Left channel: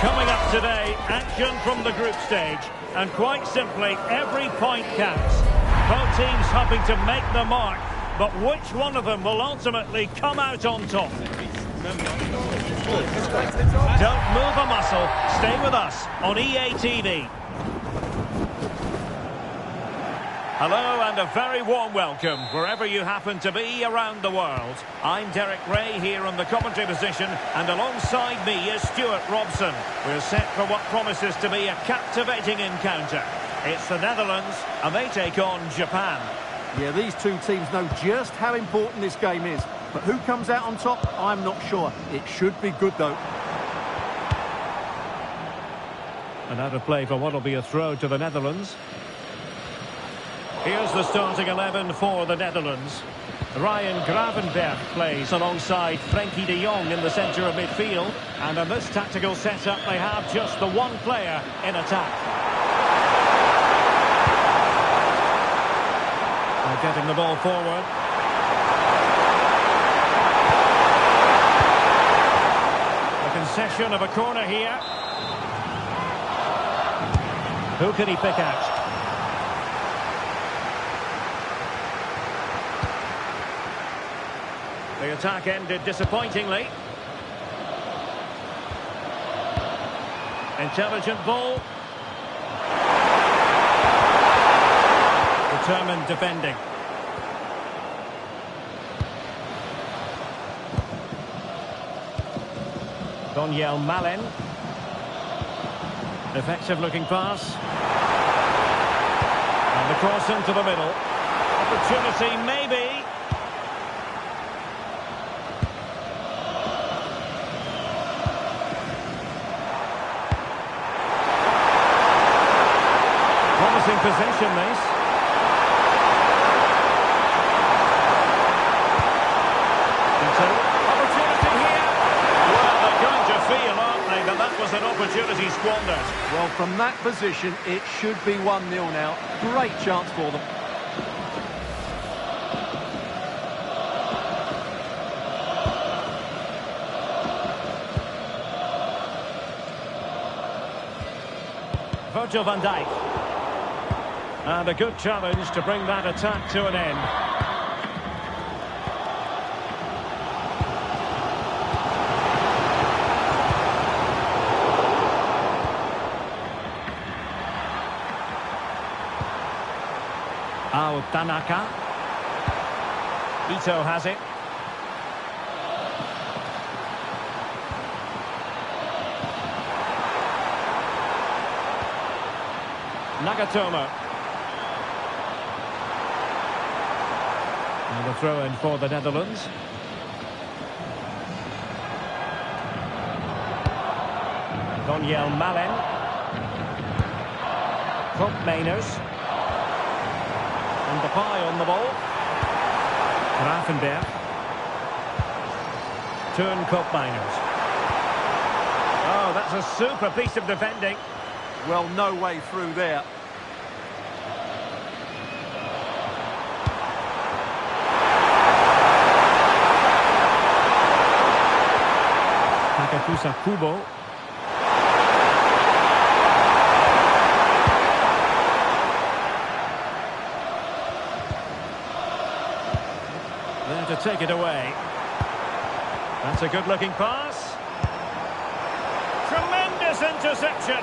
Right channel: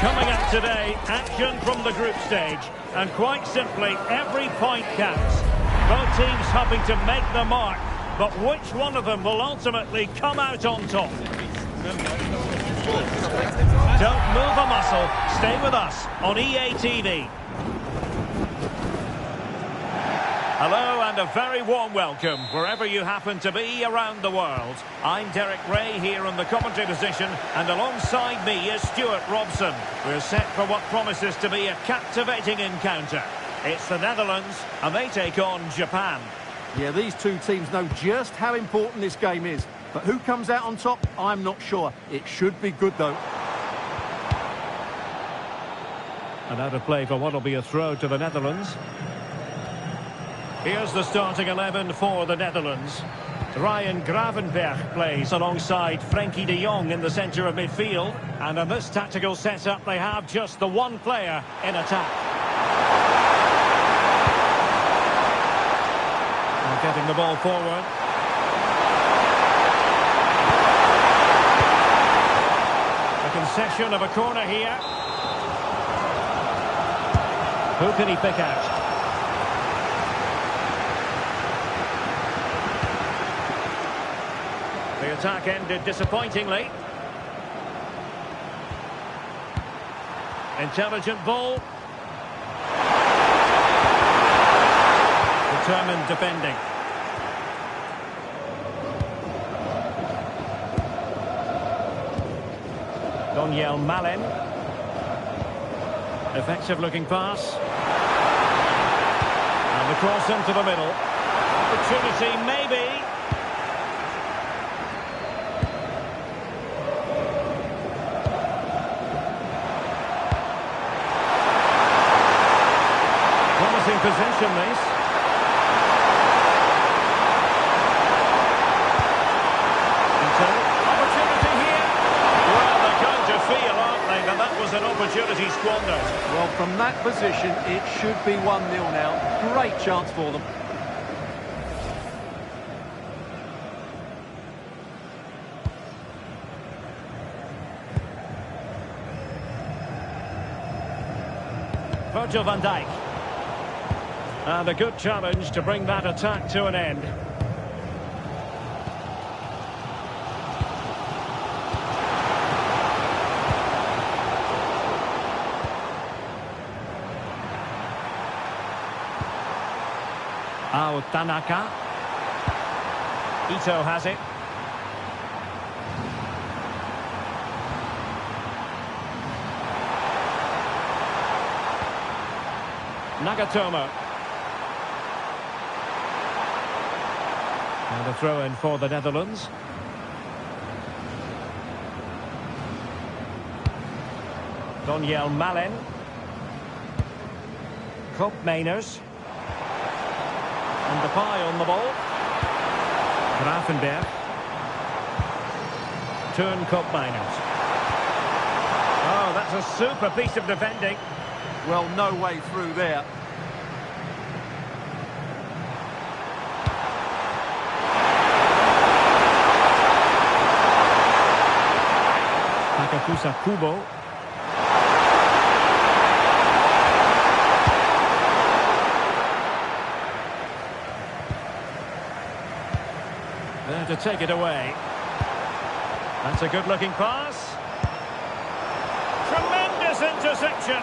Coming up today, action from the group stage. And quite simply, every point counts. Both teams hoping to make the mark. But which one of them will ultimately come out on top? Don't move a muscle. Stay with us on EA TV. Hello and a very warm welcome wherever you happen to be around the world. I'm Derek Ray here on the commentary position, and alongside me is Stuart Robson. We're set for what promises to be a captivating encounter. It's the Netherlands and they take on Japan. Yeah, these two teams know just how important this game is. But who comes out on top, I'm not sure. It should be good though. And out of play for what will be a throw to the Netherlands. Here's the starting 11 for the Netherlands. Ryan Gravenberch plays alongside Frenkie de Jong in the centre of midfield. And in this tactical setup, they have just the one player in attack. They're getting the ball forward. A concession of a corner here. Who can he pick out? The attack ended disappointingly. Intelligent ball. Determined defending. Daniel Malen. Effective looking pass. And the cross into the middle. Opportunity maybe. Promising possession, this. Opportunity here. Well, they're going to feel, aren't they, that that was an opportunity squandered. Well, from that position, it should be 1-0 now. Great chance for them. Virgil van Dijk. And a good challenge to bring that attack to an end. Tanaka. Ito has it. Nagatomo. And a throw-in for the Netherlands. Daniel Malen. Koopmeiners. And Depay on the ball. Gravenberch. Turn Koopmeiners. Oh, that's a super piece of defending. Well, no way through there. Takafusa Kubo. There to take it away. That's a good-looking pass. Tremendous interception.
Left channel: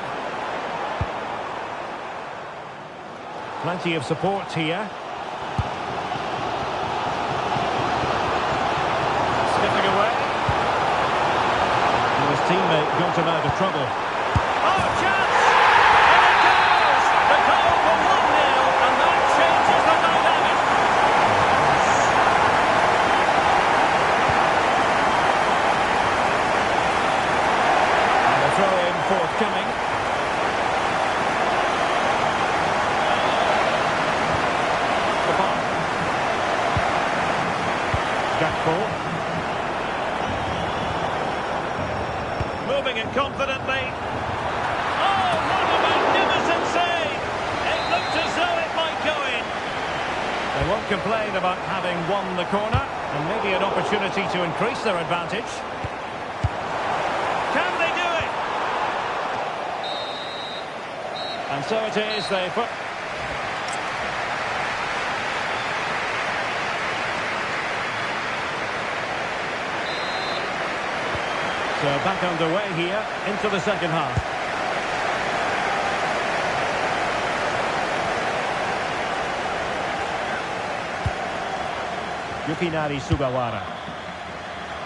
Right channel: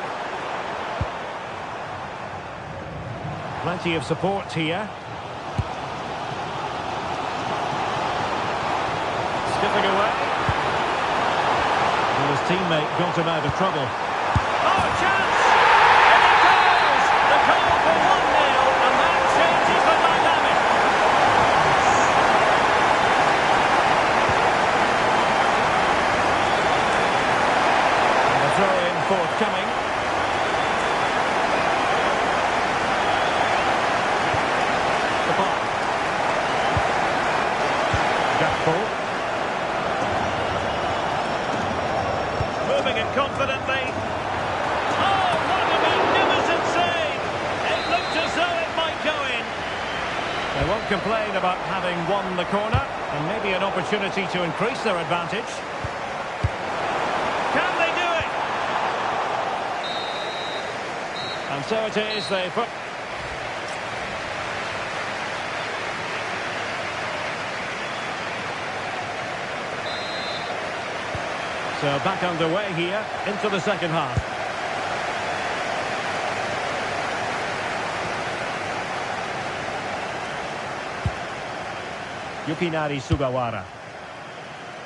Plenty of support here. Skipping away. Well, his teammate got him out of trouble. Oh, chance! In it goes! The goal for 1-0, and that changes the dynamic. And a throw-in forthcoming. Gakpo. Moving it confidently. Oh, what a magnificent save! It looked as though it might go in. They won't complain about having won the corner, and maybe an opportunity to increase their advantage. Can they do it? And so it is, they put... So back underway here into the second half. Yukinari Sugawara.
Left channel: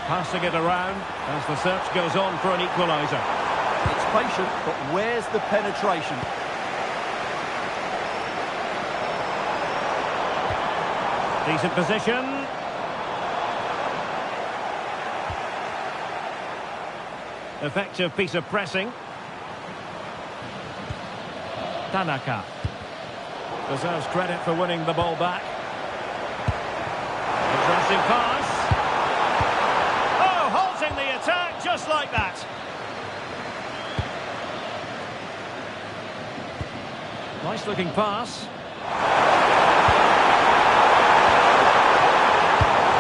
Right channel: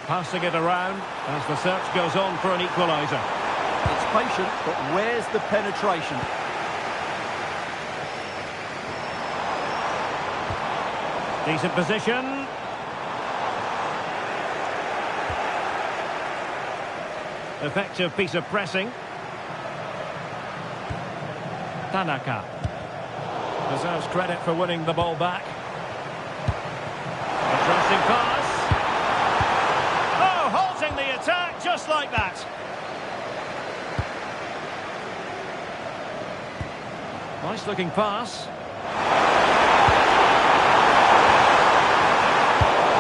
Passing it around as the search goes on for an equaliser. It's patient, but where's the penetration? Decent position. Effective piece of pressing. Tanaka. Deserves credit for winning the ball back. Interesting pass. Oh, halting the attack just like that. Nice looking pass.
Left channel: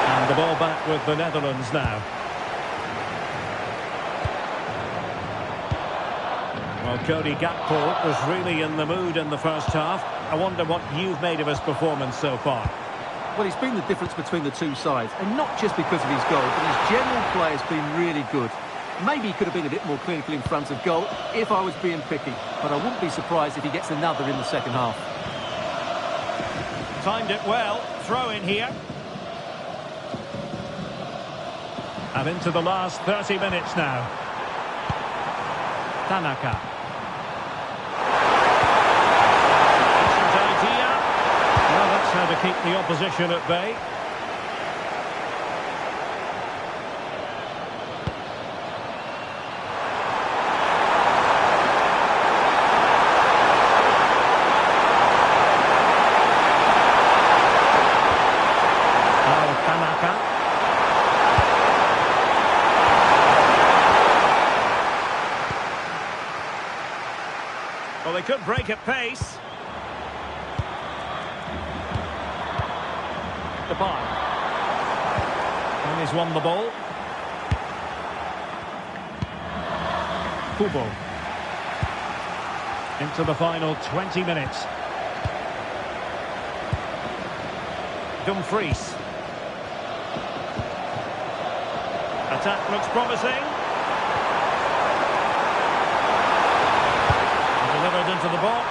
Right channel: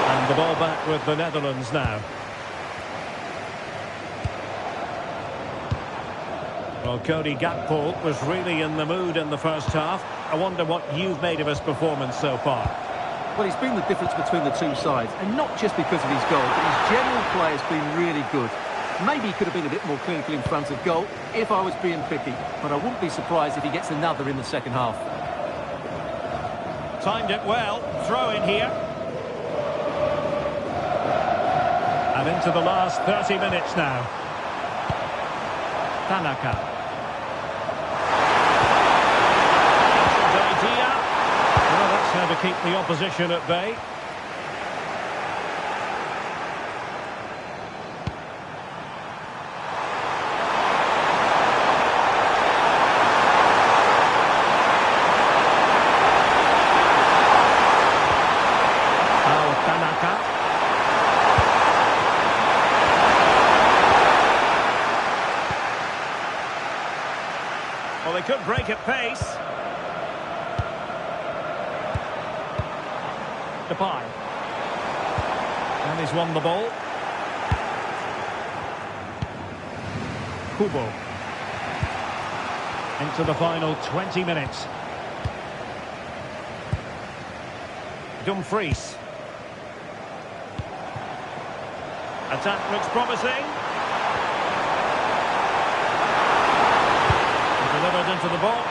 And the ball back with the Netherlands now. Well, Cody Gakpo was really in the mood in the first half. I wonder what you've made of his performance so far. Well, he's been the difference between the two sides, and not just because of his goal, but his general play has been really good. Maybe he could have been a bit more clinical in front of goal if I was being picky, but I wouldn't be surprised if he gets another in the second half. Timed it well. Throw in here. And into the last 30 minutes now. Tanaka. Idea. Well, that's how to keep the opposition at bay. Oh, Tanaka. Well, they could break at pace. Depay. And he's won the ball. Kubo. Into the final 20 minutes. Dumfries. Attack looks promising. Delivered into the box.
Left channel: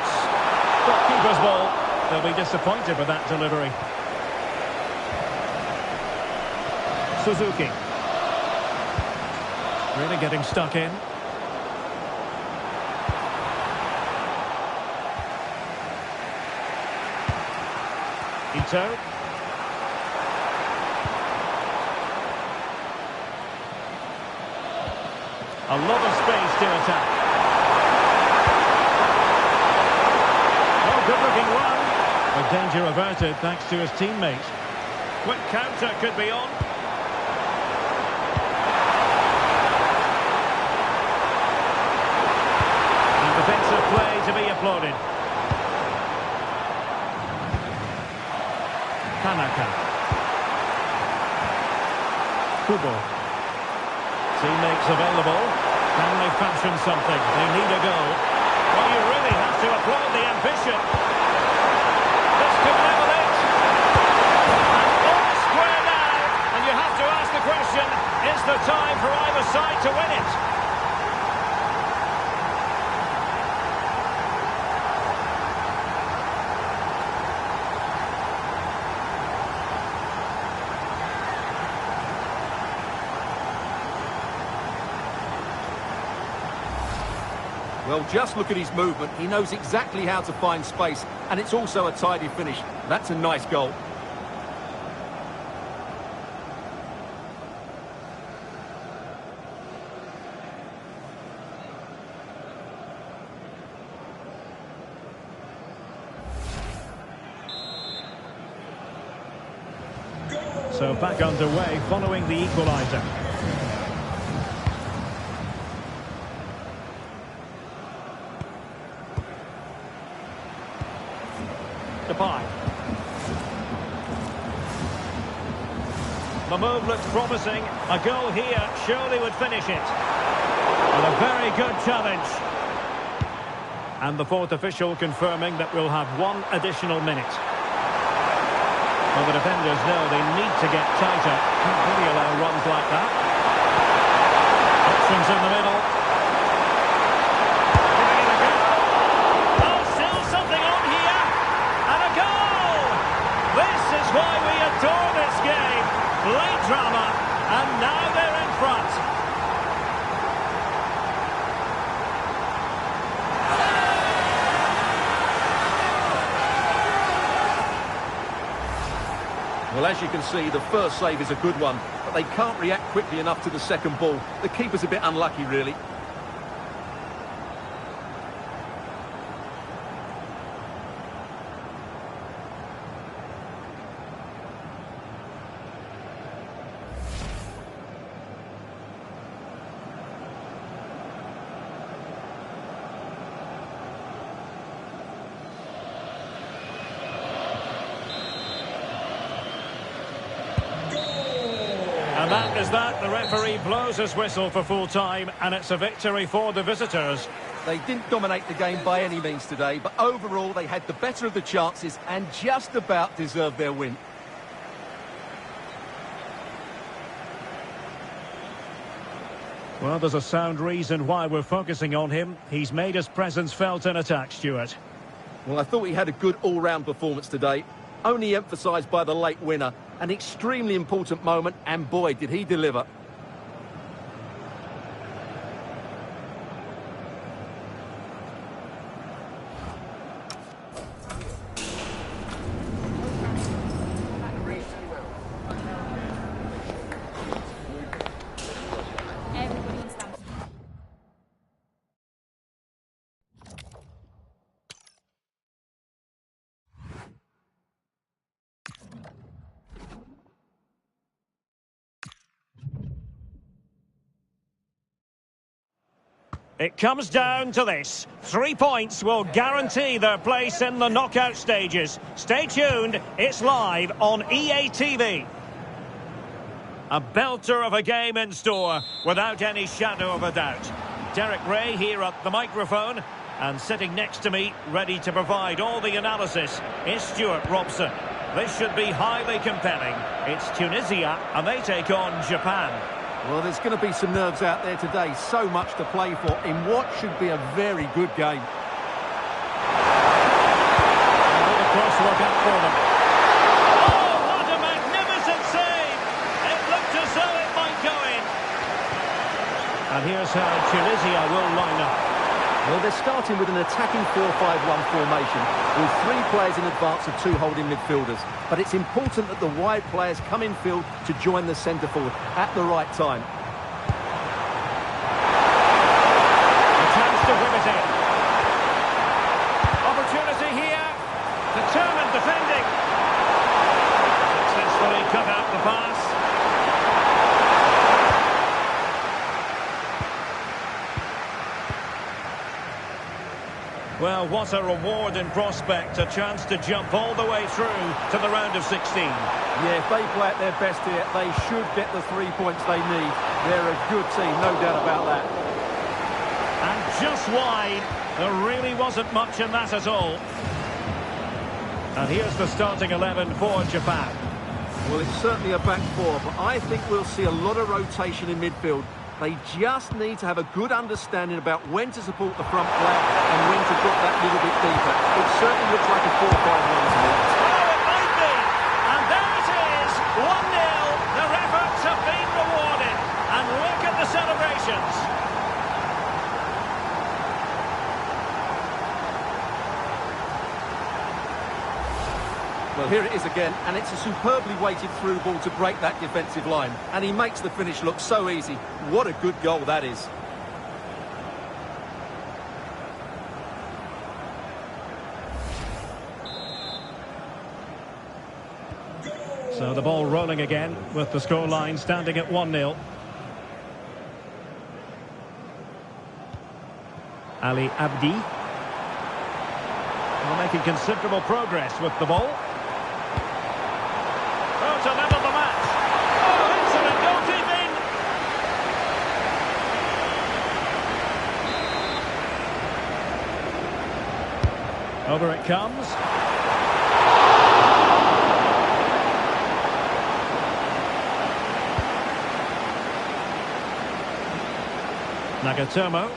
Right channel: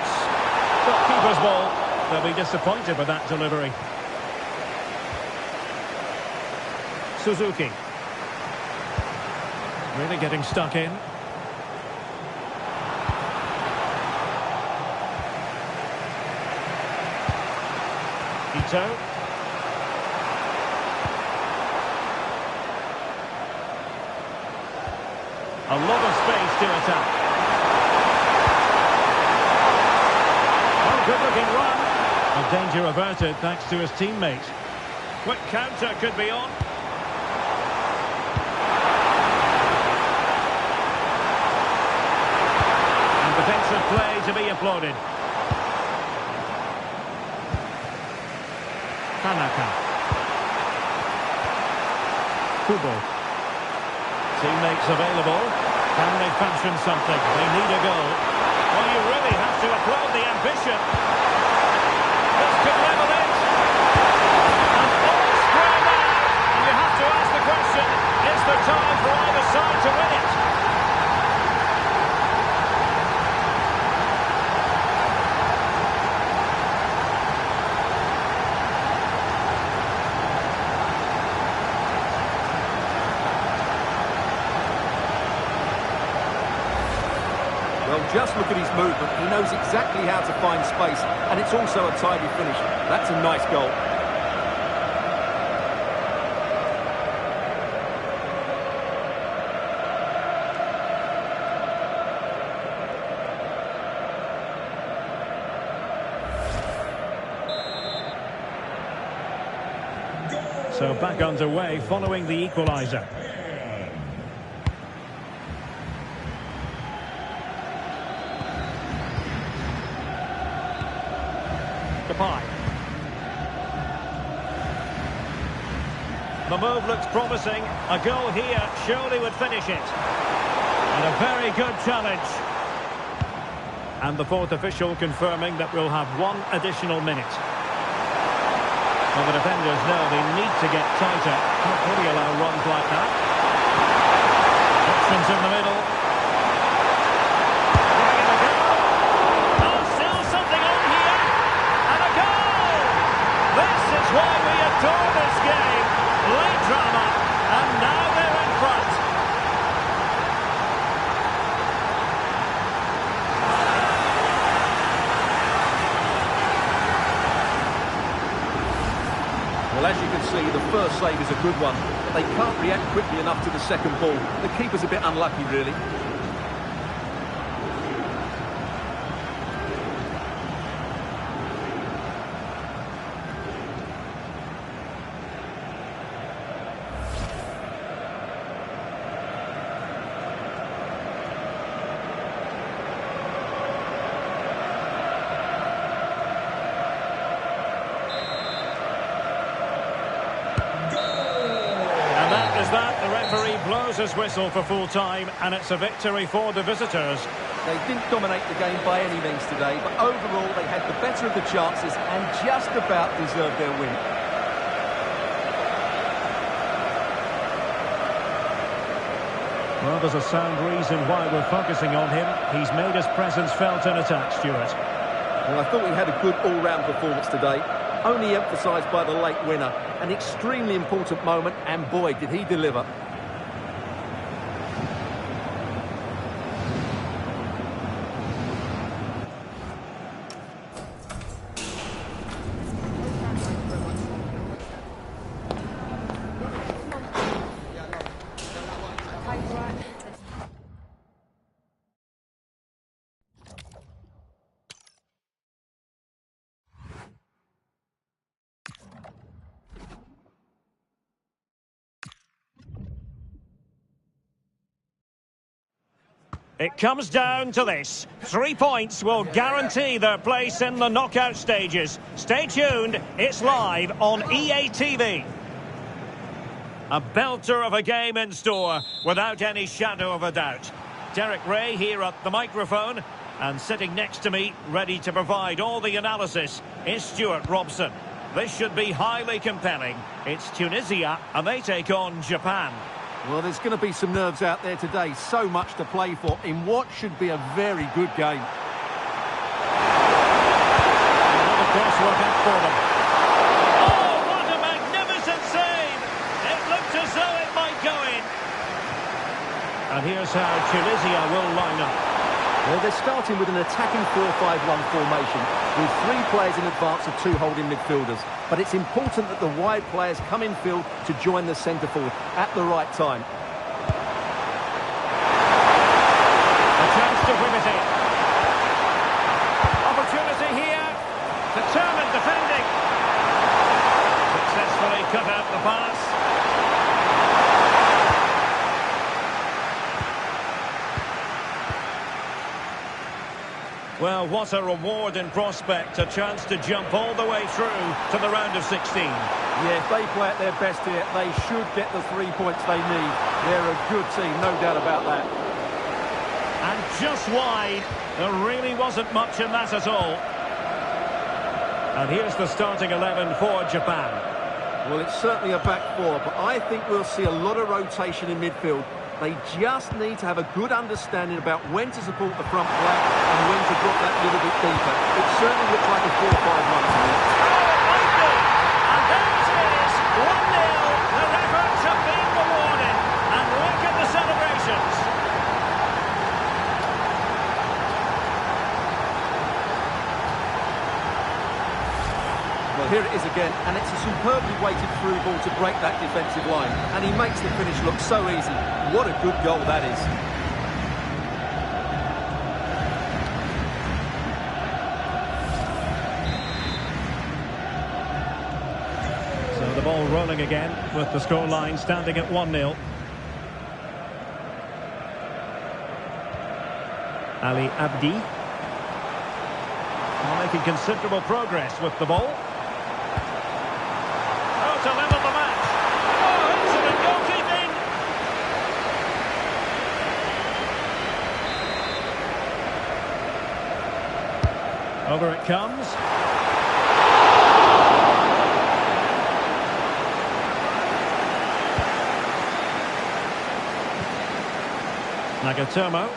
Got keeper's ball. They'll be disappointed with that delivery. Suzuki. Really getting stuck in. Ito. A lot of space to attack. Oh, good-looking run. A danger averted thanks to his teammate. Quick counter could be on. And defensive play to be applauded. Tanaka. Kubo. Teammates available. Can they fashion something? They need a goal. Well, you really have to applaud the ambition. This could level it. And all square now. And you have to ask the question, is there time for either side to win it? Well, just look at his movement. He knows exactly how to find space, and it's also a tidy finish. That's a nice goal. So back underway following the equaliser. Depay. The move looks promising. A goal here surely would finish it. And a very good challenge. And the fourth official confirming that we'll have one additional minute. Well, the defenders know they need to get tighter. Can't really allow runs like that. Options in the middle. Giving it a go. Oh, still something on here. And a goal! This is why we adore this game. Late drama, and now they're in front. Well, as you can see, the first save is a good one, but they can't react quickly enough to the second ball. The keeper's a bit unlucky, really. settles that. The referee blows his whistle for full time, and it's a victory for the visitors. They didn't dominate the game by any means today, but overall they had the better of the chances and just about deserved their win. Well, there's a sound reason why we're focusing on him. He's made his presence felt in attack, Stuart. Well, I thought he had a good all-round performance today, only emphasised by the late winner. An extremely important moment, and boy, did he deliver. It comes down to this. 3 points will guarantee their place in the knockout stages. Stay tuned, it's live on EA TV. A belter of a game in store, without any shadow of a doubt. Derek Ray here at the microphone, and sitting next to me, ready to provide all the analysis, is Stuart Robson. This should be highly compelling. It's Tunisia, and they take on Japan. Well, there's going to be some nerves out there today. So much to play for in what should be a very good game. A little crosswork out for them. Oh, what a magnificent save! It looked as though it might go in. And here's how Tunisia will line up. Well, they're starting with an attacking 4-5-1 formation with 3 players in advance of 2 holding midfielders. But it's important that the wide players come in field to join the centre forward at the right time. A chance to whip it in. Opportunity here. Determined defending. Successfully cut out the pass. Well, what a reward in prospect, a chance to jump all the way through to the round of 16. Yeah, if they play at their best here, they should get the 3 points they need. They're a good team, no doubt about that. And just wide, there really wasn't much in that at all. And here's the starting 11 for Japan. Well, it's certainly a back 4, but I think we'll see a lot of rotation in midfield. They just need to have a good understanding about when to support the front player and when to drop that little bit deeper. It certainly looks like a 4-5-1 to me. Oh, it might be. And there it is, 1-0. Their efforts have been rewarded. And look at the celebrations. Well, here it is again, and it's a superbly weighted through ball to break that defensive line. And he makes the finish look so easy. What a good goal that is. So the ball rolling again with the scoreline standing at 1-0. Ali Abdi. Well, making considerable progress with the ball. Oh, to level the match. Oh, excellent goalkeeping. Over it comes. Nagatomo.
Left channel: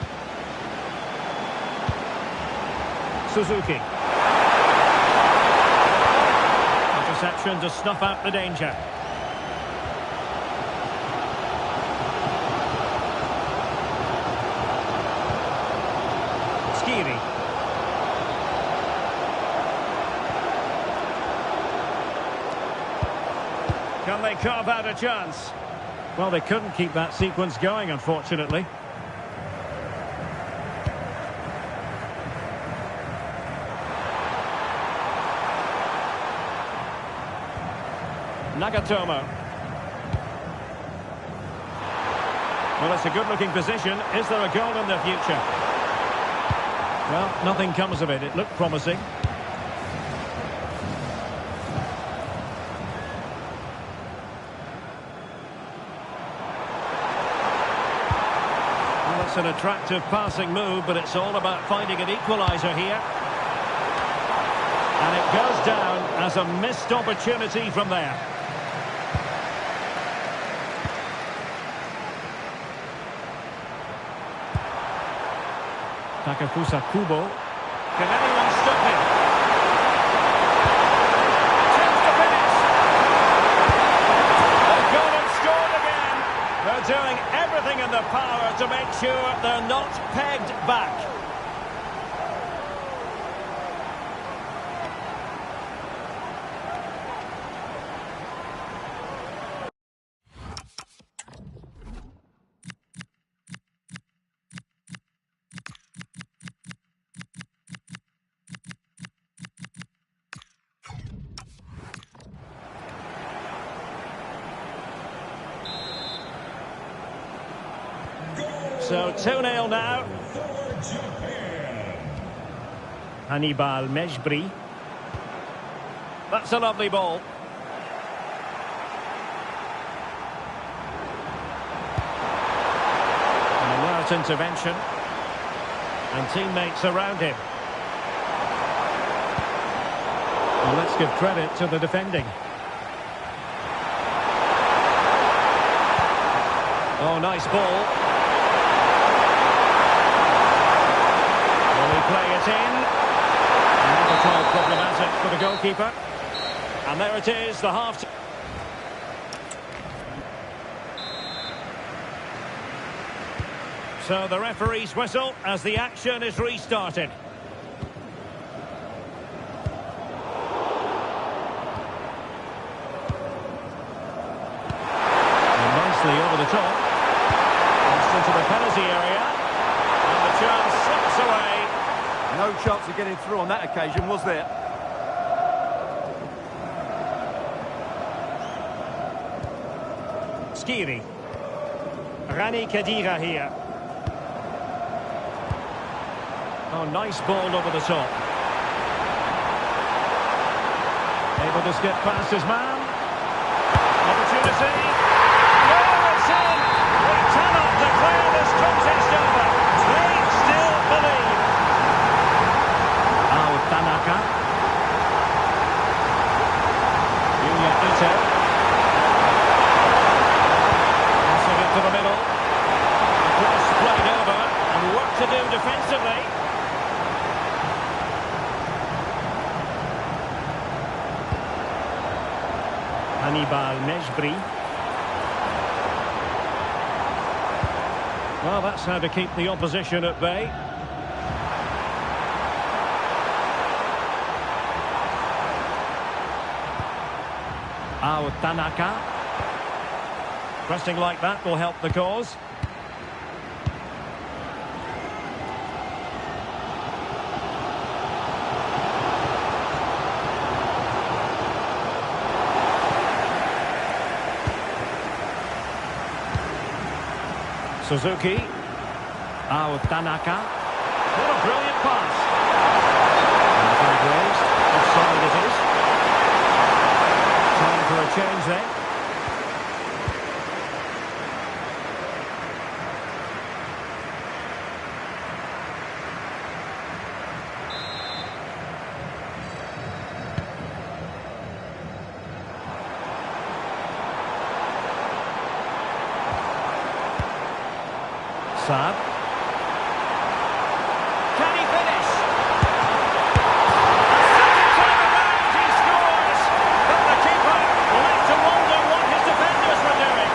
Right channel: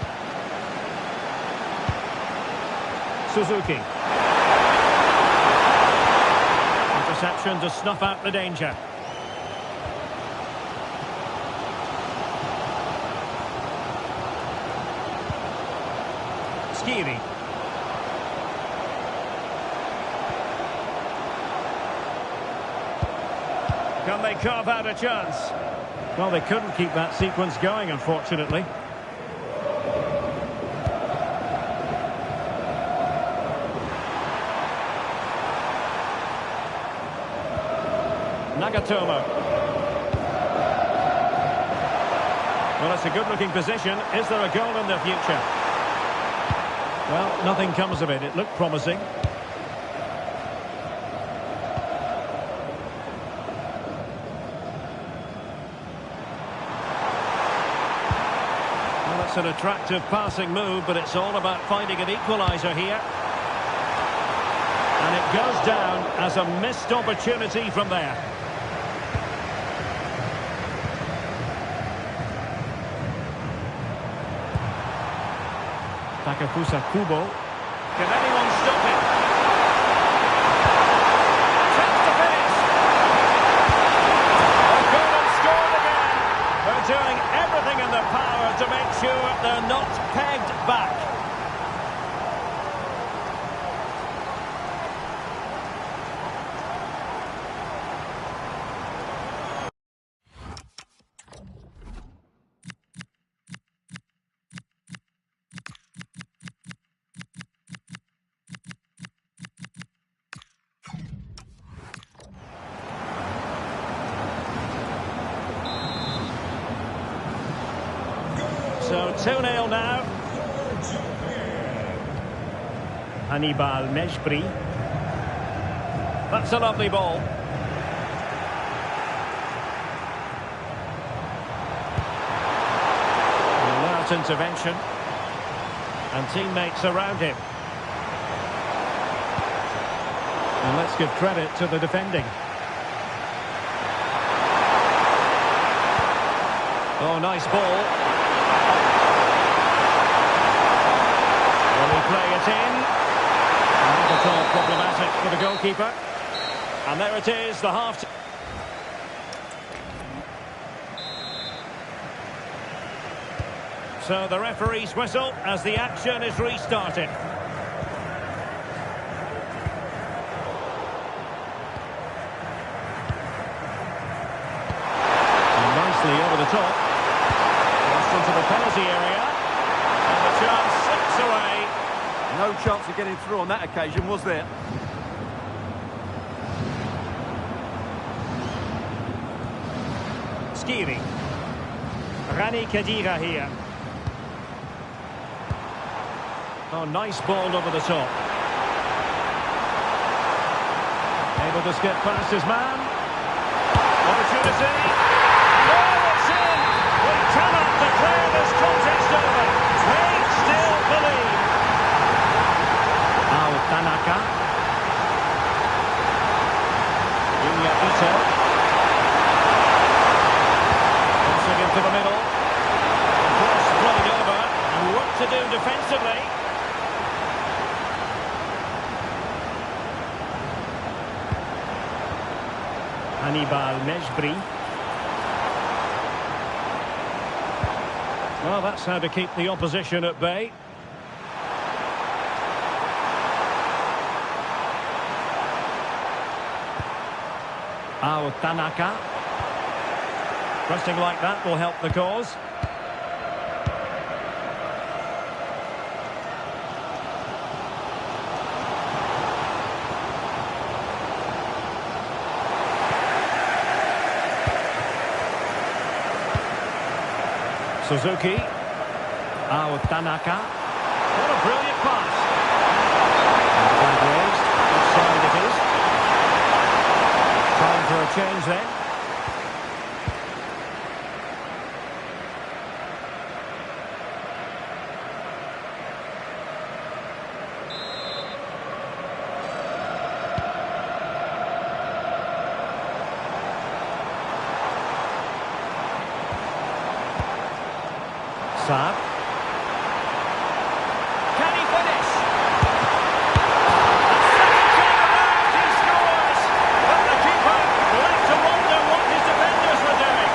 Suzuki. Interception to snuff out the danger. Skiri. Can they carve out a chance? Well, they couldn't keep that sequence going, unfortunately. Nagatomo. Well, it's a good-looking position. Is there a goal in the future? Well, nothing comes of it. It looked promising. That's an attractive passing move, but it's all about finding an equaliser here. And it goes down as a missed opportunity from there. Takafusa Kubo. Can anyone stop him? A chance to finish. They've gone and scored again. They're doing everything in their power to make sure they're not pegged back. So 2-0 now. Hannibal Mejbri. That's a lovely ball. An alert intervention. And teammates around him. And let's give credit to the defending. Oh, nice ball. Will he play it in? Not at all problematic for the goalkeeper. And there it is, the half. So the referee's whistle as the action is restarted. And nicely over the top. Crossed into the penalty area. And the chance slips away. No chance of getting through on that occasion, was there? Skiri. Rani Khedira here. Oh, nice ball over the top. Able to skip past his man. Opportunity. And oh, it's in! We cannot declare this contest over. They still believe. Tanaka. Yuya Ito. Passing into the middle. The cross played over. And work to do defensively. Hannibal Mejbri. Well, that's how to keep the opposition at bay. Tanaka. Pressing like that will help the cause. Suzuki. Tanaka. What a brilliant pass. And the flag raised. Offside it is. Time for a change then. Saab. Can he finish? A second time around he scores! But the keeper left to wonder what his defenders were doing.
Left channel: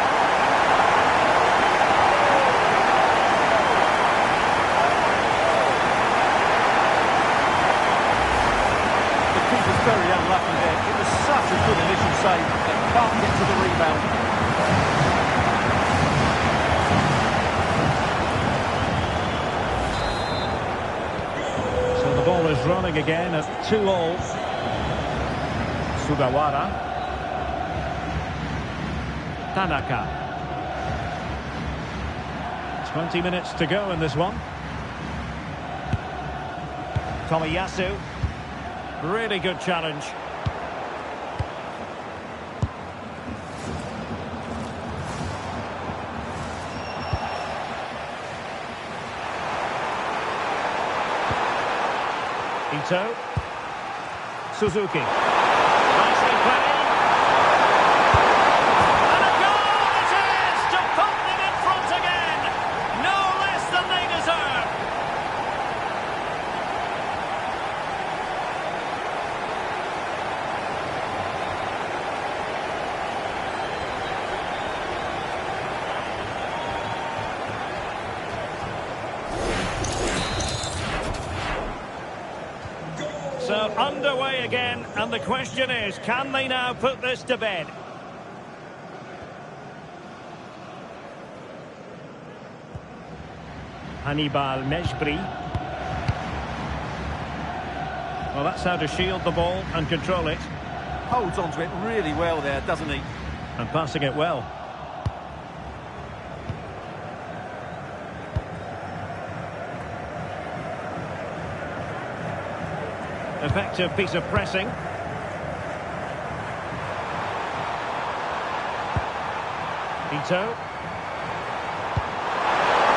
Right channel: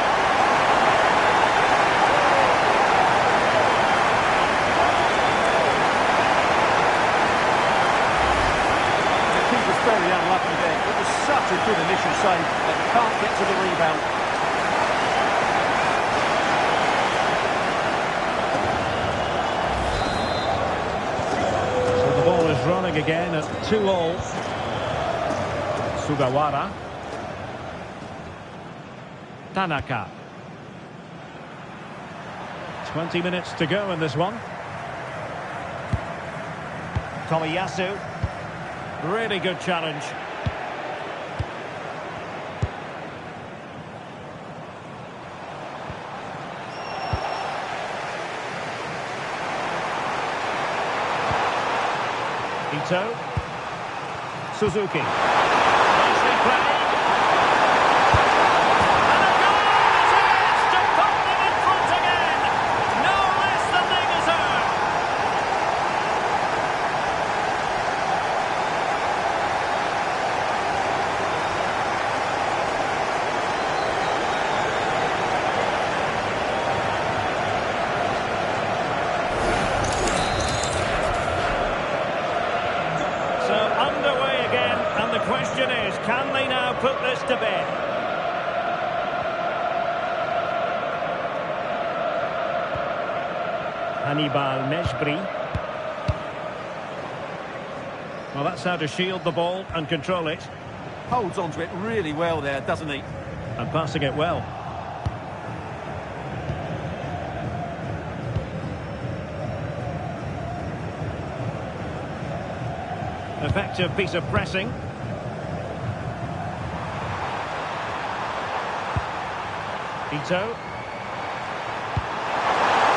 The keeper's very unlucky there. It was such a good initial save, but can't get to the rebound. The ball is running again at 2-2. Sugawara. Tanaka. 20 minutes to go in this one. Tomiyasu. Really good challenge. Ito. Suzuki. Nicely played. And a goal it is to put them in front again. No less than they deserve. So underway again, and the question is, can they now put this to bed? Hannibal Mejbri. Well, that's how to shield the ball and control it. Holds onto it really well there, doesn't he? And passing it well. Effective piece of pressing. Ito.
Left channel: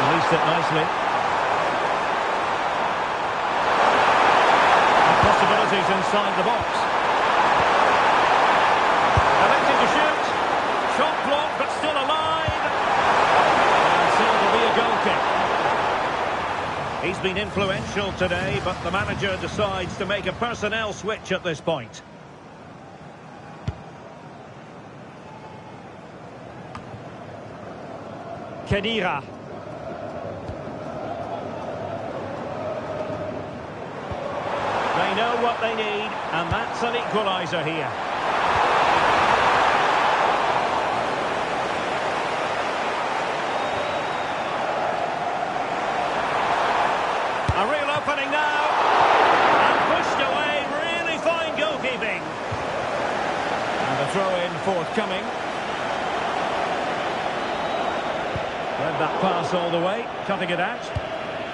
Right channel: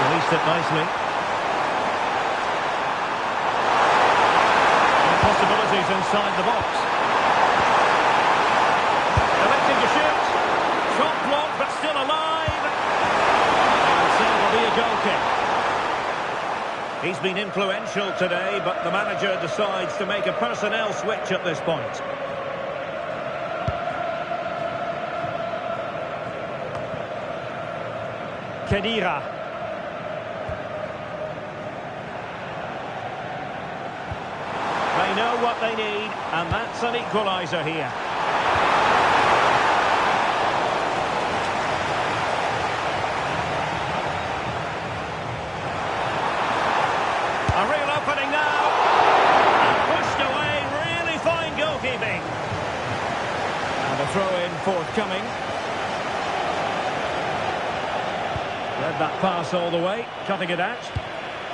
Released it nicely. And possibilities inside the box. Electing to shoot. Shot blocked, but still alive. And so it'll be a goal kick. He's been influential today, but the manager decides to make a personnel switch at this point. Khedira. They know what they need, and that's an equaliser here. A real opening now, and pushed away, really fine goalkeeping. And a throw-in forthcoming. Read that pass all the way, cutting it out.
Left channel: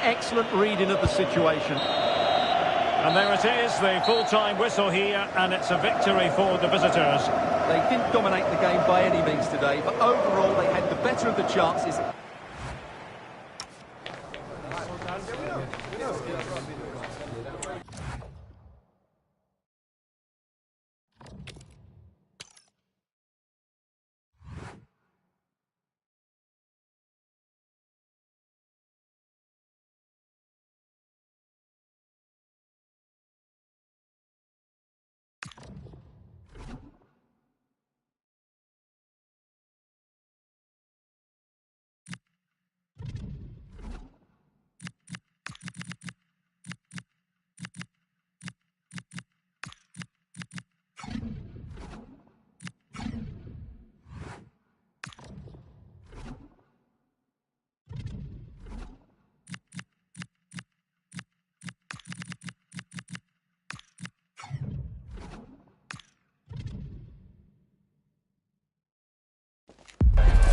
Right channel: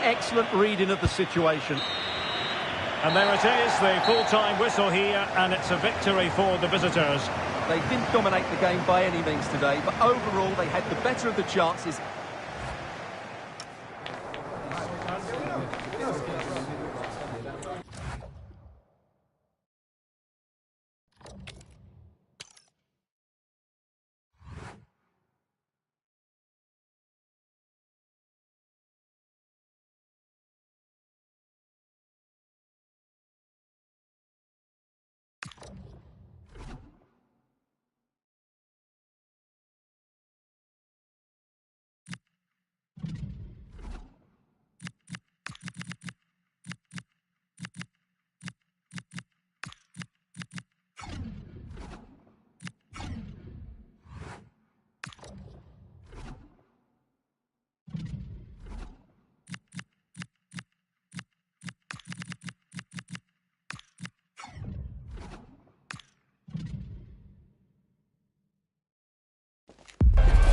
Excellent reading of the situation. And there it is, the full-time whistle here, and it's a victory for the visitors. They didn't dominate the game by any means today, but overall they had the better of the chances.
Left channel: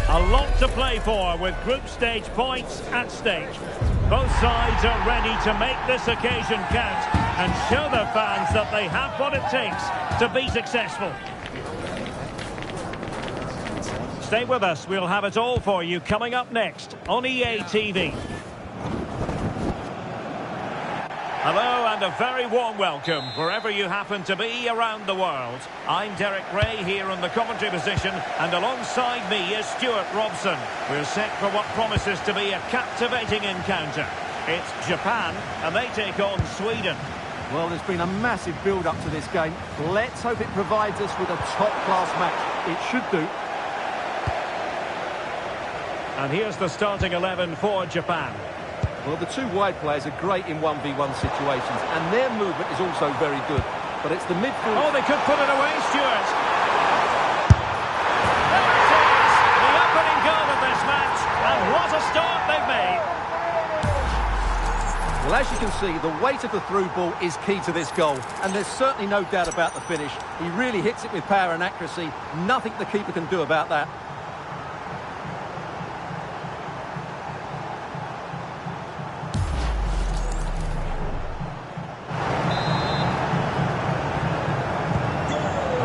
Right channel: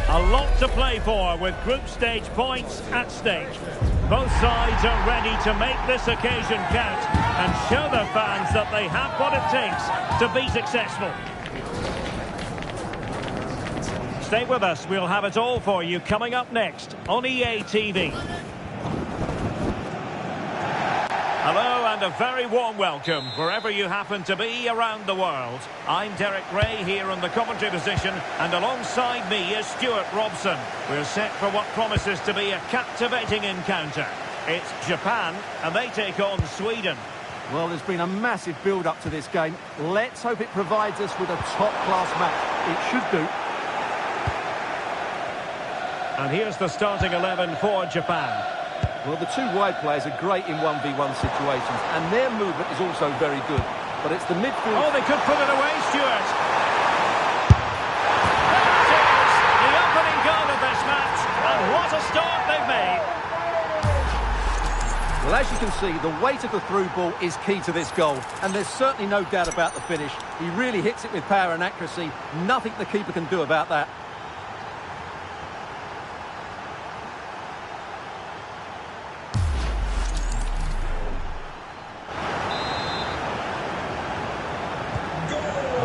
A lot to play for with group stage points at stake. Both sides are ready to make this occasion count and show their fans that they have what it takes to be successful. Stay with us, we'll have it all for you coming up next on EA TV. Hello and a very warm welcome wherever you happen to be around the world. I'm Derek Ray here in the commentary position, and alongside me is Stuart Robson. We're set for what promises to be a captivating encounter. It's Japan and they take on Sweden. Well, there's been a massive build-up to this game. Let's hope it provides us with a top-class match. It should do. And here's the starting 11 for Japan. Well, the two wide players are great in 1v1 situations, and their movement is also very good. But it's the midfield... Oh, they could put it away, Stuart. There it is, the opening goal of this match, and what a start they've made. Well, as you can see, the weight of the through ball is key to this goal, and there's certainly no doubt about the finish. He really hits it with power and accuracy. Nothing the keeper can do about that.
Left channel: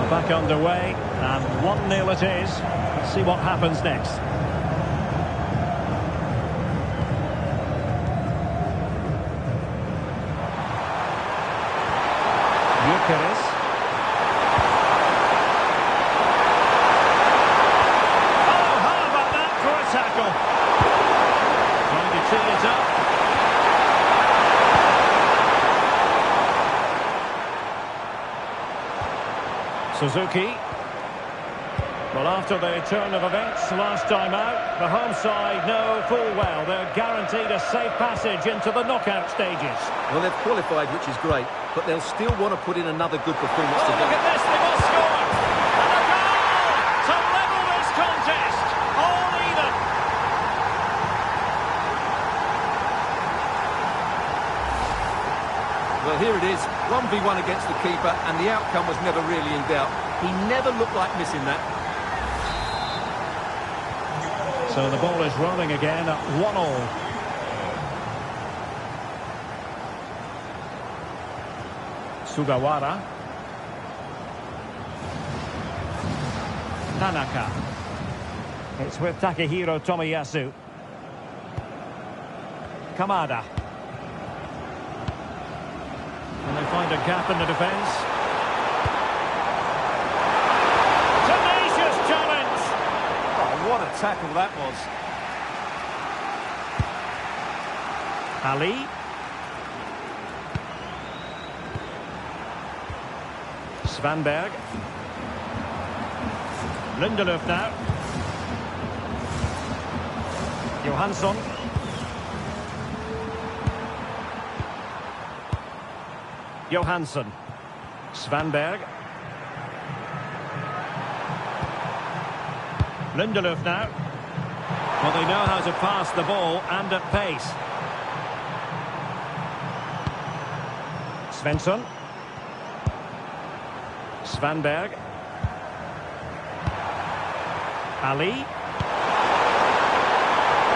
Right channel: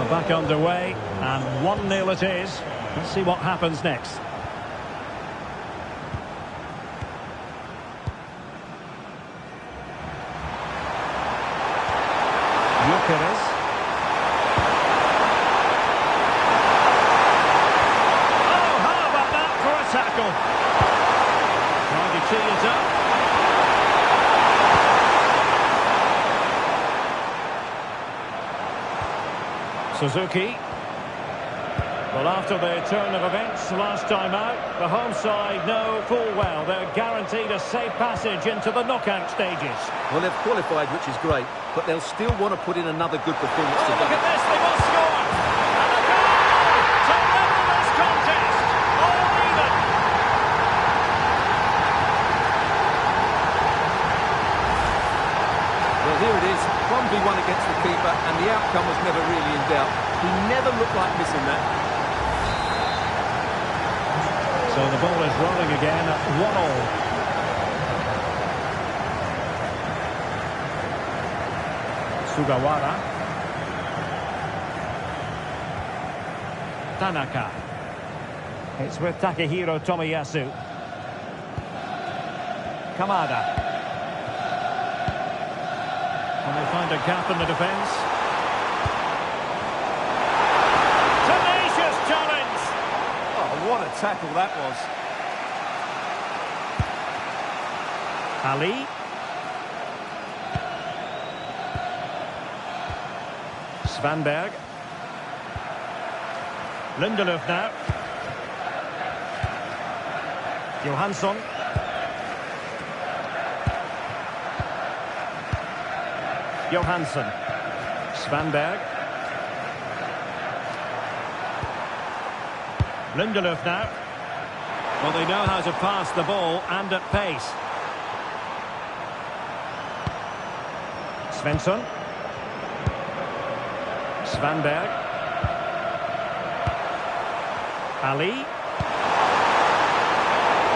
Back underway, and 1-0 it is. Let's see what happens next. Gyökeres. Oh, how about that for a tackle? Trying to tee it up. Suzuki. Well, after the turn of events last time out, the home side know full well they're guaranteed a safe passage into the knockout stages. Well, they've qualified, which is great, but they'll still want to put in another good performance Oh, today. look at this, they must score! And a goal to level this contest! All even! Well, here it is, 1v1 against the keeper, and the outcome was never really in doubt. He never looked like missing that. So the ball is rolling again at 1-1. Sugawara. Tanaka. It's with Takehiro Tomiyasu. Kamada. Can they find a gap in the defence? Tenacious challenge! Oh, what a tackle that was. Ali. Svanberg. Lindelöf now. Johansson. Johansson. Svanberg. Lindelöf now. Well, they know how to pass the ball and at pace. Svensson. Svanberg. Ali.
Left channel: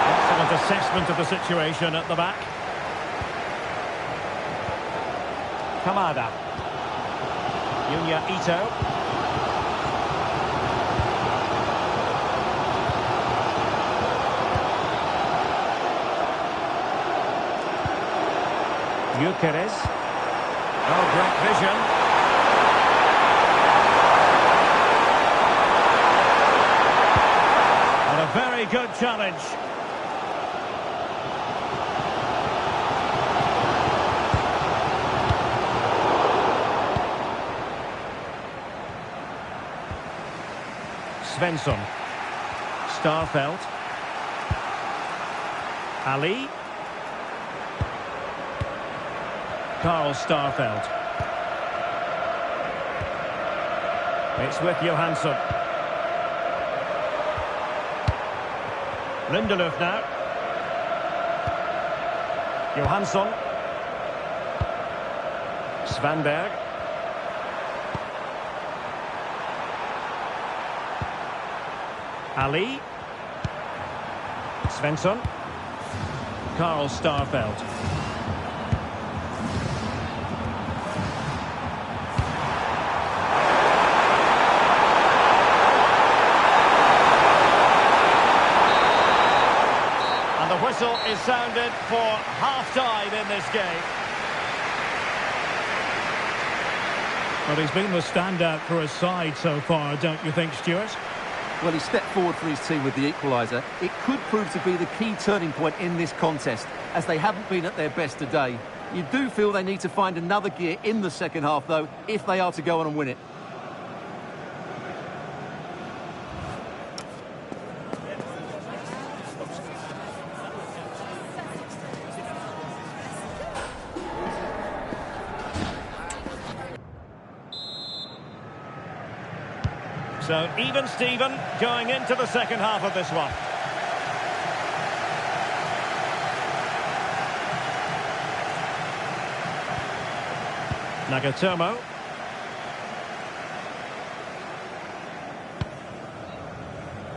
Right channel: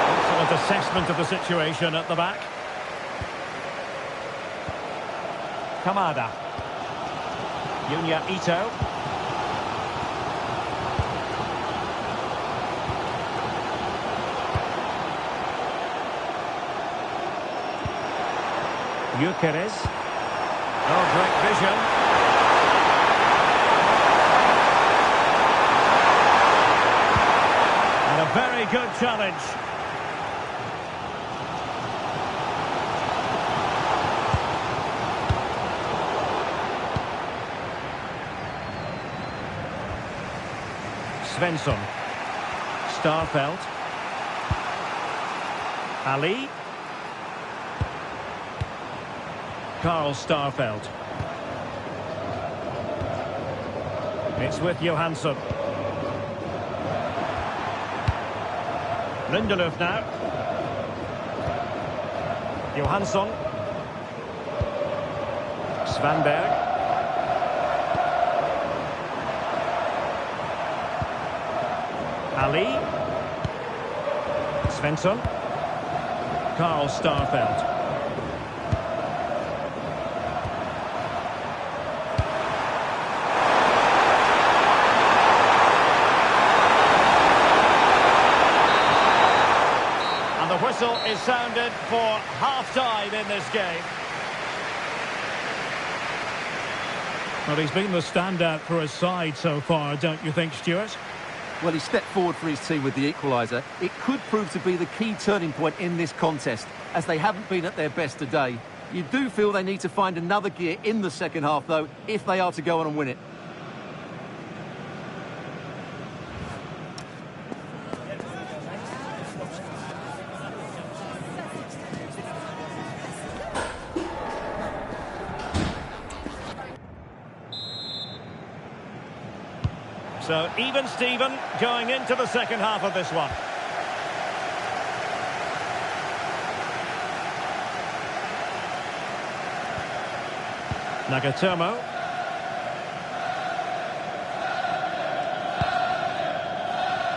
Excellent assessment of the situation at the back. Kamada. Yunya Ito. Gyökeres. Oh, great vision. And a very good challenge. Svensson. Starfelt. Ali. Carl Starfelt. It's with Johansson. Lindelöf now. Johansson. Svanberg. Ali. Svensson. Carl Starfelt. And the whistle is sounded for half-time in this game. Well, he's been the standout for his side so far, don't you think, Stuart? Well, he stepped forward for his team with the equaliser. It could prove to be the key turning point in this contest, as they haven't been at their best today. You do feel they need to find another gear in the second half, though, if they are to go on and win it. So, even Steven going into the second half of this one. Nagatomo.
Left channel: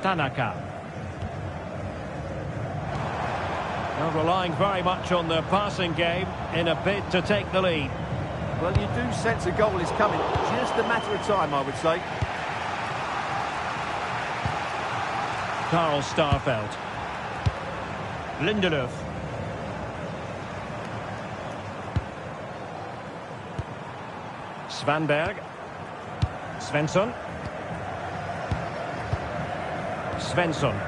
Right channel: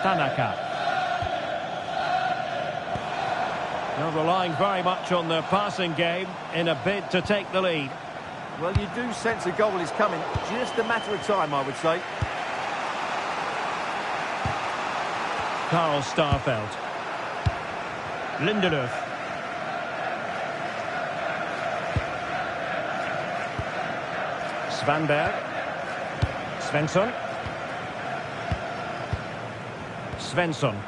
Tanaka. Now relying very much on their passing game in a bid to take the lead. Well, you do sense a goal is coming. Just a matter of time, I would say. Carl Starfelt. Lindelöf. Svanberg. Svensson. Svensson.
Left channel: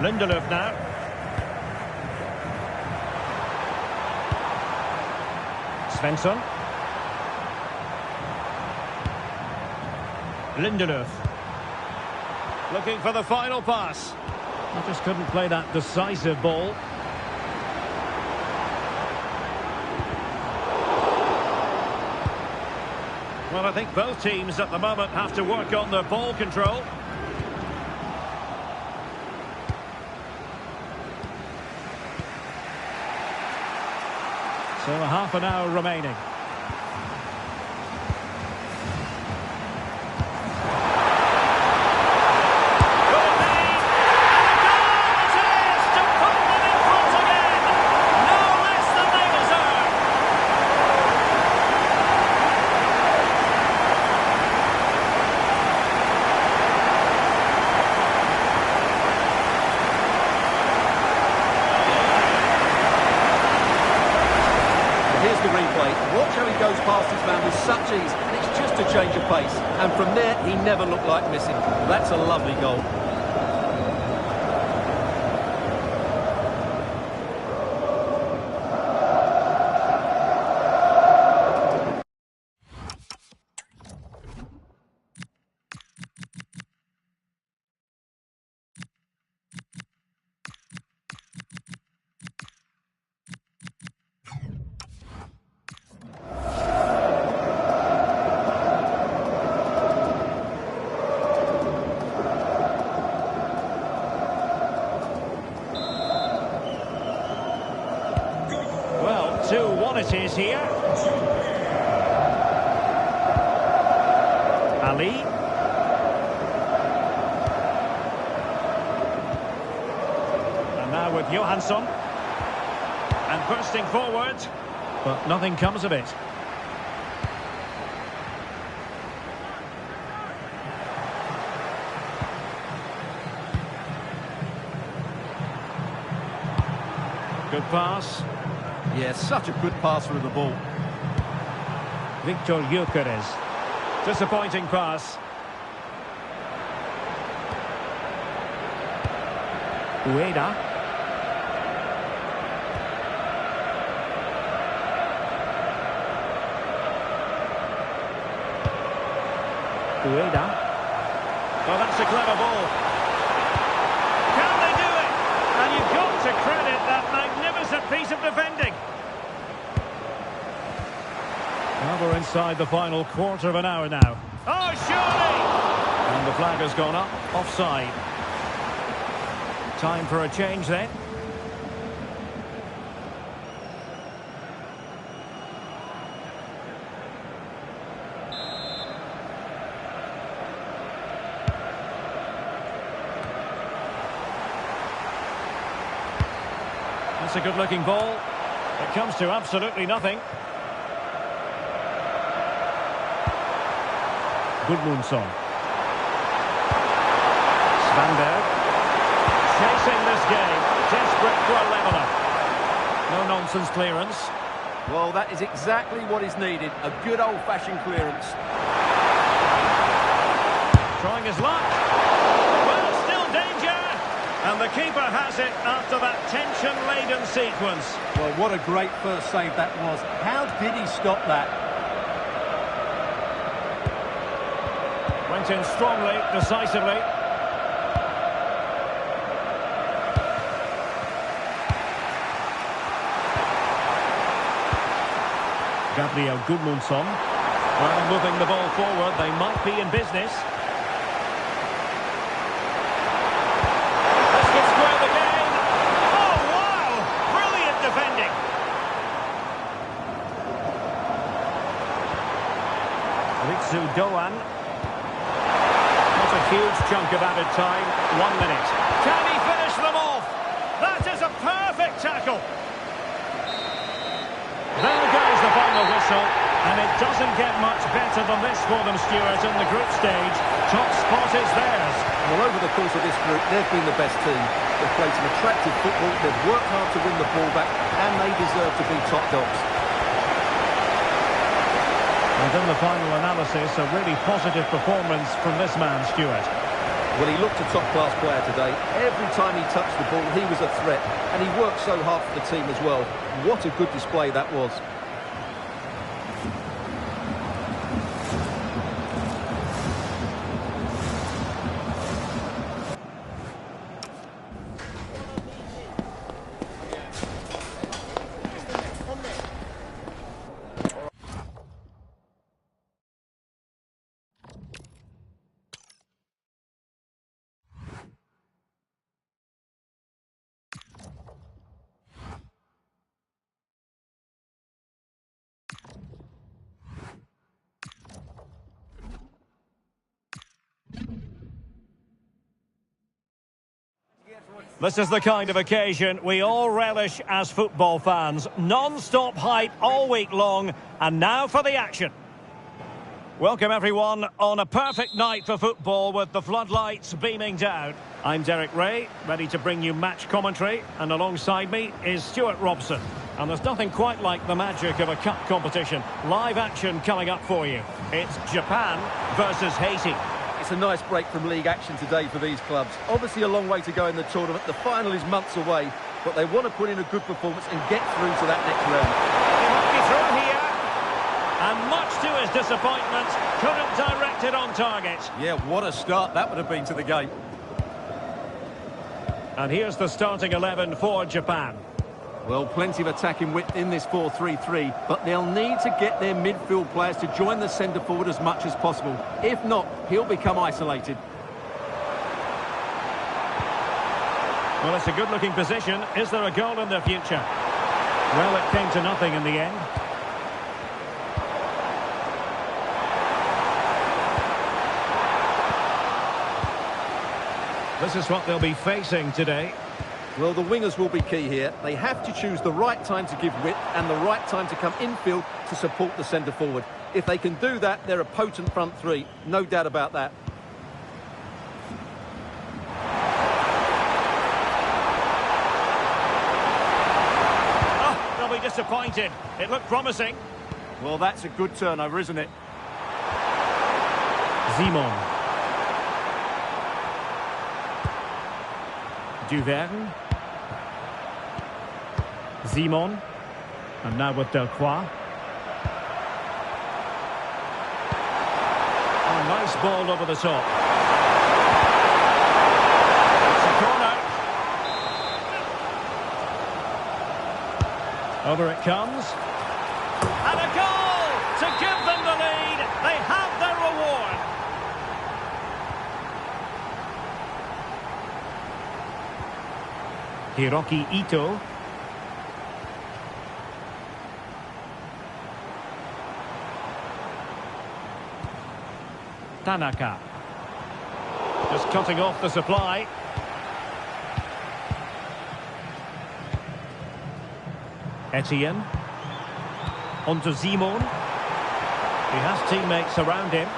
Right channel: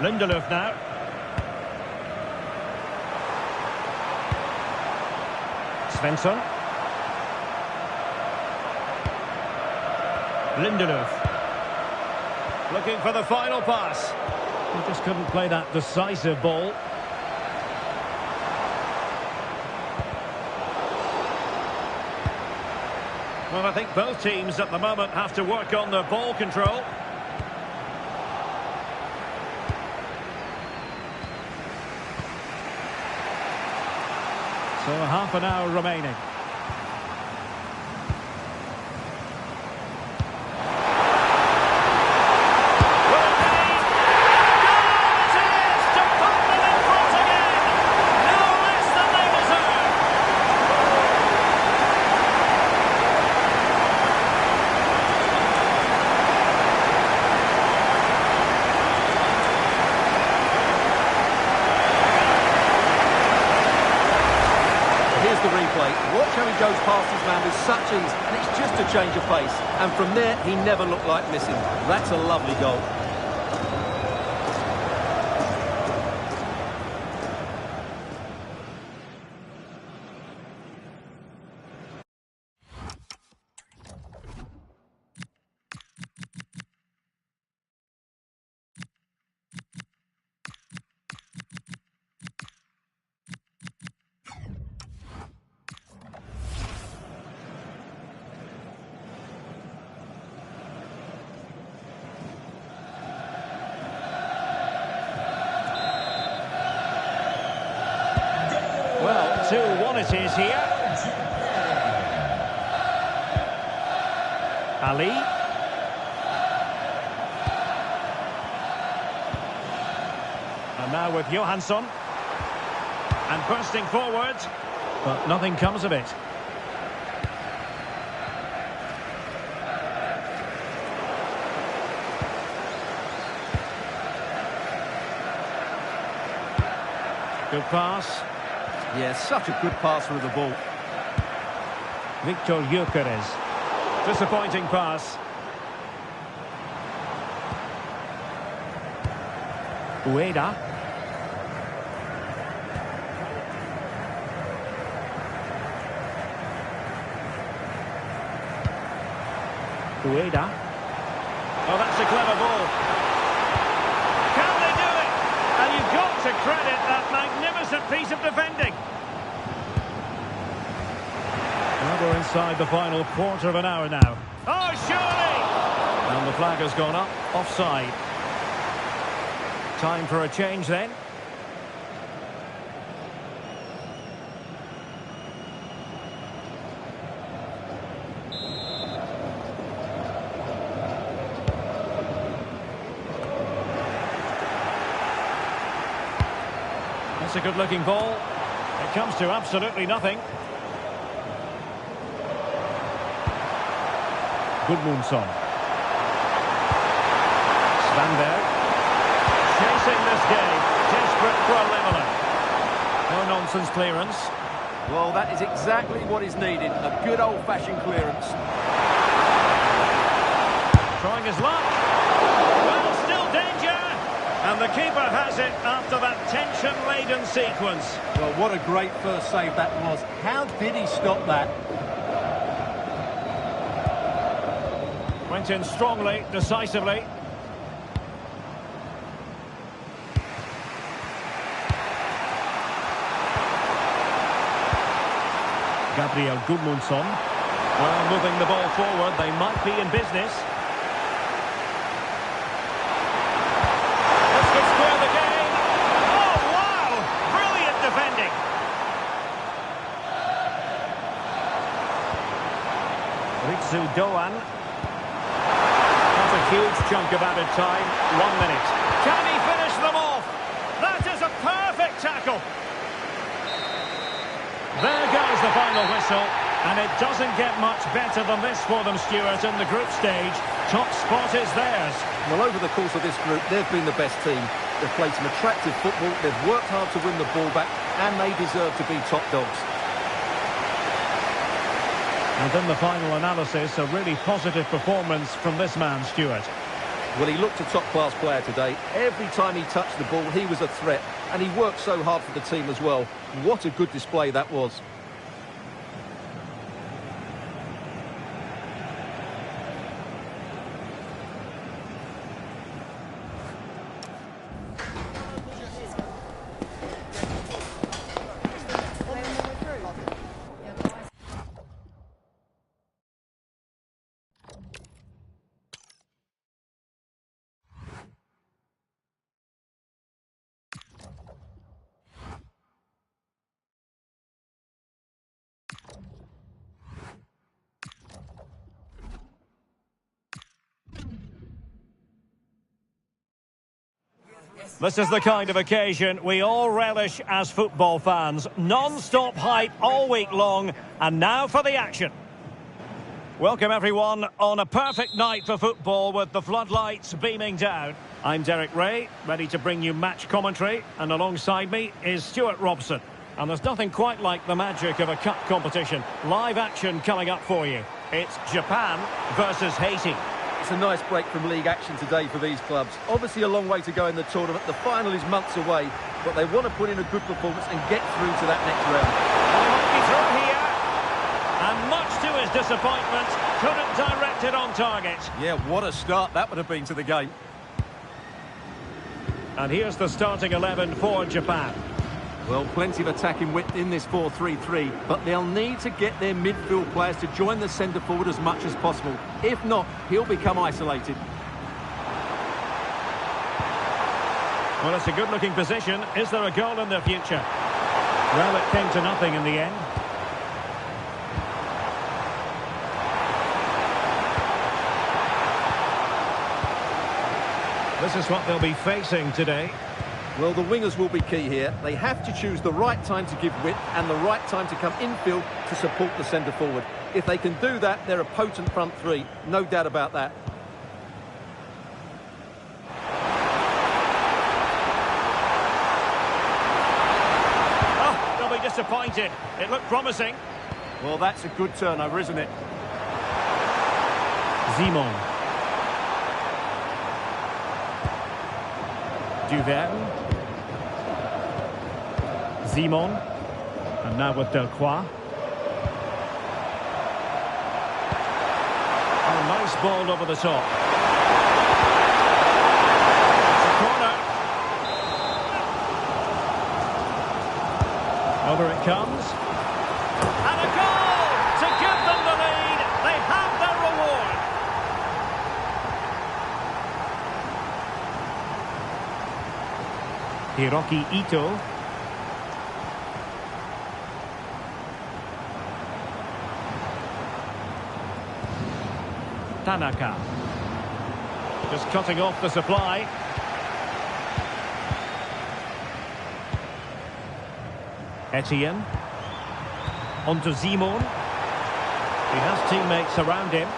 Lindelöf now. Svensson. Lindelöf. Looking for the final pass. He just couldn't play that decisive ball. Well, I think both teams at the moment have to work on their ball control. So half an hour remaining. Here's the replay. Watch how he goes past his man with such ease, and it's just a change of pace. And from there, he never looked like missing. That's a lovely goal. Well, 2-1 it is here. Ali. And now with Johansson. And bursting forward. But nothing comes of it. Good pass. Yeah, such a good passer of the ball. Victor Gyökeres. Disappointing pass. Ueda. Ueda. Oh, that's a clever ball. Can they do it? And you've got to credit that magnificent piece of defending. Well, we're inside the final quarter of an hour now. Oh, surely! And the flag has gone up, offside. Time for a change then. That's a good-looking ball. It comes to absolutely nothing. Gudmundsson. Svanberg. Chasing this game. Desperate for a leveller. No-nonsense clearance. Well, that is exactly what is needed. A good old-fashioned clearance. Trying his luck. Well, still danger. And the keeper has it after that tension-laden sequence. Well, what a great first save that was. How did he stop that? Went in strongly, decisively. Gabriel Gudmundsson. Well, moving the ball forward, they might be in business. This could square the game. Oh, wow! Brilliant defending. Ritsu Doan. Not a huge chunk of added time. 1 minute. Can he finish them off? That is a perfect tackle. There goes the final whistle. And it doesn't get much better than this for them, Stuart, in the group stage. Top spot is theirs. Well, over the course of this group, they've been the best team. They've played some attractive football, they've worked hard to win the ball back, and they deserve to be top dogs. And in the final analysis, a really positive performance from this man, Stuart. Well, he looked a top-class player today. Every time he touched the ball, he was a threat. And he worked so hard for the team as well. What a good display that was. This is the kind of occasion we all relish as football fans. Non-stop hype all week long, and now for the action. Welcome everyone on a perfect night for football with the floodlights beaming down. I'm Derek Ray, ready to bring you match commentary, and alongside me is Stuart Robson. And there's nothing quite like the magic of a cup competition. Live action coming up for you. It's Japan versus Haiti. It's a nice break from league action today for these clubs. Obviously a long way to go in the tournament. The final is months away, but they want to put in a good performance and get through to that next round. And he might be through here. And much to his disappointment, couldn't direct it on target. Yeah, what a start that would have been to the game. And here's the starting 11 for Japan. Well, plenty of attacking width in this 4-3-3, but they'll need to get their midfield players to join the centre forward as much as possible. If not, he'll become isolated. Well, it's a good-looking position. Is there a goal in the future? Well, it came to nothing in the end. This is what they'll be facing today. Well, the wingers will be key here. They have to choose the right time to give width and the right time to come infield to support the centre forward. If they can do that, they're a potent front three. No doubt about that. Oh, they'll be disappointed. It looked promising. Well, that's a good turnover, isn't it? Simon. Duverne. Simon. And now with Delcroix. Oh, nice ball over the top. It's a corner. Over it comes. And a goal to give them the lead. They have their reward. Hiroki Ito. Tanaka. Just cutting off the supply. Etienne. On to Simon. He has teammates around him.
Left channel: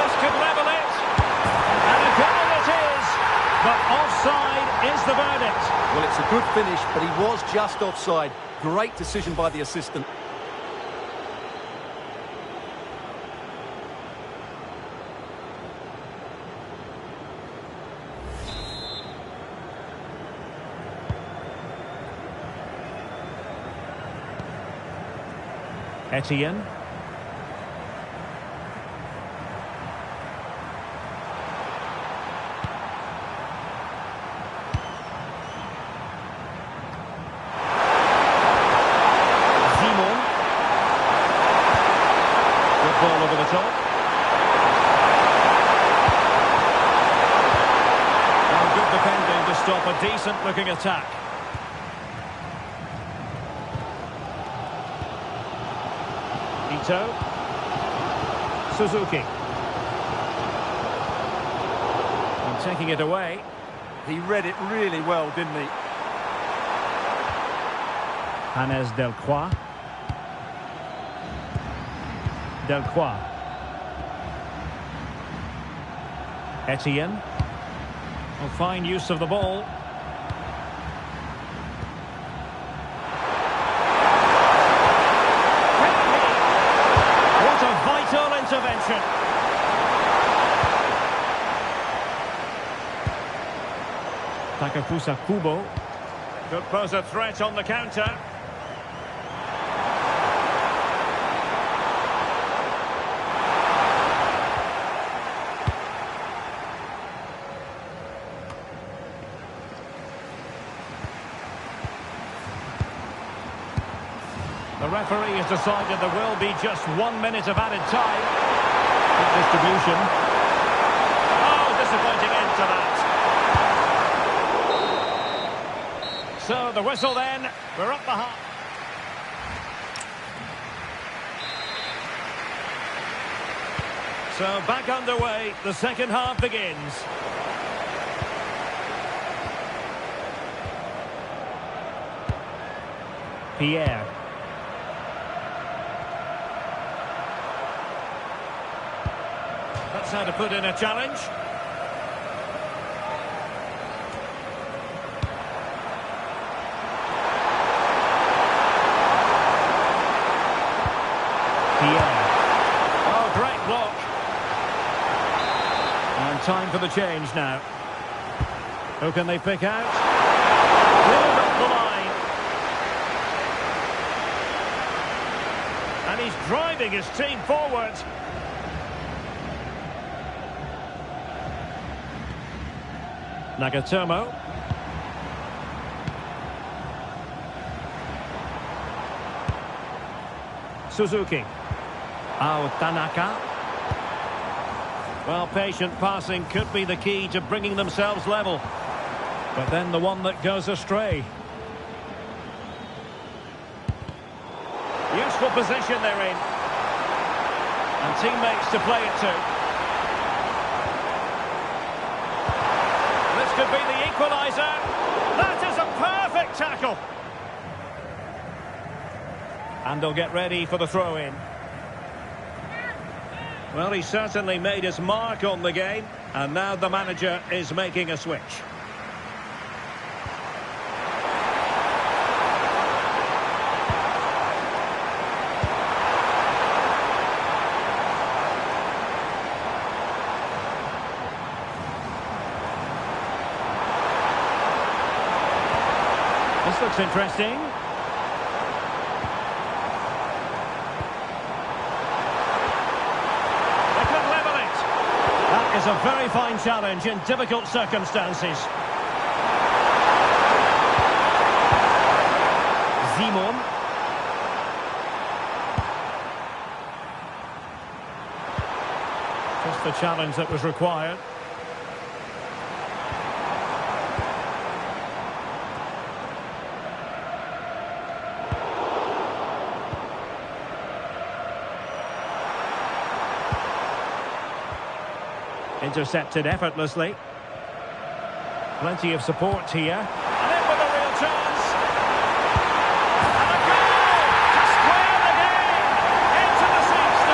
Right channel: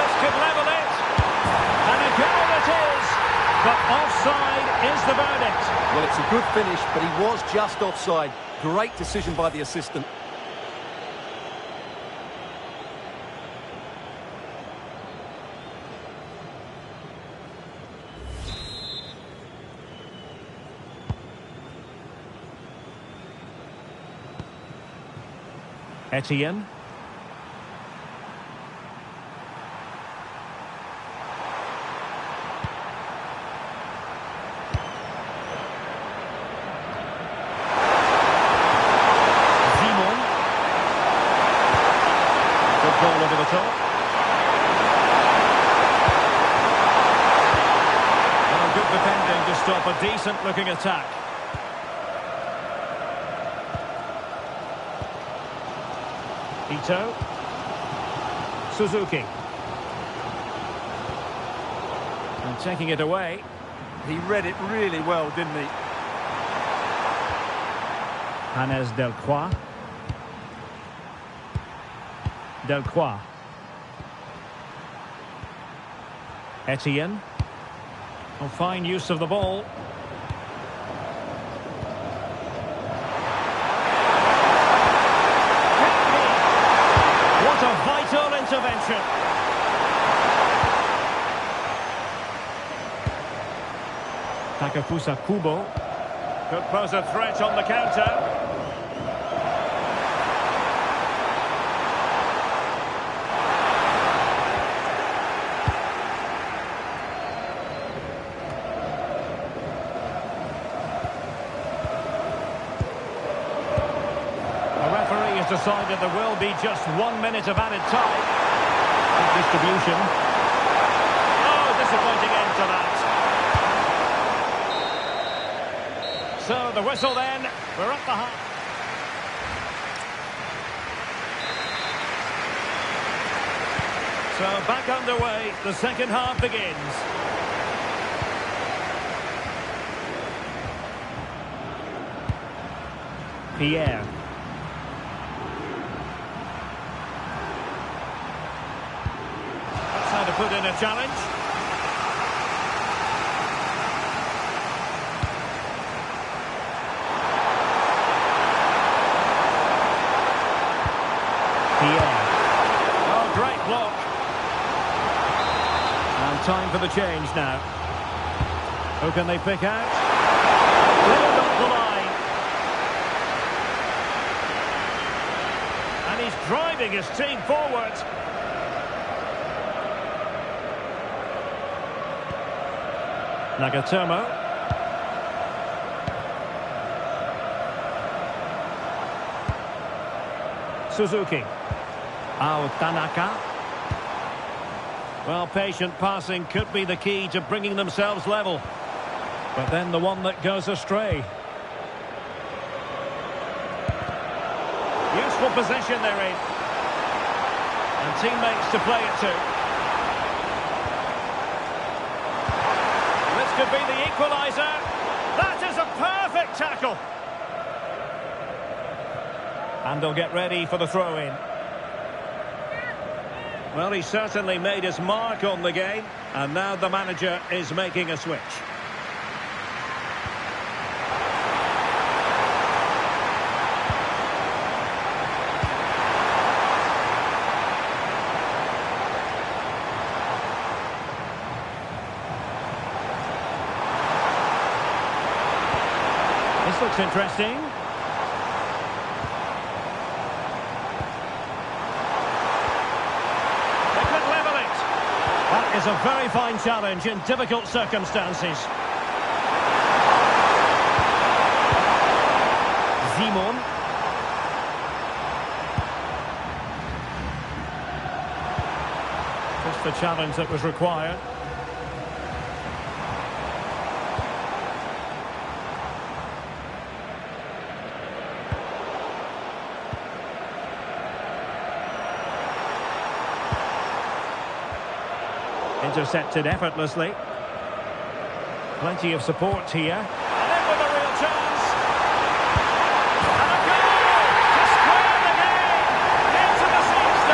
This could level it. And a goal it is. But offside is the verdict. Well, it's a good finish, but he was just offside. Great decision by the assistant. Etienne. Ball over the top. Well, good defending to stop a decent-looking attack. Ito. Suzuki. And taking it away. He read it really well, didn't he? Hannes Delcroix. Delcroix. Etienne. Oh, fine use of the ball. intervention. Takafusa Kubo. Could pose a threat on the counter. The referee has decided there will be just 1 minute of added time. Good distribution. Oh, disappointing end to that. So the whistle then. We're up the half. So back underway. The second half begins. Pierre. That's how to put in a challenge. Pierre. Oh, great block. And time for the change now. Who can they pick out? Cleared up the line. And he's driving his team forward. Nagatomo. Suzuki. Tanaka. Well, patient passing could be the key to bringing themselves level. But then the one that goes astray. Useful position they're in. And teammates to play it to. This could be the equaliser. That is a perfect tackle. And they'll get ready for the throw-in. Well, he certainly made his mark on the game. And now the manager is making a switch. This looks interesting. They could level it. That is a very fine challenge in difficult circumstances. Simon. Just the challenge that was required. Intercepted effortlessly. Plenty of support here. And in with a real chance. And a goal to square the game. Into the sixth.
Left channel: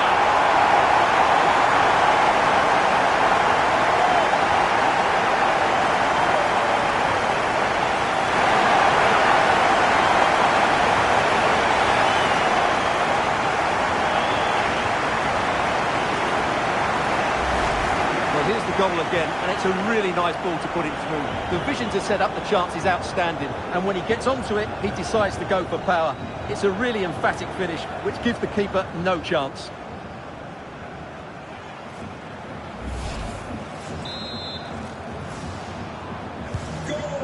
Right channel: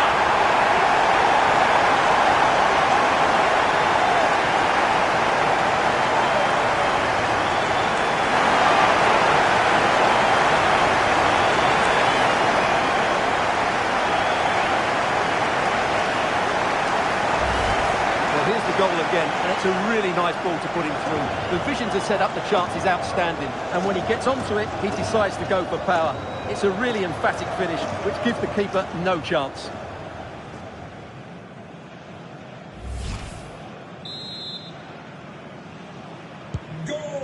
Well, here's the goal again, and it's a really nice ball to put him through. The vision to set up the chance is outstanding, and when he gets onto it, he decides to go for power. It's a really emphatic finish, which gives the keeper no chance.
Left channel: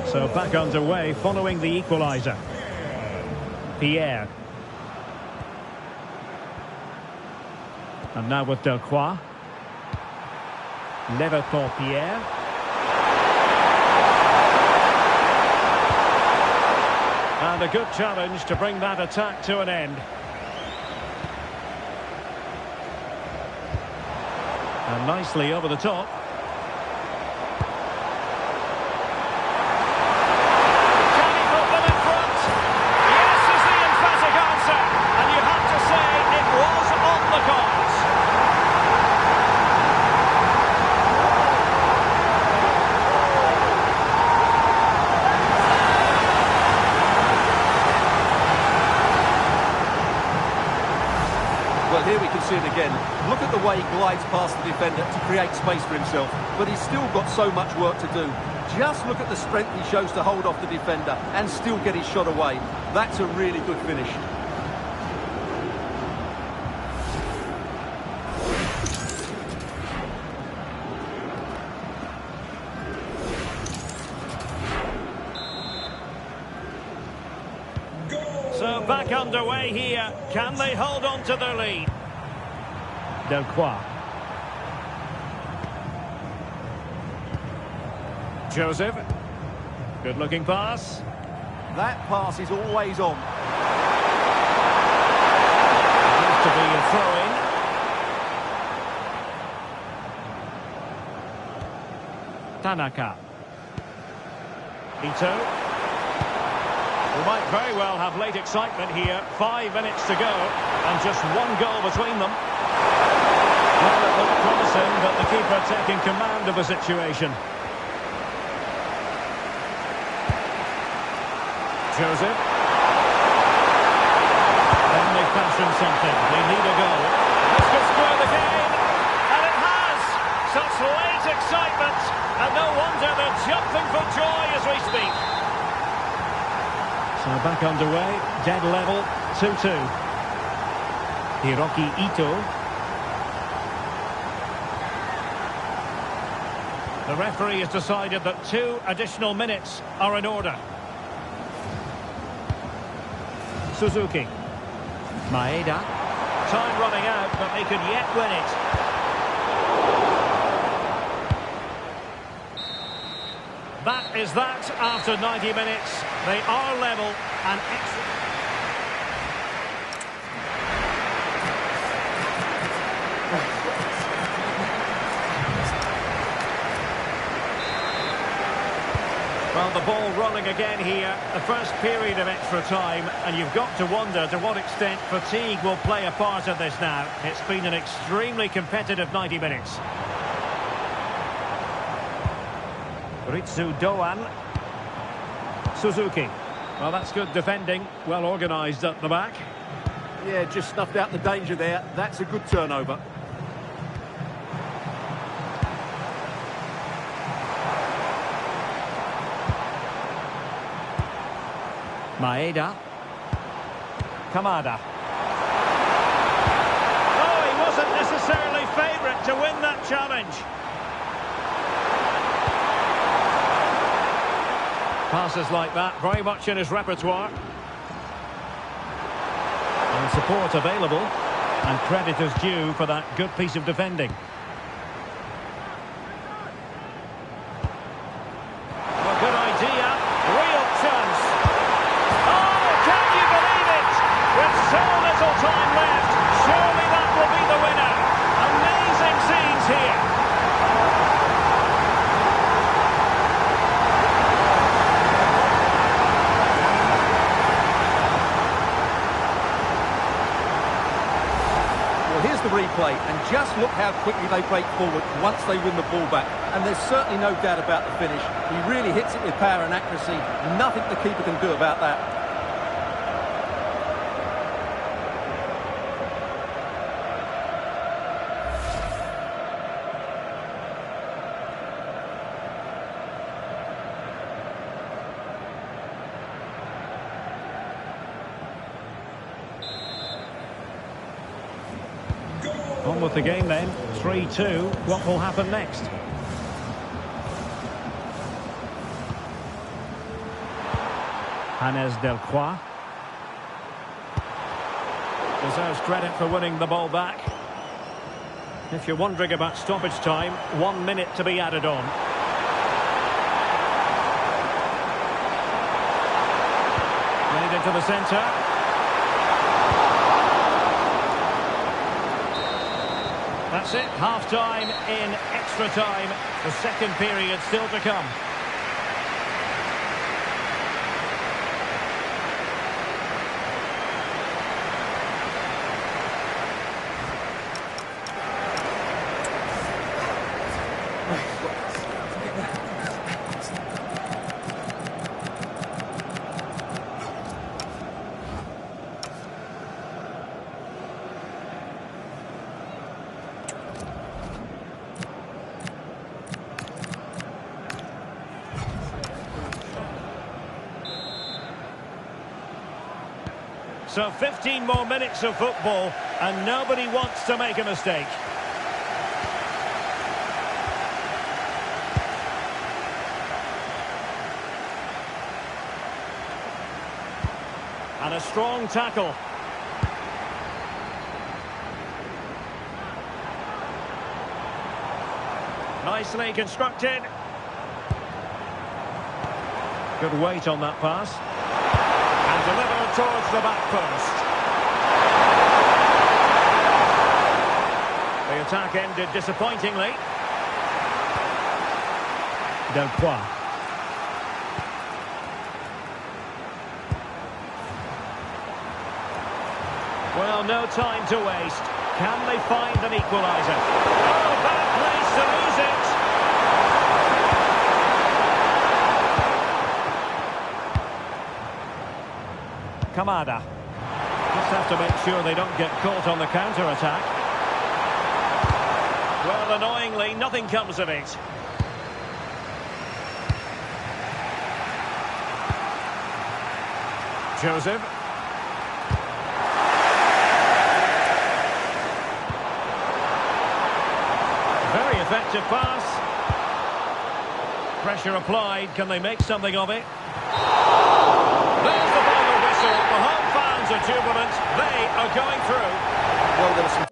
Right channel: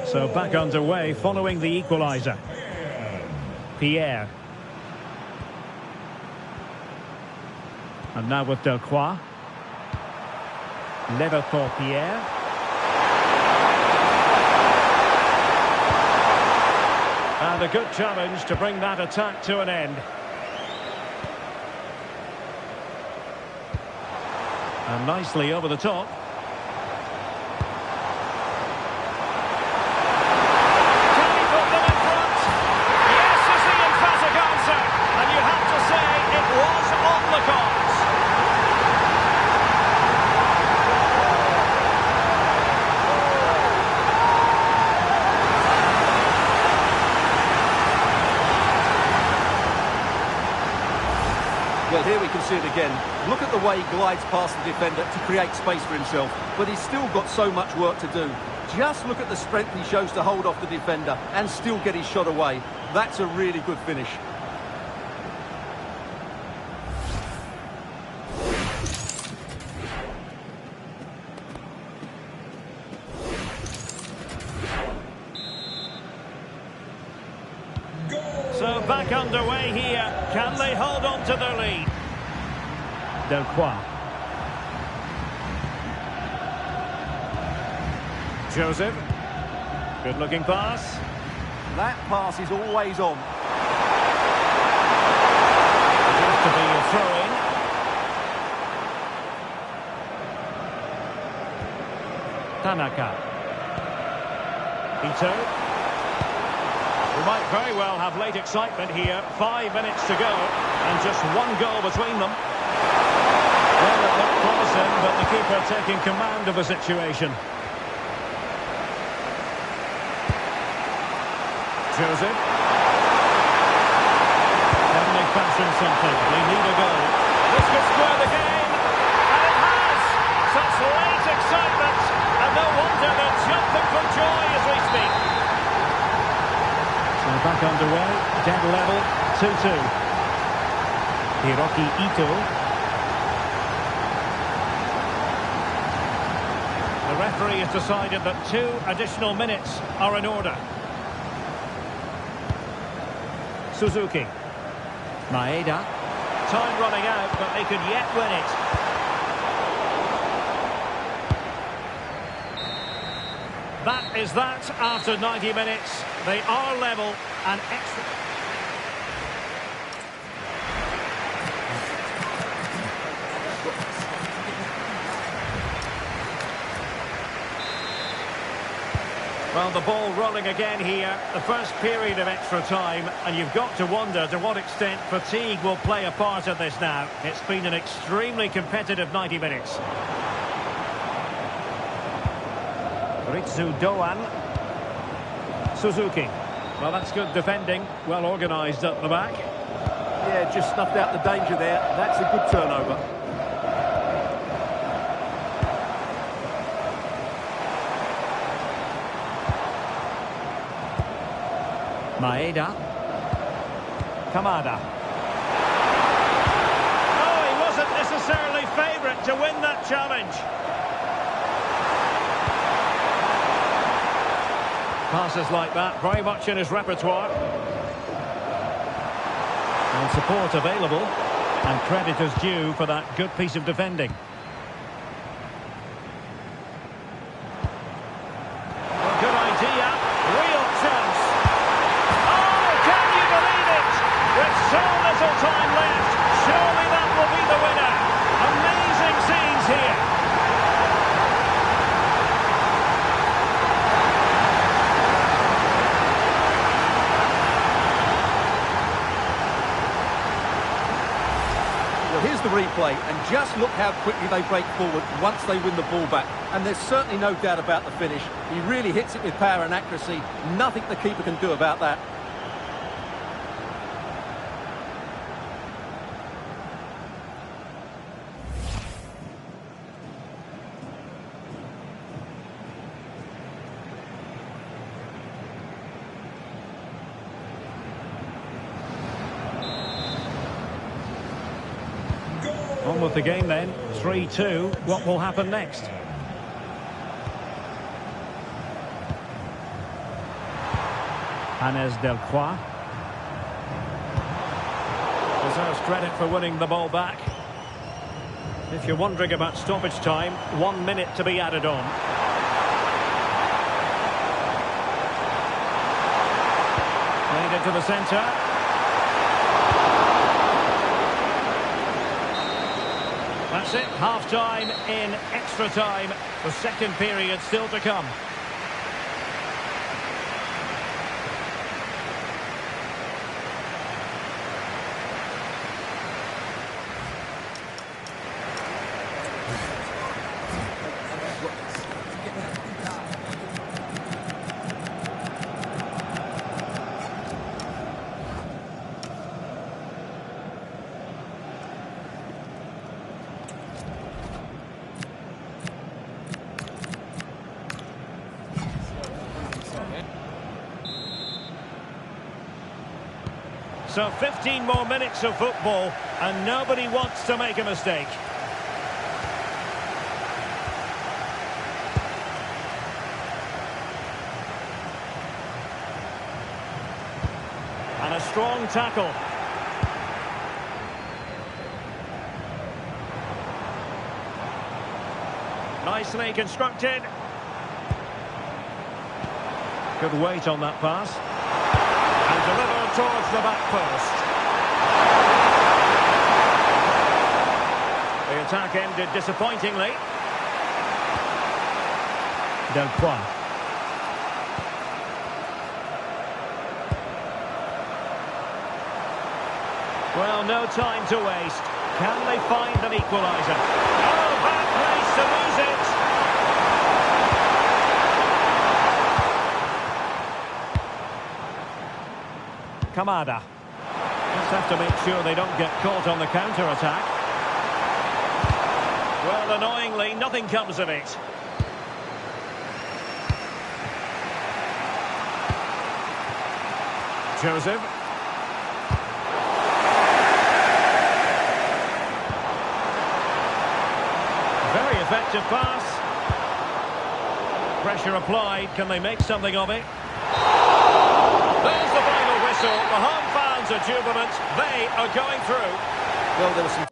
So back underway following the equaliser. Pierre. And now with Delcroix. Leverton Pierre. And a good challenge to bring that attack to an end. And nicely over the top. Can he put them in front? Yes is the emphatic answer. And you have to say it was on the cards. Well, Well, here we can see it again. Look at the way he glides past the defender to create space for himself. But he's still got so much work to do. Just look at the strength he shows to hold off the defender and still get his shot away. That's a really good finish. So back underway here. Can they hold on to their lead? Delcroix. Joseph. Good looking pass. That pass is always on. It is to be a throw-in. Tanaka. Ito. We might very well have late excitement here. 5 minutes to go and just one goal between them. Well, it looked promising, but the keeper taking command of the situation. Joseph. Can they fashion something? They need a goal. This could square the game. And it has! Such late excitement. And no wonder they're jumping for joy as we speak. So back underway, dead level, 2-2. Hiroki Ito. The referee has decided that 2 additional minutes are in order. Suzuki. Maeda. Time running out, but they could yet win it. That is that after 90 minutes. They are level and extra. Well, the ball rolling again here. The first period of extra time, and you've got to wonder to what extent fatigue will play a part of this now. It's been an extremely competitive 90 minutes. Ritsu Doan. Suzuki. Well, that's good defending. Well organised at the back. Yeah, just snuffed out the danger there. That's a good turnover. Maeda. Kamada. Oh, he wasn't necessarily favourite to win that challenge. Passes like that, very much in his repertoire. And support available. And credit is due for that good piece of defending. Well, good idea. Real chance. Oh, can you believe it? With so little time left, surely that will be the winner. Amazing scenes here. Well, here's the replay, and just look how quickly they break forward once they win the ball back. And there's certainly no doubt about the finish. He really hits it with power and accuracy. Nothing the keeper can do about that. On with the game then, 3-2. What will happen next? Hannes Delcroix. Deserves credit for winning the ball back. If you're wondering about stoppage time, 1 minute to be added on. Played into the centre. That's it, half-time in extra time. The second period still to come. So 15 more minutes of football, and nobody wants to make a mistake. And a strong tackle. Nicely constructed. Good weight on that pass. And delivered towards the back post. The attack ended disappointingly. Delcroix. Well, no time to waste. Can they find an equaliser? Oh, bad place to lose it. Kamada. Just have to make sure they don't get caught on the counter-attack. Well, annoyingly, nothing comes of it. Joseph. Very effective pass. Pressure applied. Can they make something of it? There's the final whistle. The home fans are jubilant. They are going through. Well, there was some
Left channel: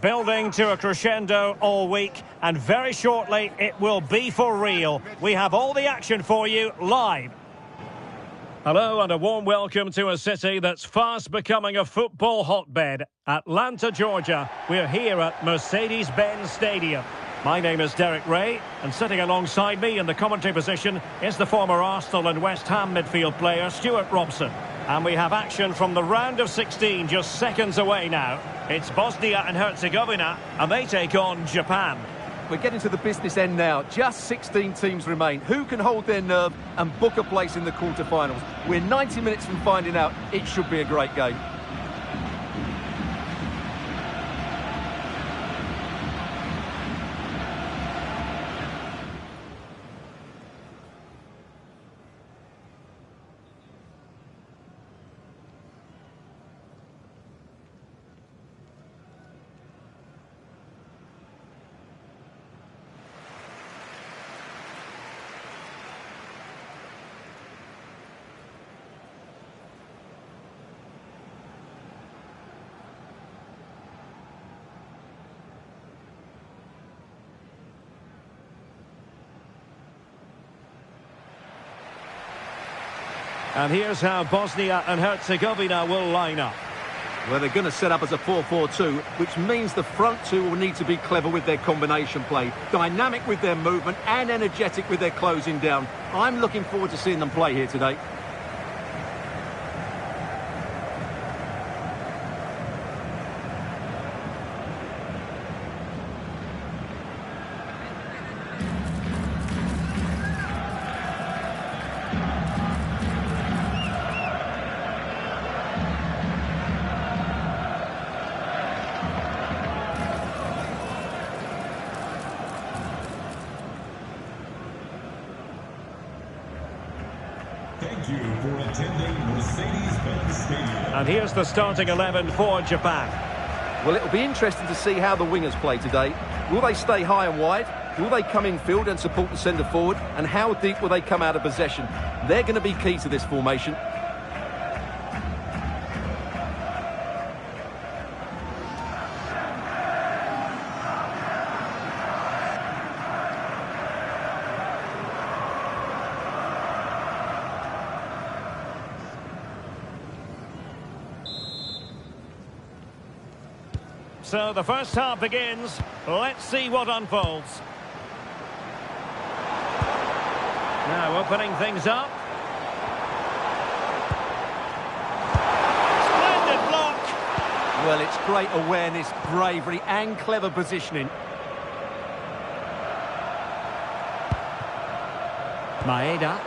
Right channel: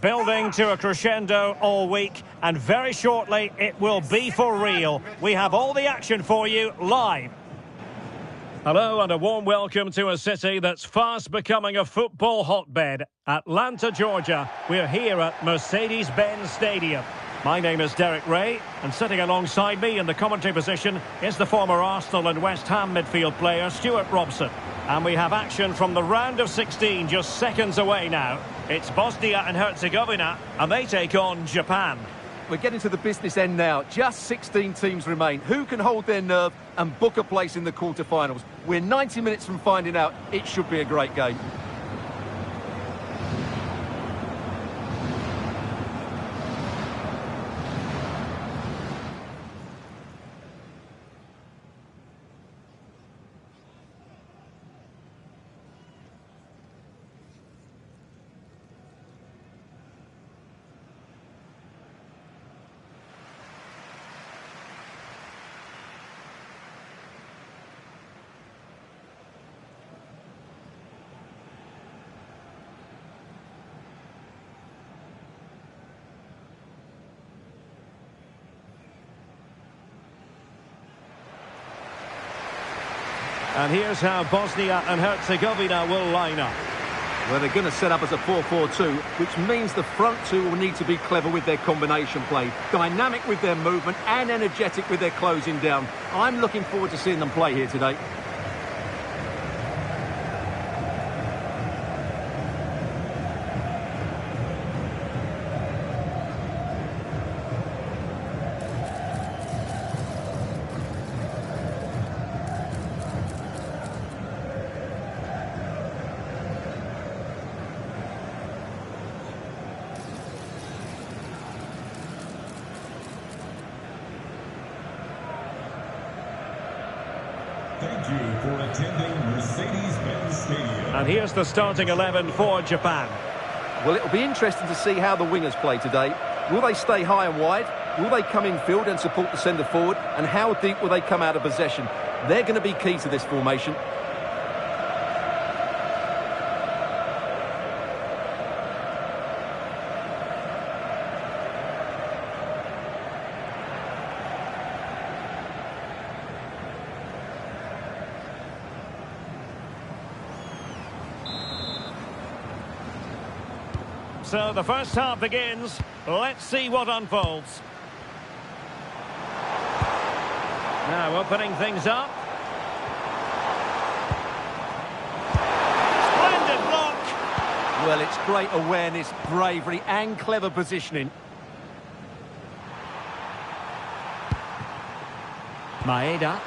Building to a crescendo all week, and very shortly it will be for real. We have all the action for you live. Hello and a warm welcome to a city that's fast becoming a football hotbed. Atlanta, Georgia. We're here at Mercedes-Benz Stadium. My name is Derek Ray, and sitting alongside me in the commentary position is the former Arsenal and West Ham midfield player Stuart Robson. And we have action from the round of 16 just seconds away now. It's Bosnia and Herzegovina, and they take on Japan. We're getting to the business end now. Just 16 teams remain. Who can hold their nerve and book a place in the quarterfinals? We're 90 minutes from finding out. It should be a great game. And here's how Bosnia and Herzegovina will line up. Well, they're going to set up as a 4-4-2, which means the front two will need to be clever with their combination play, dynamic with their movement and energetic with their closing down. I'm looking forward to seeing them play here today. Thank you for attending Mercedes-Benz Stadium. And here's the starting 11 for Japan. Well, it'll be interesting to see how the wingers play today. Will they stay high and wide? Will they come in field and support the centre forward? And how deep will they come out of possession? They're going to be key to this formation. So the first half begins. Let's see what unfolds. Now opening things up. Splendid block. Well, it's great awareness, bravery and clever positioning. Maeda.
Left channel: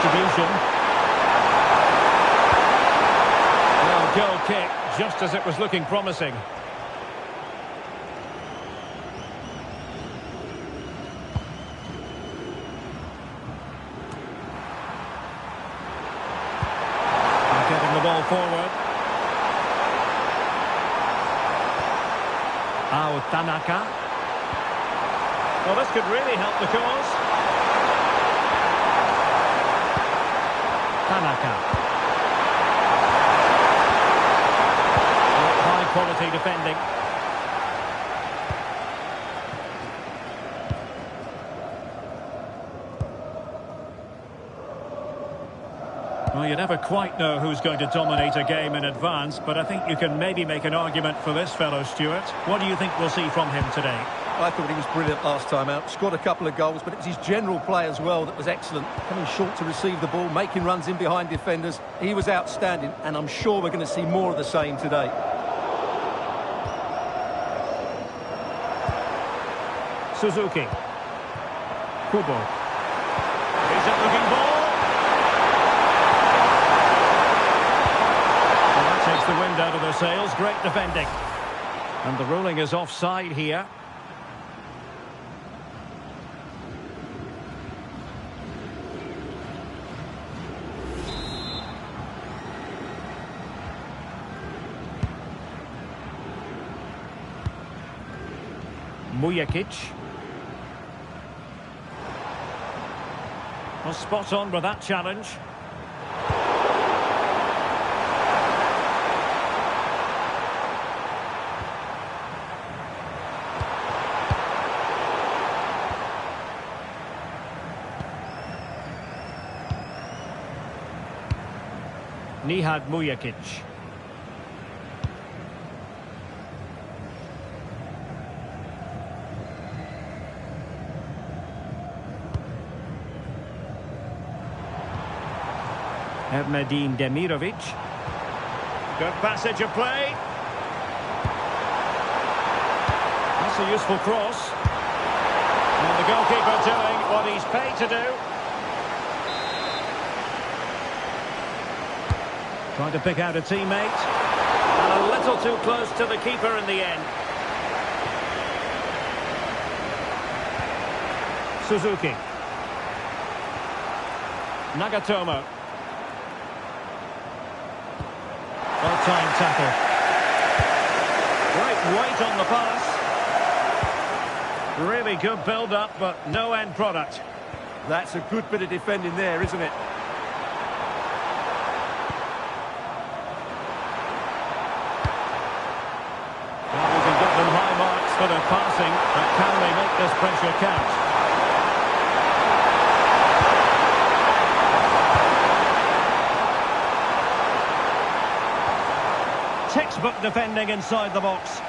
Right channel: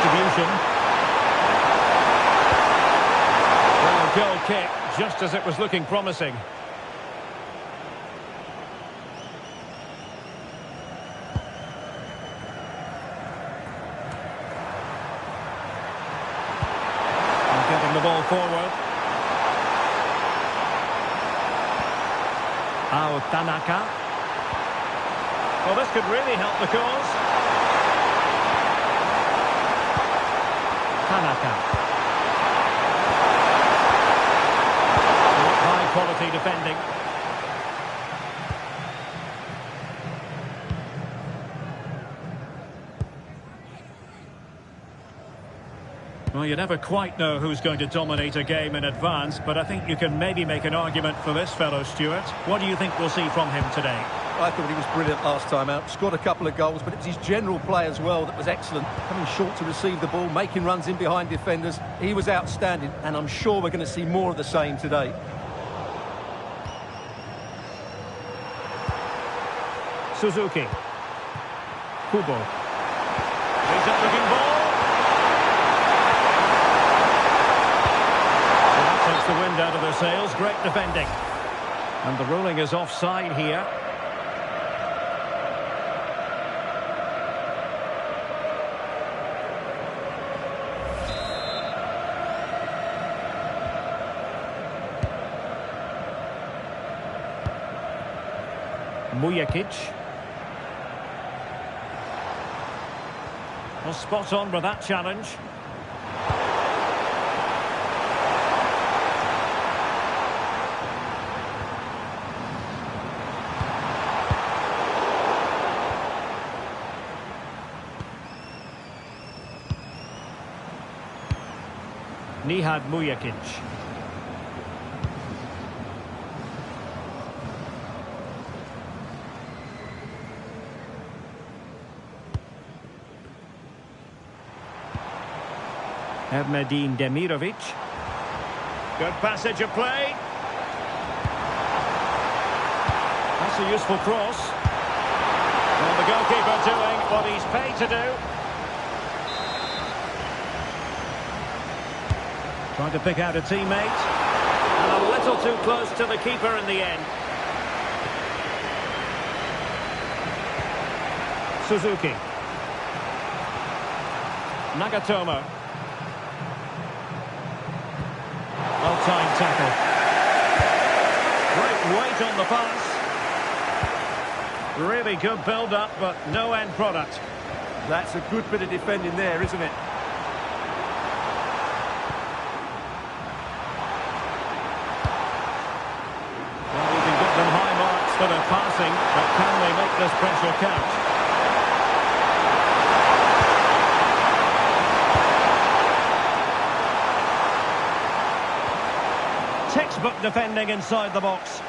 distribution. Well, goal kick, just as it was looking promising. And getting the ball forward. Tanaka. Well, this could really help the cause. Tanaka. High quality defending. Well, you never quite know who's going to dominate a game in advance, but I think you can maybe make an argument for this fellow, Stuart. What do you think we'll see from him today? I thought he was brilliant last time out. Scored a couple of goals, but it was his general play as well that was excellent. Coming short to receive the ball, making runs in behind defenders. He was outstanding, and I'm sure we're going to see more of the same today. Suzuki. Kubo. Decent looking ball. Well, that takes the wind out of their sails. Great defending. And the ruling is offside here. Mujakic. Well, spot on with that challenge. Nihad Mujakic. Medin Demirovic. Good passage of play. That's a useful cross. And the goalkeeper doing what he's paid to do. Trying to pick out a teammate. And a little too close to the keeper in the end. Suzuki. Nagatomo. Well-timed tackle. Great weight on the pass. Really good build-up, but no end product. That's a good bit of defending there, isn't it? Well, we can give them high marks for their passing, but can they make this pressure count? Textbook defending inside the box.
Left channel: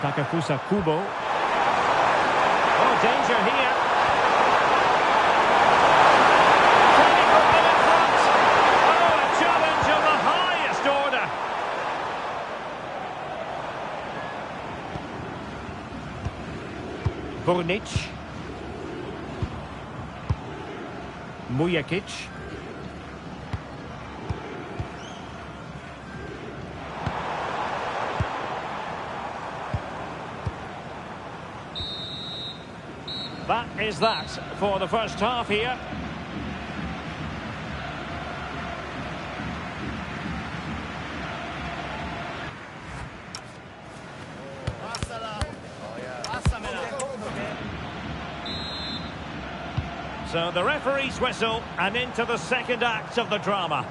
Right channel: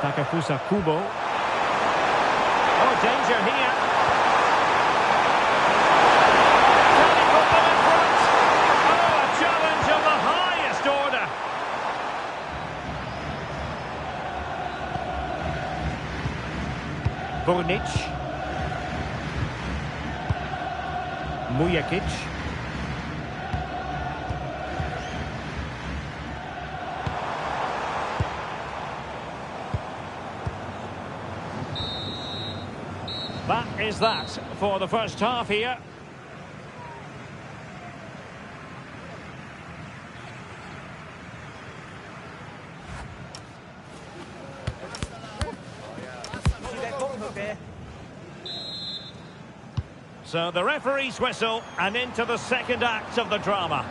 Takafusa Kubo. Oh, danger here. Can he put them in front? Oh, a challenge of the highest order. Burnic. Mujakic. That is that for the first half here. So the referee's whistle, and into the second act of the drama.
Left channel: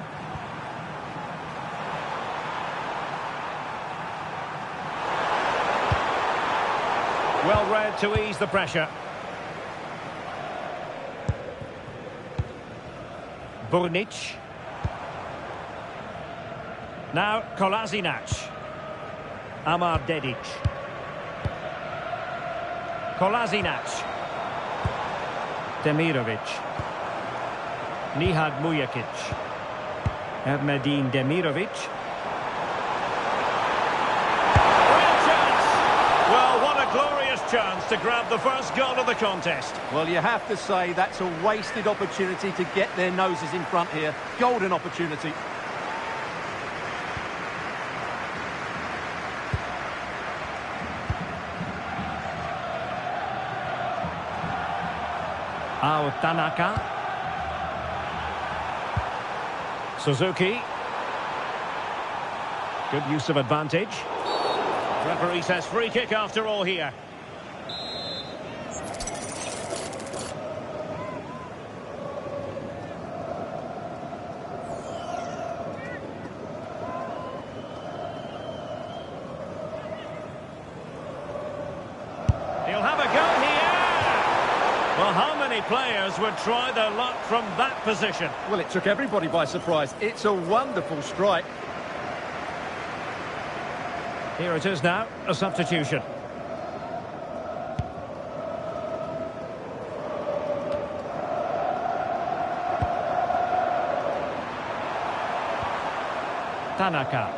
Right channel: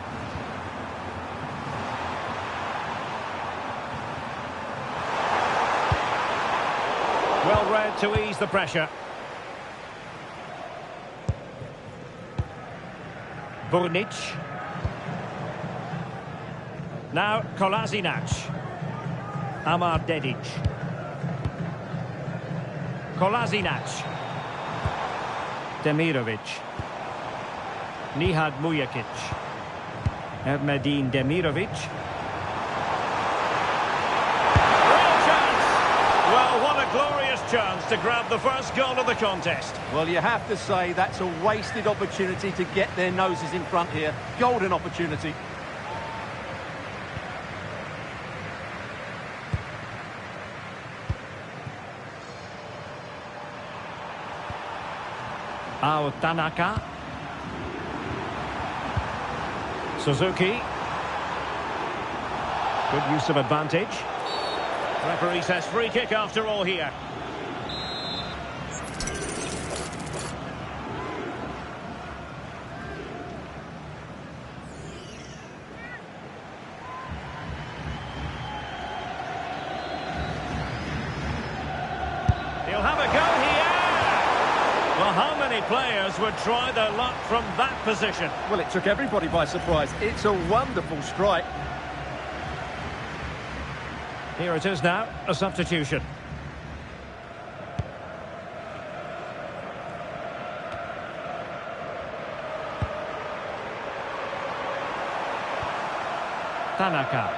Well read to ease the pressure. Burnic. Now Kolasinac. Amar Dedic. Kolasinac. Demirovic. Nihad Mujakic. Medin Demirovic. Well, what a glorious chance to grab the first goal of the contest. Well, you have to say that's a wasted opportunity to get their noses in front here. Golden opportunity. Tanaka. Suzuki. Good use of advantage. Referee says free kick after all here. He'll have a go here. Well, how many players would try their luck from that position? Well, it took everybody by surprise. It's a wonderful strike. Here it is now, a substitution. Tanaka.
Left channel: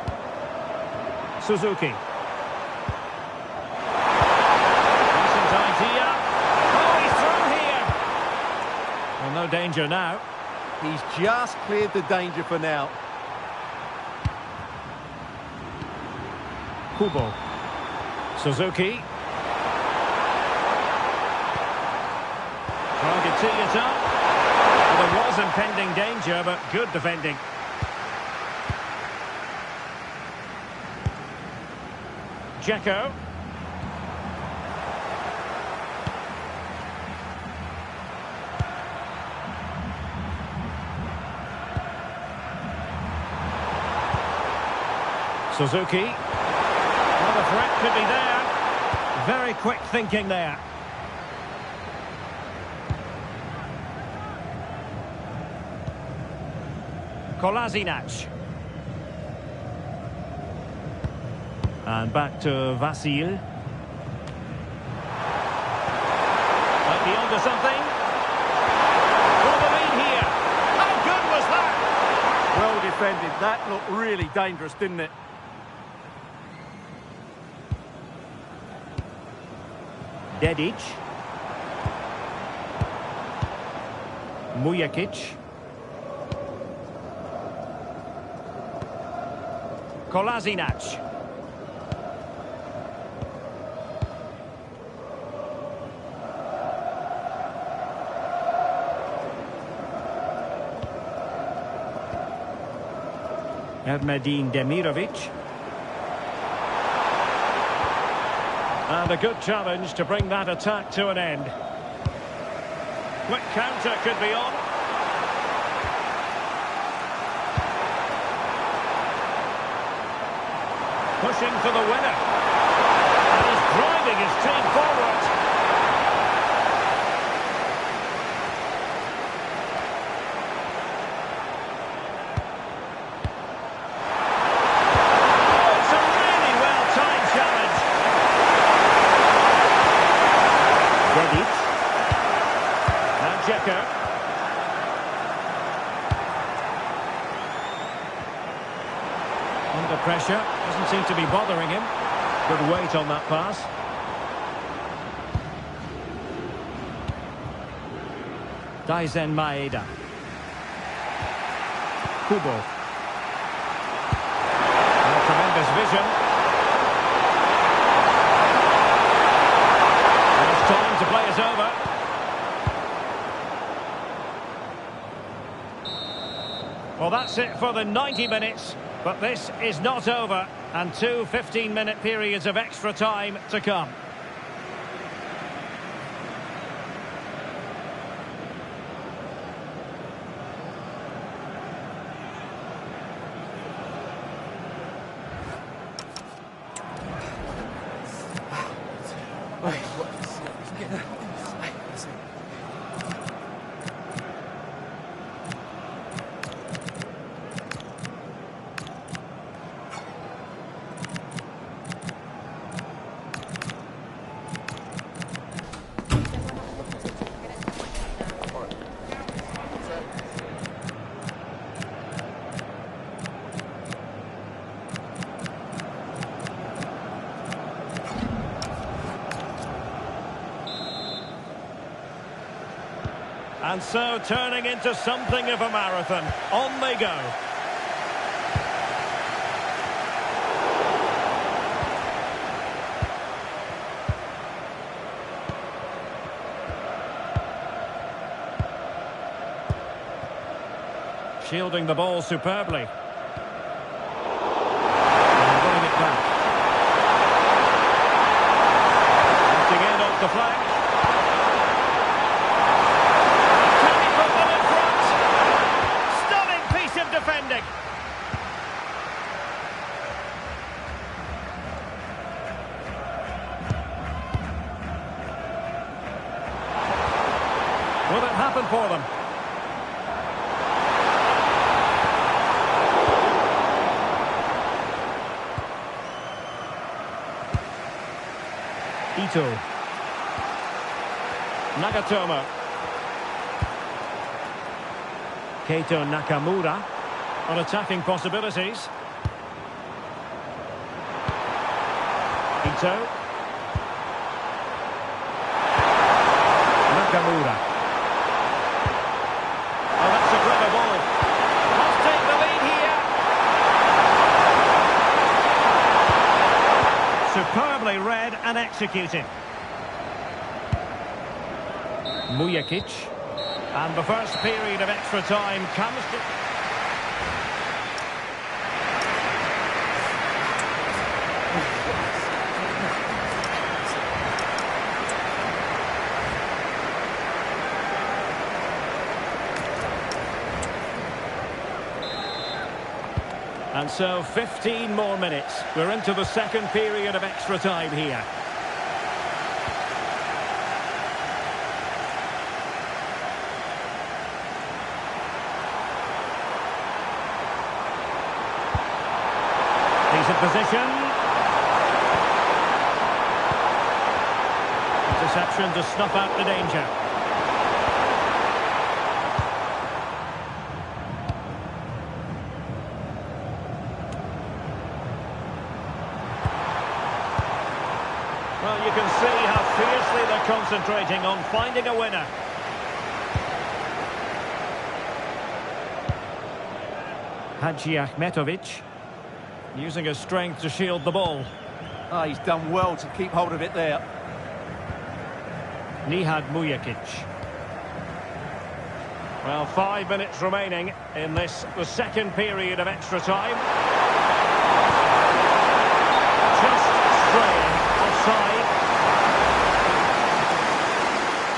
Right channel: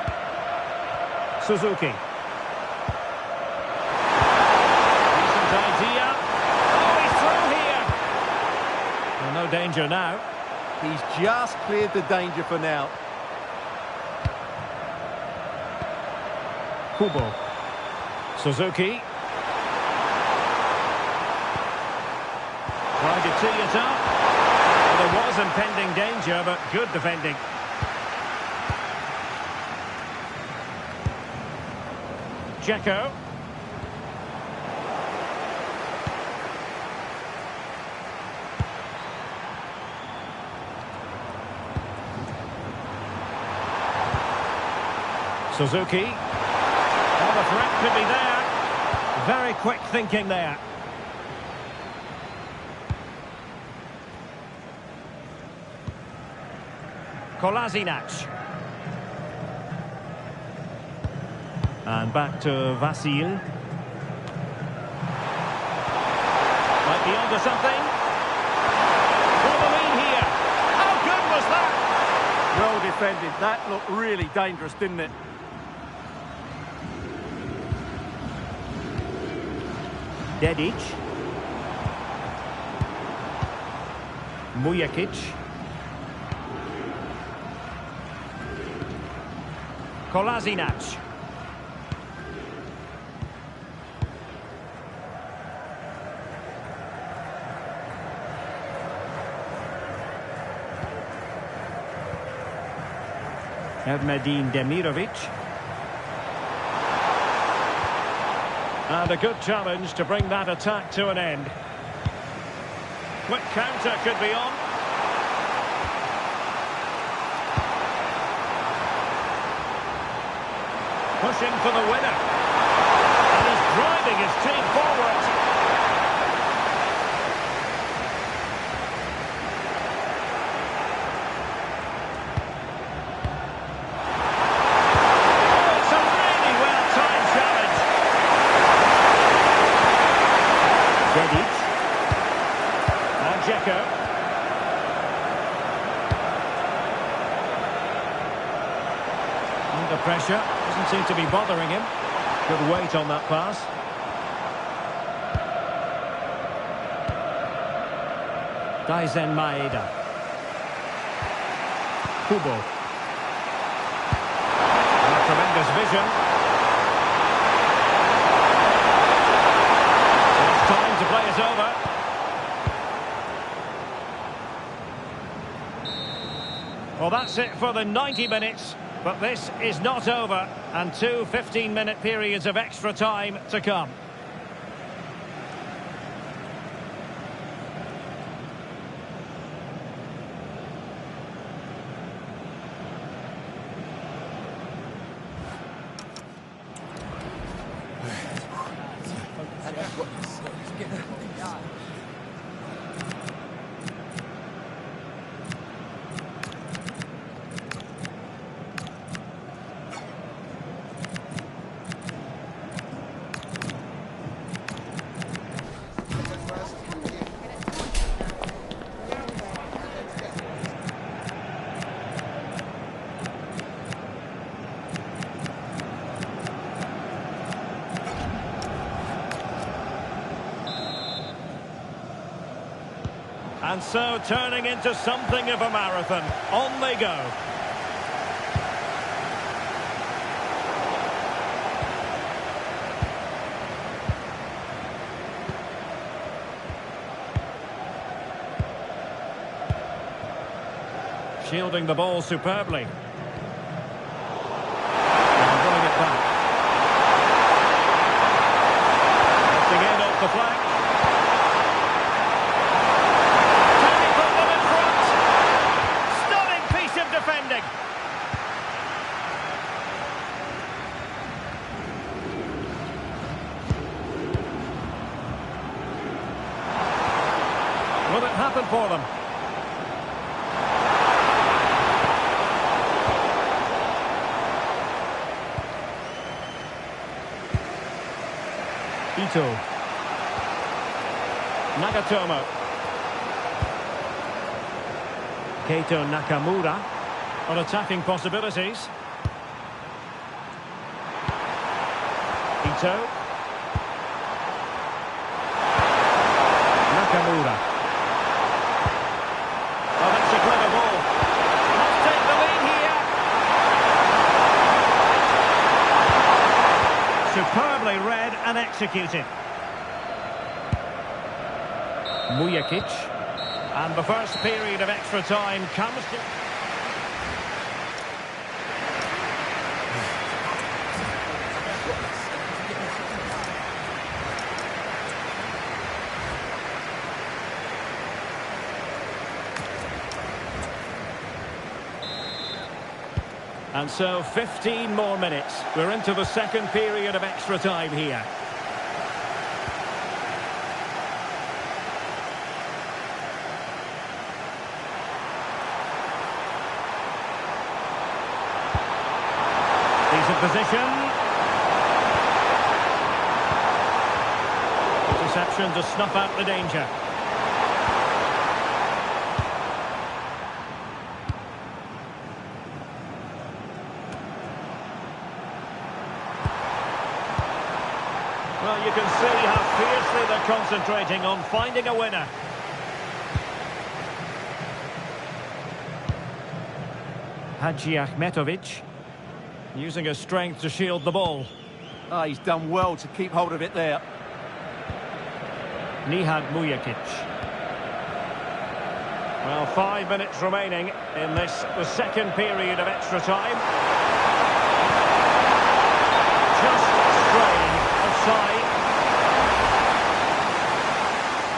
Suzuki. Decent idea. Oh, he's through here. Well, no danger now. He's just cleared the danger for now. Kubo. Suzuki. Trying to tee it up. Well, there was impending danger, but good defending. Dzeko. Suzuki. Well, the threat could be there. Very quick thinking there. Kolasinac. And back to Vasil. Might be onto something. For the lead here. How good was that? Well defended. That looked really dangerous, didn't it? Dedic. Mujakic. Kolasinac. Ermedin Demirovic. And a good challenge to bring that attack to an end. Quick counter could be on. Pushing for the winner. And he's driving his team forward. Oh, it's a really well-timed challenge. Dedic. Now Dzeko. Under pressure. Doesn't seem to be bothering him. Good weight on that pass. Daizen Maeda. Kubo. And a tremendous vision. It's time to play it over. Well, that's it for the 90 minutes. But this is not over, and two 15-minute periods of extra time to come. And so turning into something of a marathon. On they go. Shielding the ball superbly. And running it back. Lifting it off the flank. Can he put them in front? Stunning piece of defending. Will it happen for them? Ito. Nagatomo. Keito Nakamura on attacking possibilities. Ito. Nakamura. Oh, that's a clever ball. Must take the lead here. Superbly read and executed. Mujakic. And the first period of extra time comes to... And so 15 more minutes. We're into the second period of extra time here. Decent position. Interception to snuff out the danger. Well, you can see how fiercely they're concentrating on finding a winner. Hadji Ahmetovic using his strength to shield the ball. Ah, he's done well to keep hold of it there. Nihad Mujakic. Well, 5 minutes remaining in this, the second period of extra time. Just straying. Offside.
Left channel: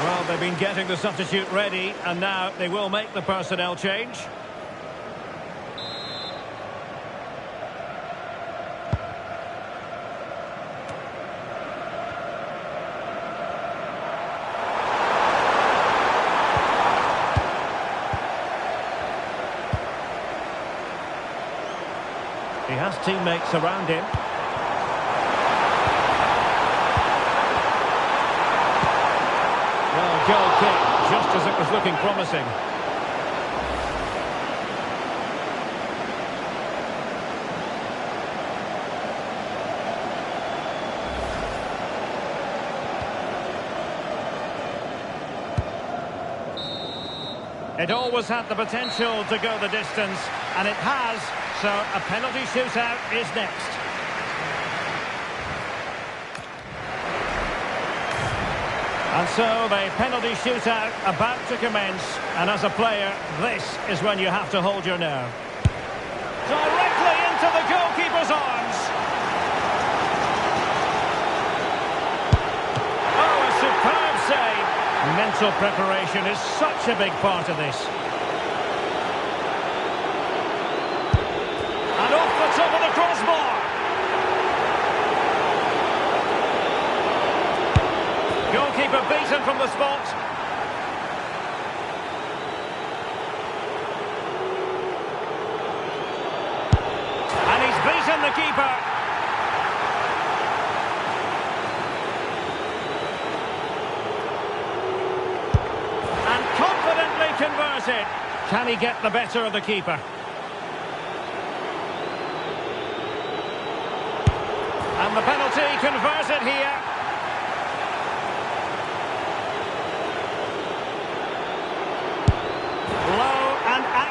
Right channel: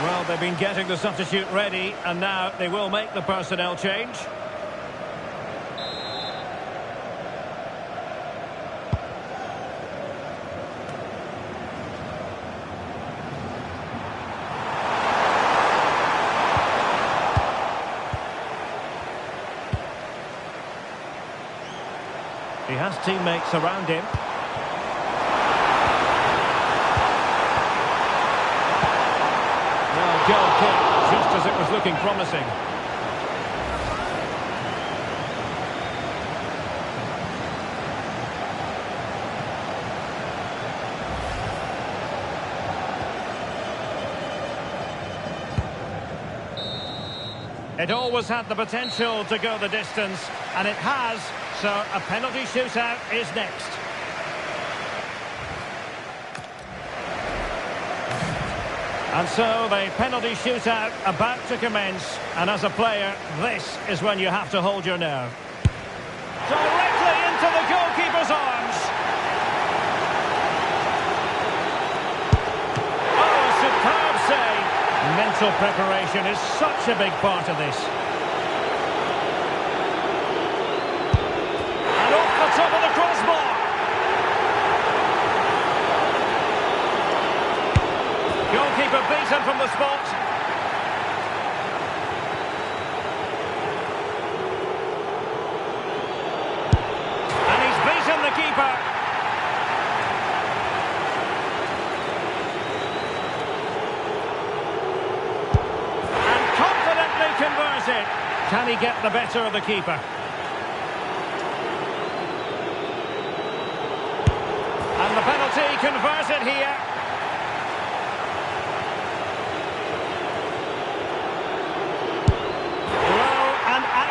Well, they've been getting the substitute ready, and now they will make the personnel change. He has teammates around him. Well, goal kick, just as it was looking promising. It always had the potential to go the distance, and it has, so a penalty shootout is next. And so the penalty shootout about to commence, and as a player, this is when you have to hold your nerve. Directly into the goalkeeper's arms. Oh, a superb save. Mental preparation is such a big part of this. And off the top of the crossbar. Goalkeeper beaten from the spot. And he's beaten the keeper. And confidently converted. Can he get the better of the keeper? And the penalty converted here.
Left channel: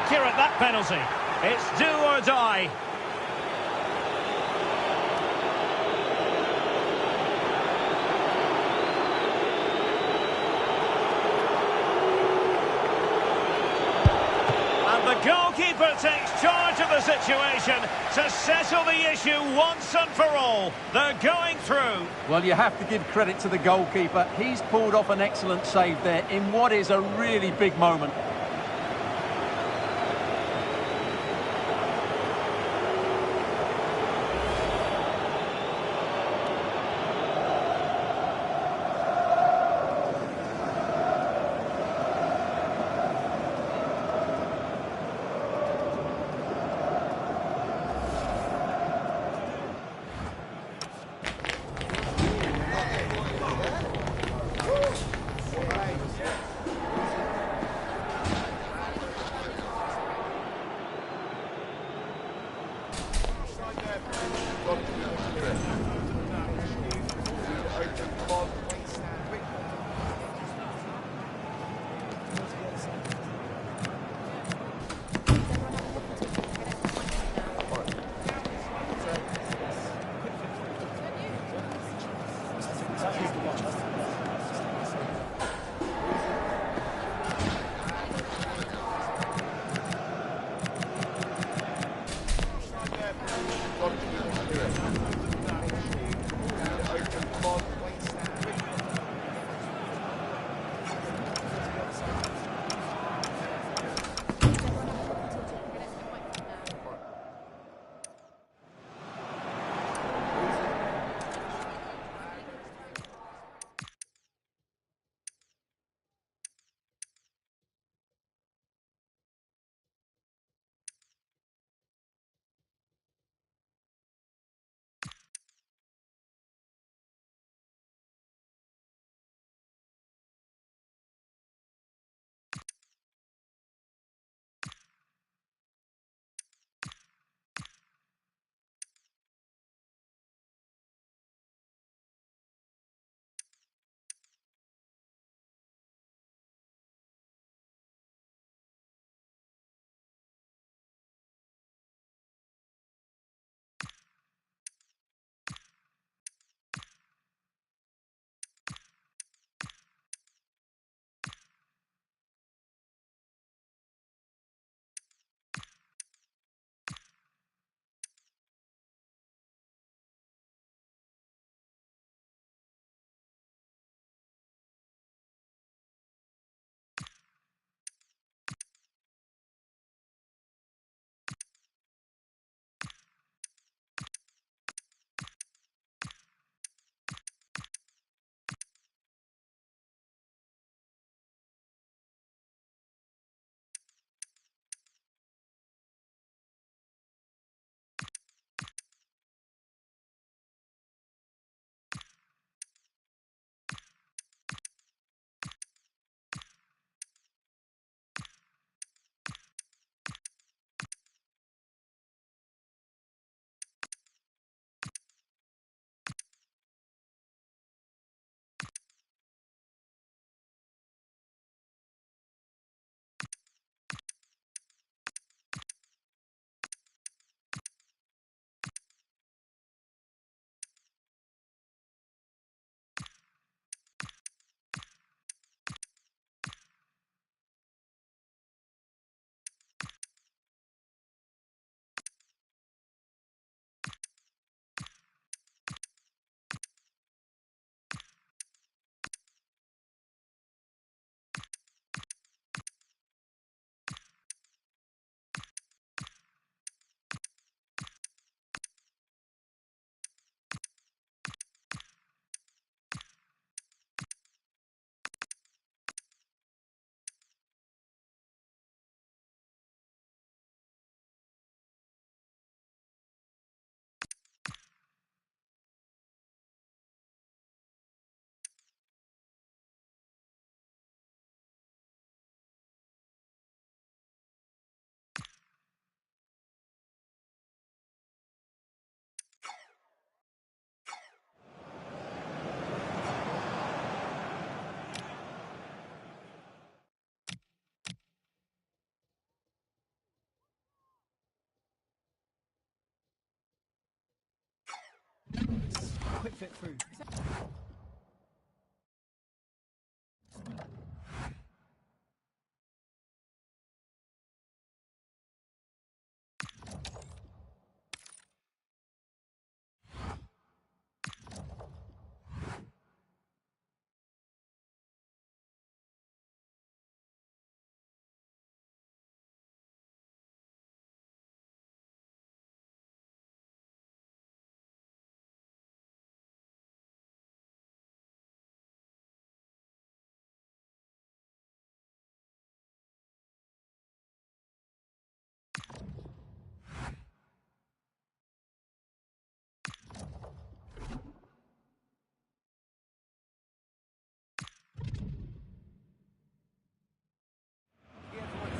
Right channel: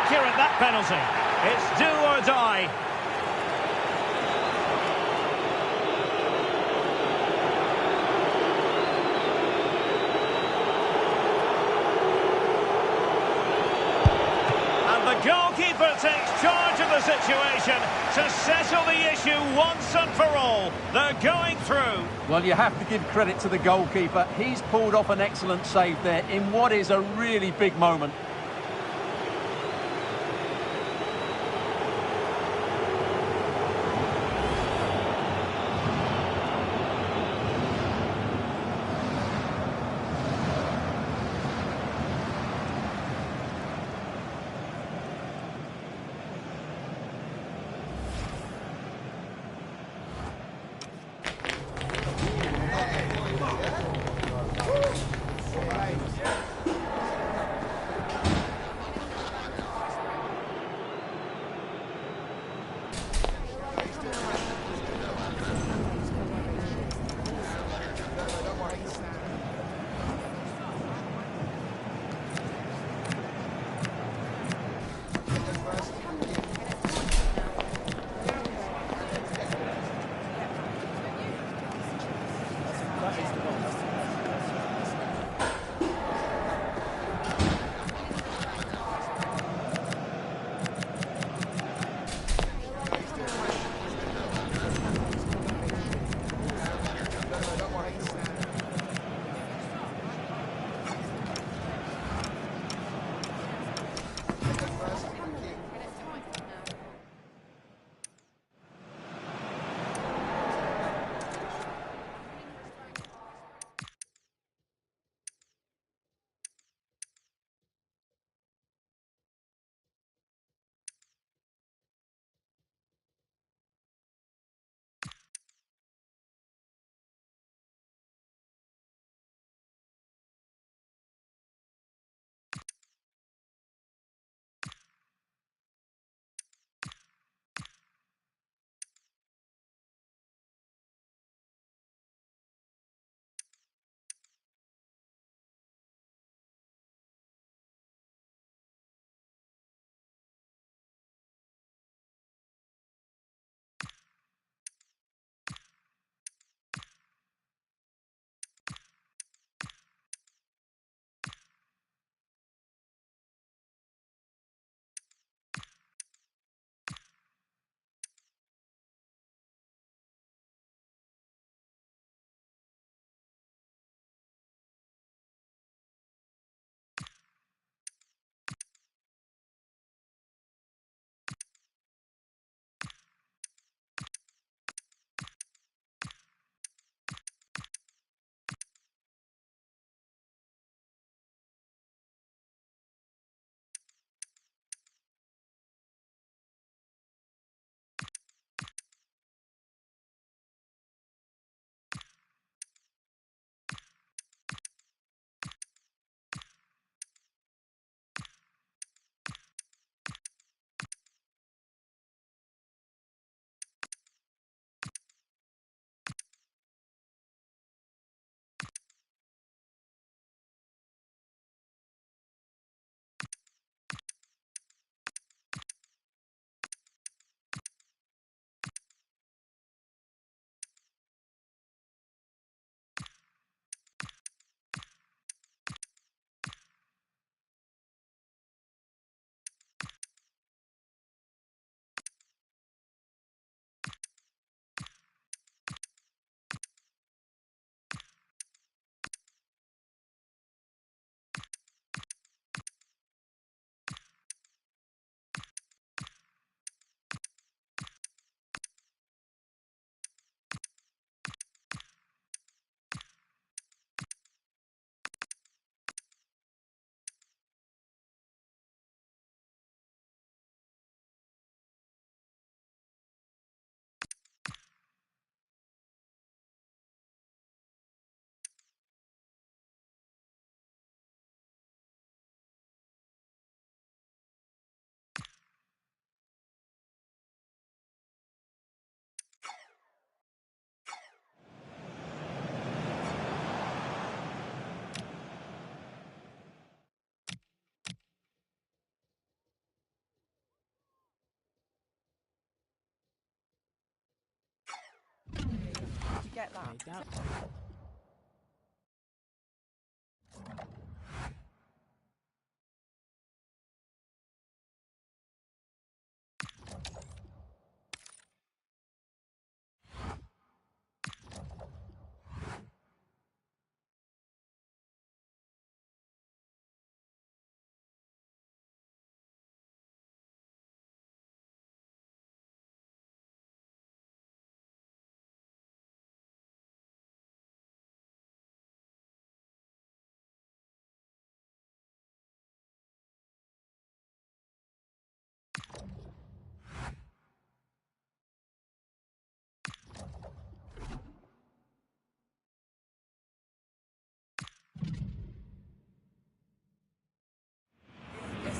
accurate, that penalty. It's do or die. And the goalkeeper takes charge of the situation to settle the issue once and for all. They're going through. Well, you have to give credit to the goalkeeper. He's pulled off an excellent save there in what is a really big moment.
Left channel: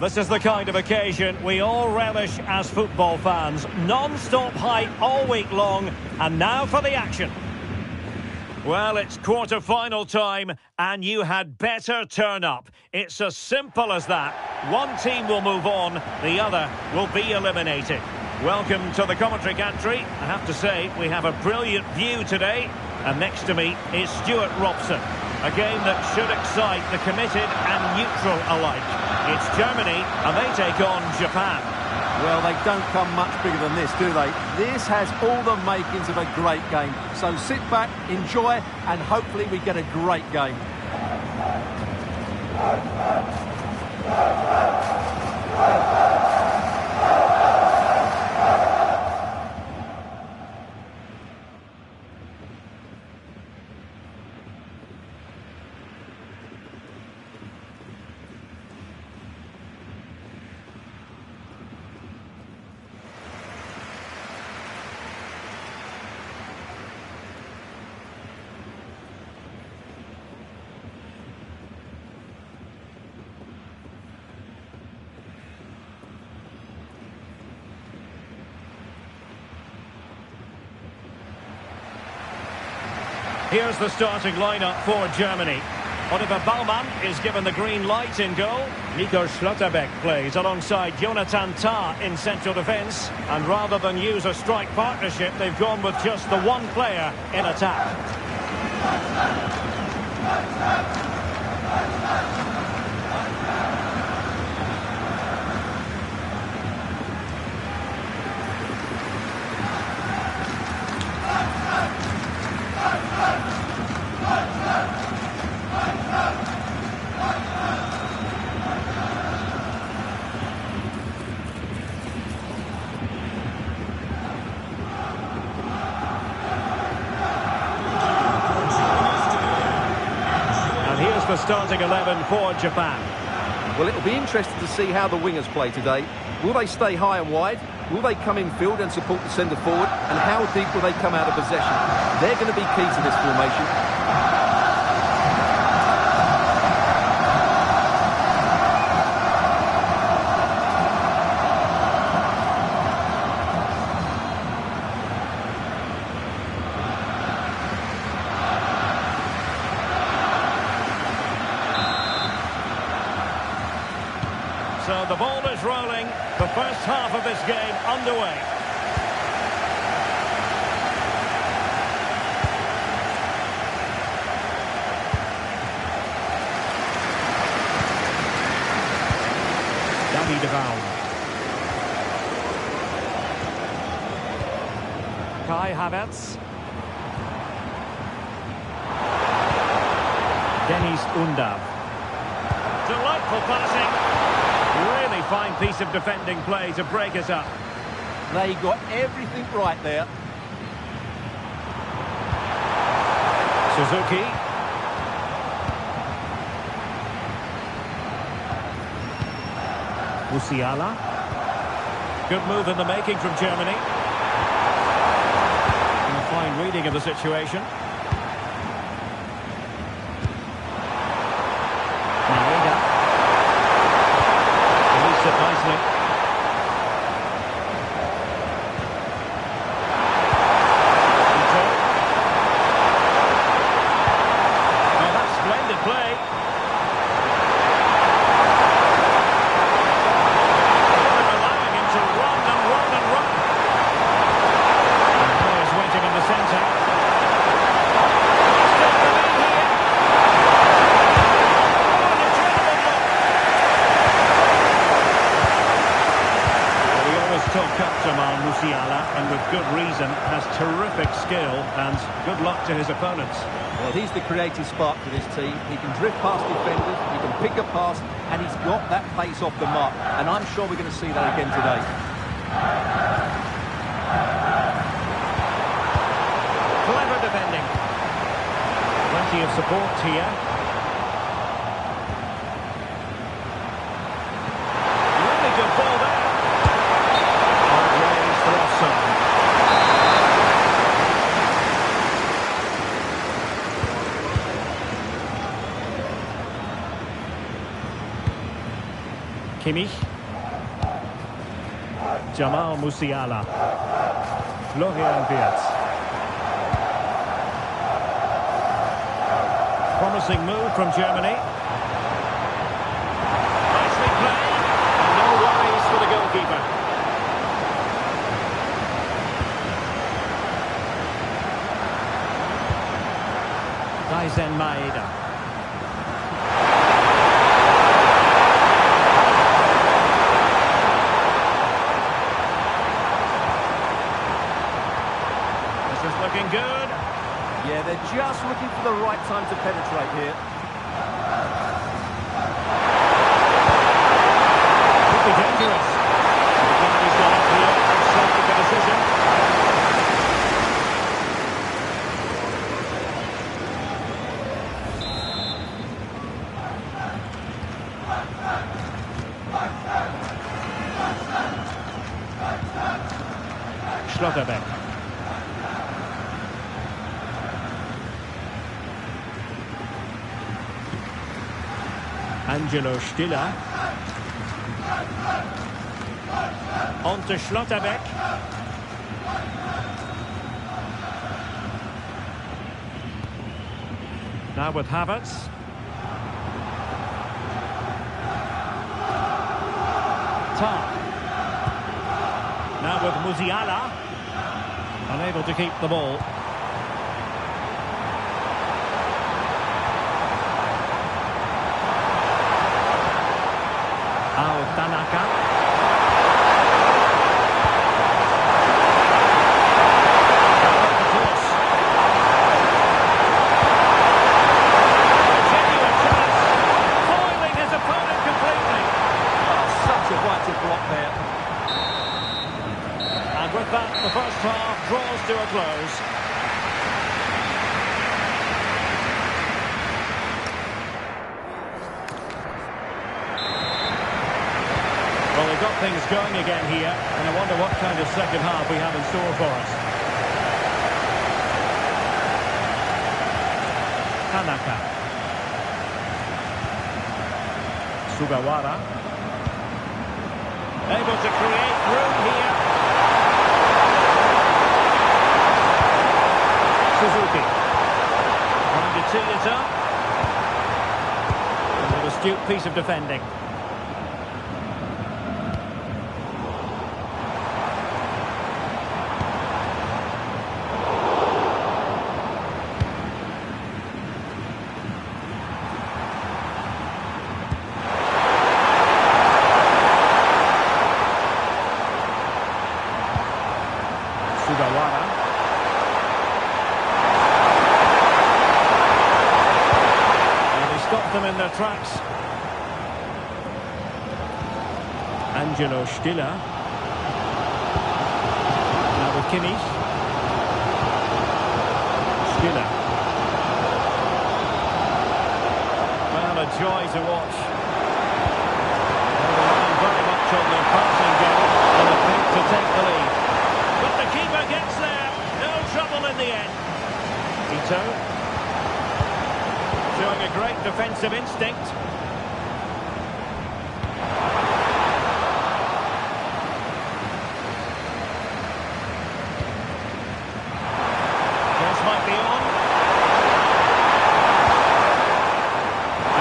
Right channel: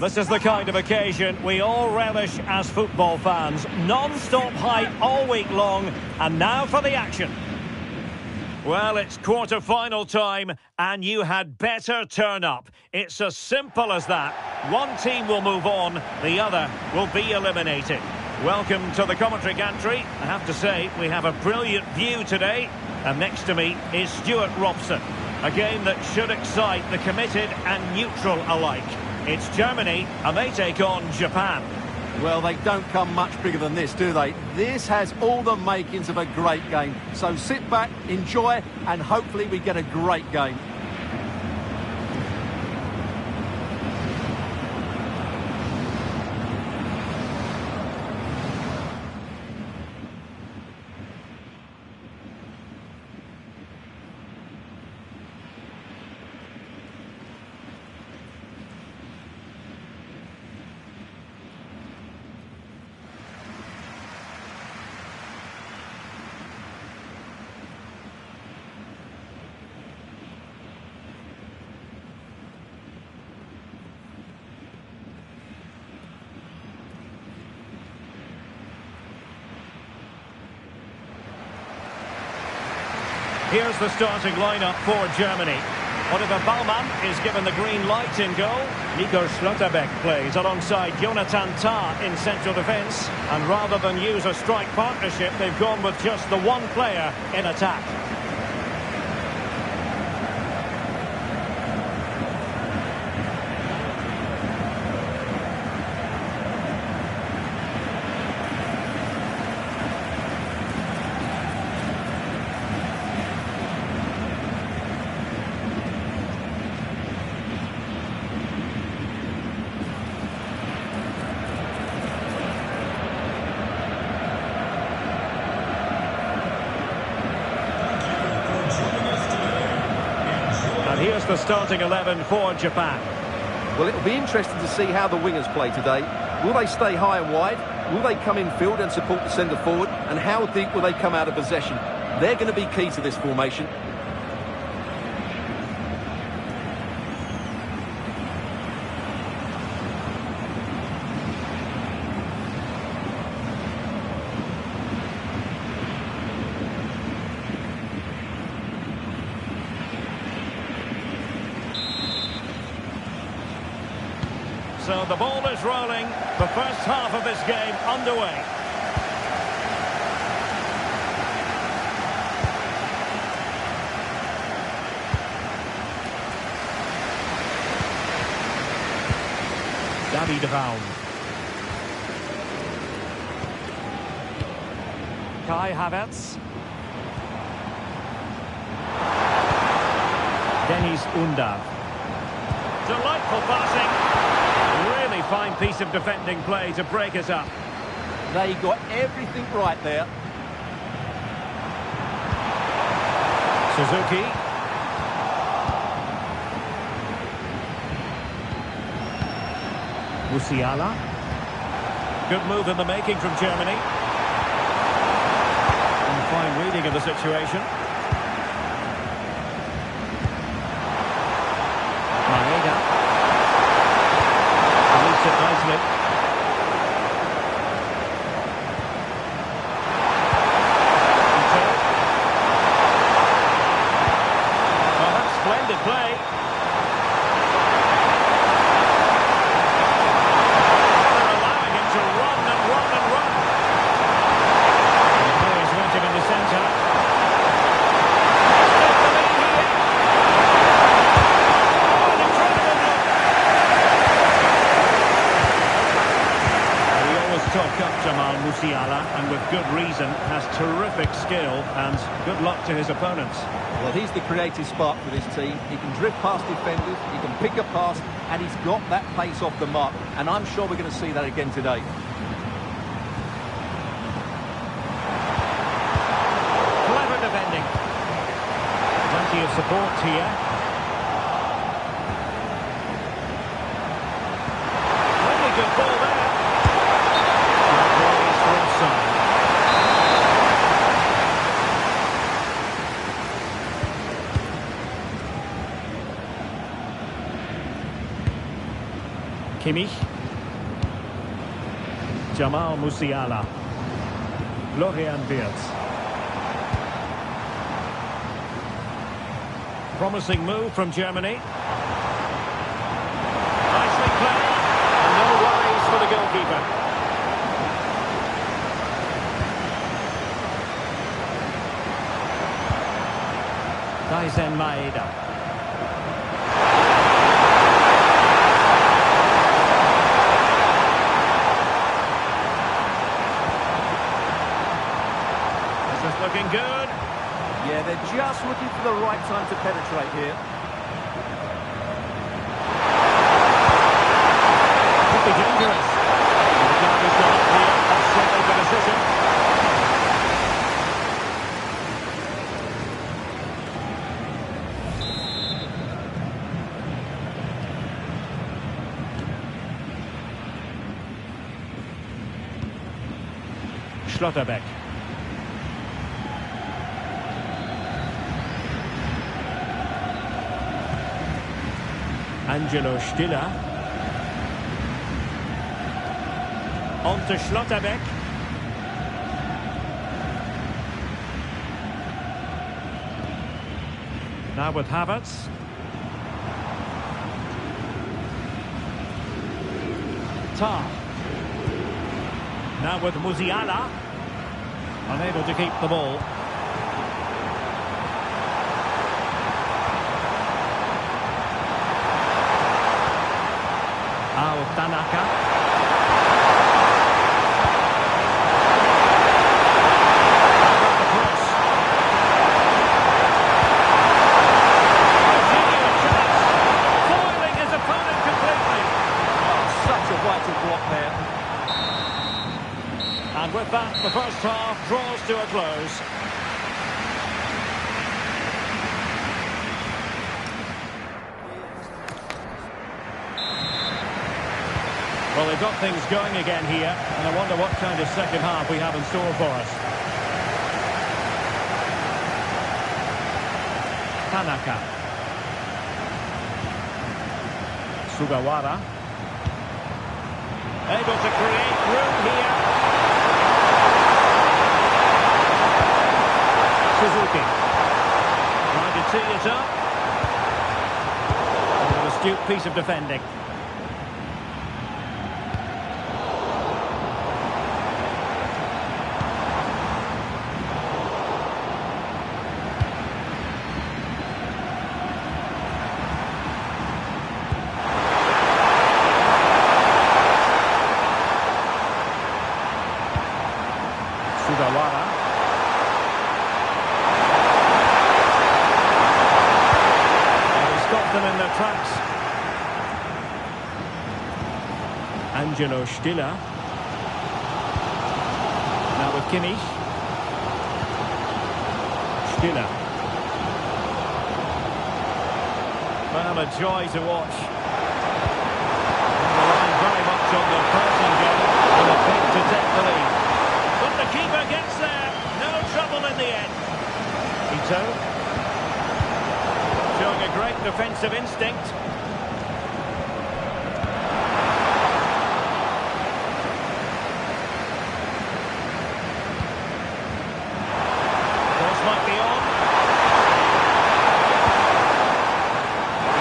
This is the kind of occasion we all relish as football fans. Non-stop hype all week long, and now for the action. Well, it's quarter-final time, and you had better turn up. It's as simple as that. One team will move on, the other will be eliminated. Welcome to the commentary gantry. I have to say, we have a brilliant view today, and next to me is Stuart Robson. A game that should excite the committed and neutral alike. It's Germany, and they take on Japan. Well, they don't come much bigger than this, do they? This has all the makings of a great game. So sit back, enjoy, and hopefully we get a great game. Here's the starting lineup for Germany. Oliver Baumann is given the green light in goal. Nico Schlotterbeck plays alongside Jonathan Tah in central defence. And rather than use a strike partnership, they've gone with just the one player in attack. And here's the starting 11 for Japan. Well, it'll be interesting to see how the wingers play today. Will they stay high and wide? Will they come in field and support the centre forward? And how deep will they come out of possession? They're going to be key to this formation. So the ball is rolling. The first half of this game underway. David Raum. Kai Havertz. Dennis Undav. Delightful passing. Really fine piece of defending play to break us up. They got everything right there. Suzuki. Musiala. Good move in the making from Germany. And fine reading of the situation. Maeda. Released it nicely. Oh, that's splendid play. They're allowing him to run and run and run. And the players waiting in the centre. Musiala, and with good reason, has terrific skill and good luck to his opponents. Well, he's the creative spark for this team. He can drift past defenders, he can pick a pass, and he's got that pace off the mark. And I'm sure we're going to see that again today. Clever defending. Plenty of support here. Really good ball there. Raised for offside. Kimmich. Jamal Musiala. Florian Wirtz. Promising move from Germany. Nicely played. And no worries for the goalkeeper. Daisen Maeda. This is looking good. Yeah, they're just looking for the right time to penetrate here. Could be dangerous. And the guard is gone up here. Offside for decision. Schlotterbeck. Angelo Stiller. On to Schlotterbeck. Now with Havertz. Tah. Now with Musiala. Unable to keep the ball. Tanaka. How about the cross? A genuine chance. Foiling his opponent completely. Oh, such a vital block there. And with that, the first half draws to a close. Well, they've got things going again here, and I wonder what kind of second half we have in store for us. Tanaka. Sugawara. Able to create room here. Suzuki. Trying to tee it up. And an astute piece of defending. Sugawara. And he stopped them in their tracks. Angelo Stiller. Now with Kimmich. Stiller. Well, a joy to watch. They're relying very much on their passing game and a bid to take the lead. But the keeper gets there. No trouble in the end. Ito. Showing a great defensive instinct. Cross might be on.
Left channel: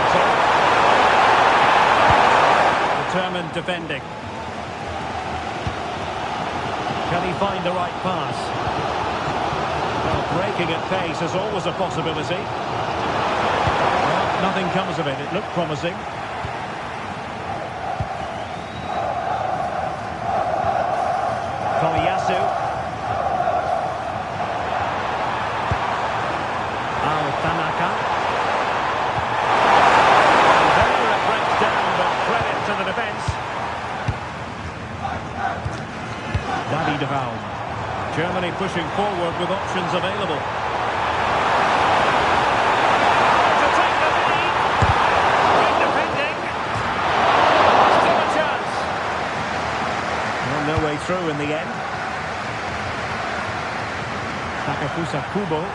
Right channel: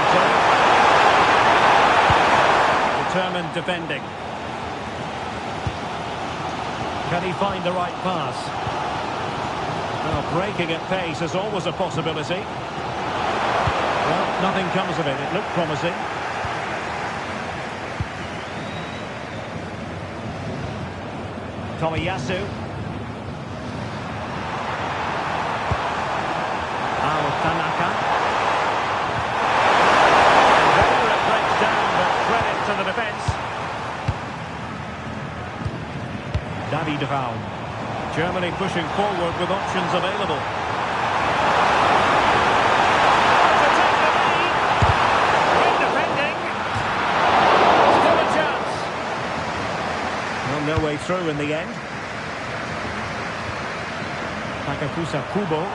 Ito. Determined defending. Can he find the right pass? Well, breaking at pace is always a possibility. Well, nothing comes of it. It looked promising. Tomiyasu. Tanaka. And there it breaks down, but credit to the defence. David Raum. Germany pushing forward with options available. To take the lead. Great defending. Still a chance. Well, no way through in the end. Takafusa Kubo.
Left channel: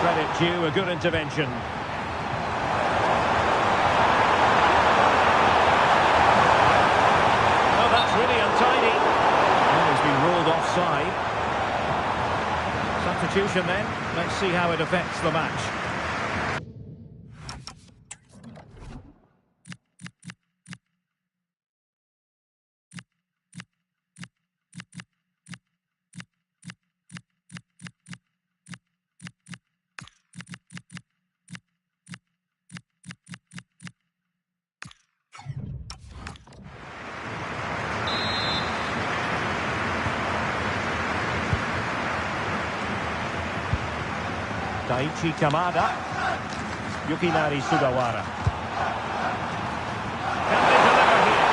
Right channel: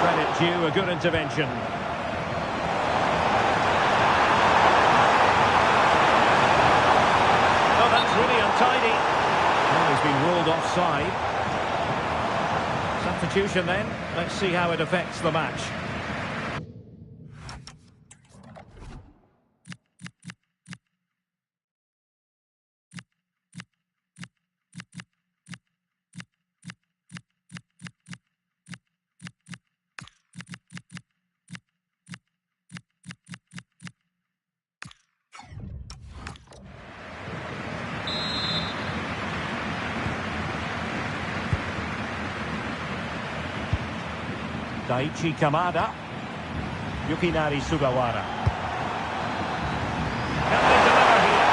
Credit due, a good intervention. Oh, that's really untidy. Well, he's been ruled offside. Substitution then. Let's see how it affects the match. Daichi Kamada. Yukinari Sugawara. Can they deliver here?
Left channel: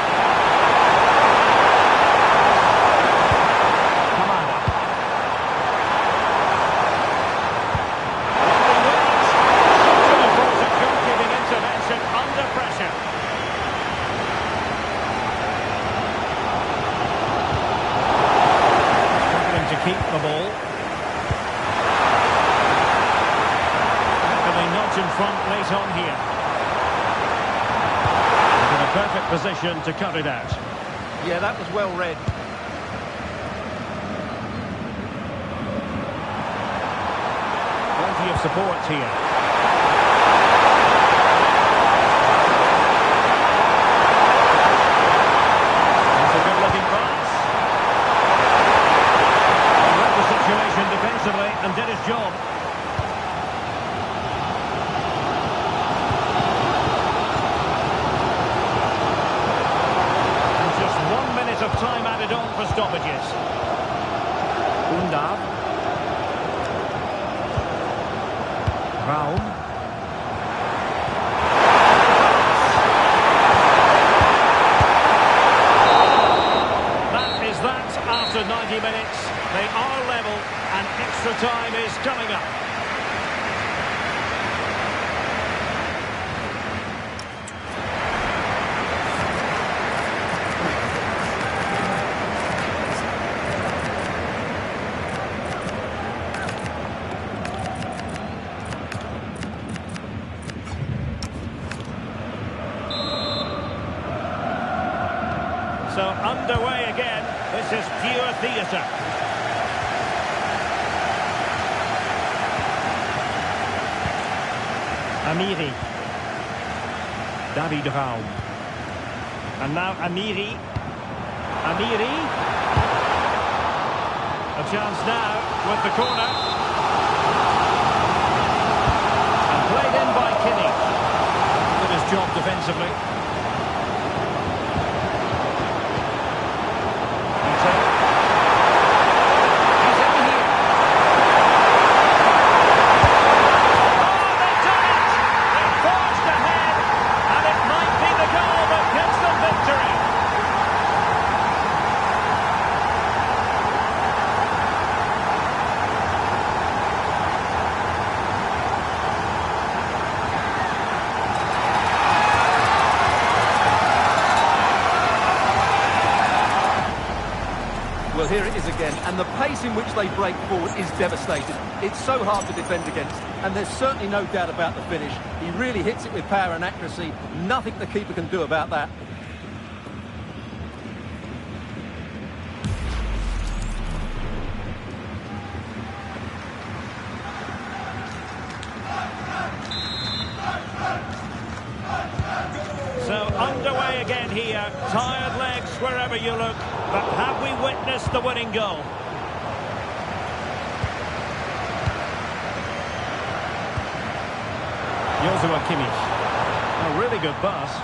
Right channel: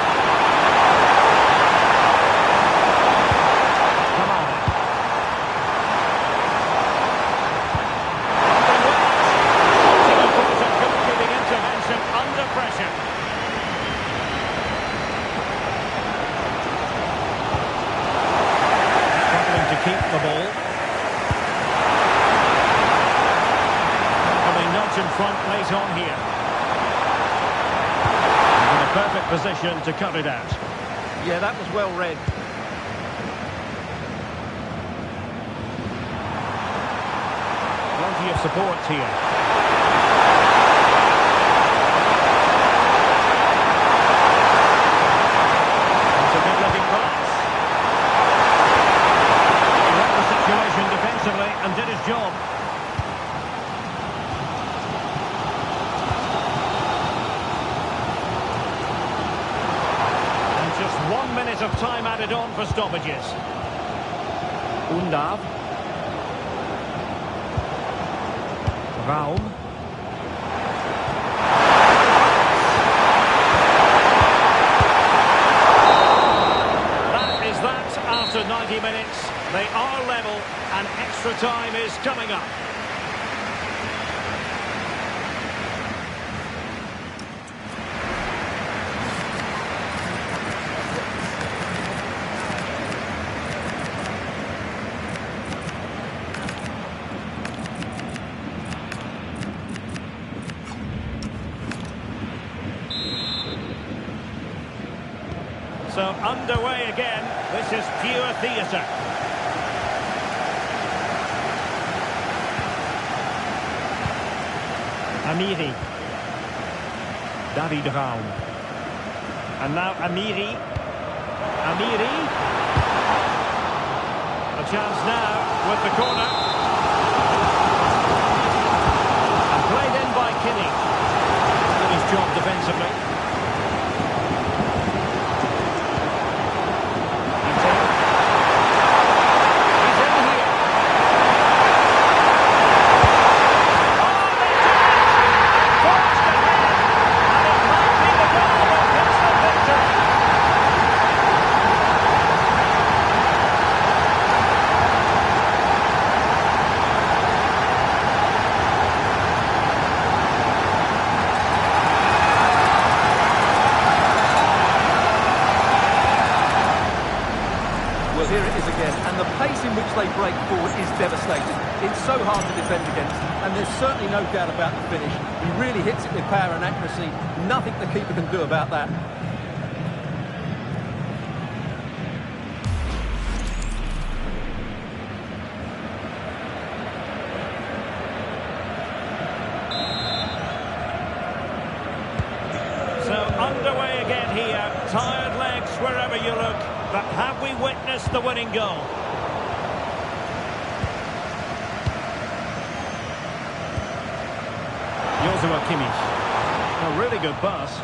Kamada. Lovely wait. Such an important goalkeeping intervention under pressure. Struggling to keep the ball. Nudge in front late on here. And in a perfect position to cut it out. Yeah, that was well read. Plenty of support here. That's a good-looking pass. He read the situation defensively and did his job. Just 1 minute of time added on for stoppages. Undav. Raum. That is that after 90 minutes. They are level and extra time is coming up. So underway again. This is pure theatre. Amiri. David Raum. And now Amiri. Amiri. A chance now with the corner. And played in by Kimmich. Did his job defensively. Well, here it is again, and the pace in which they break forward is devastating. It's so hard to defend against, and there's certainly no doubt about the finish. He really hits it with power and accuracy. Nothing the keeper can do about that. So underway again here. Tired legs wherever you look. But have we witnessed the winning goal? Joshua Kimmich. A really good pass.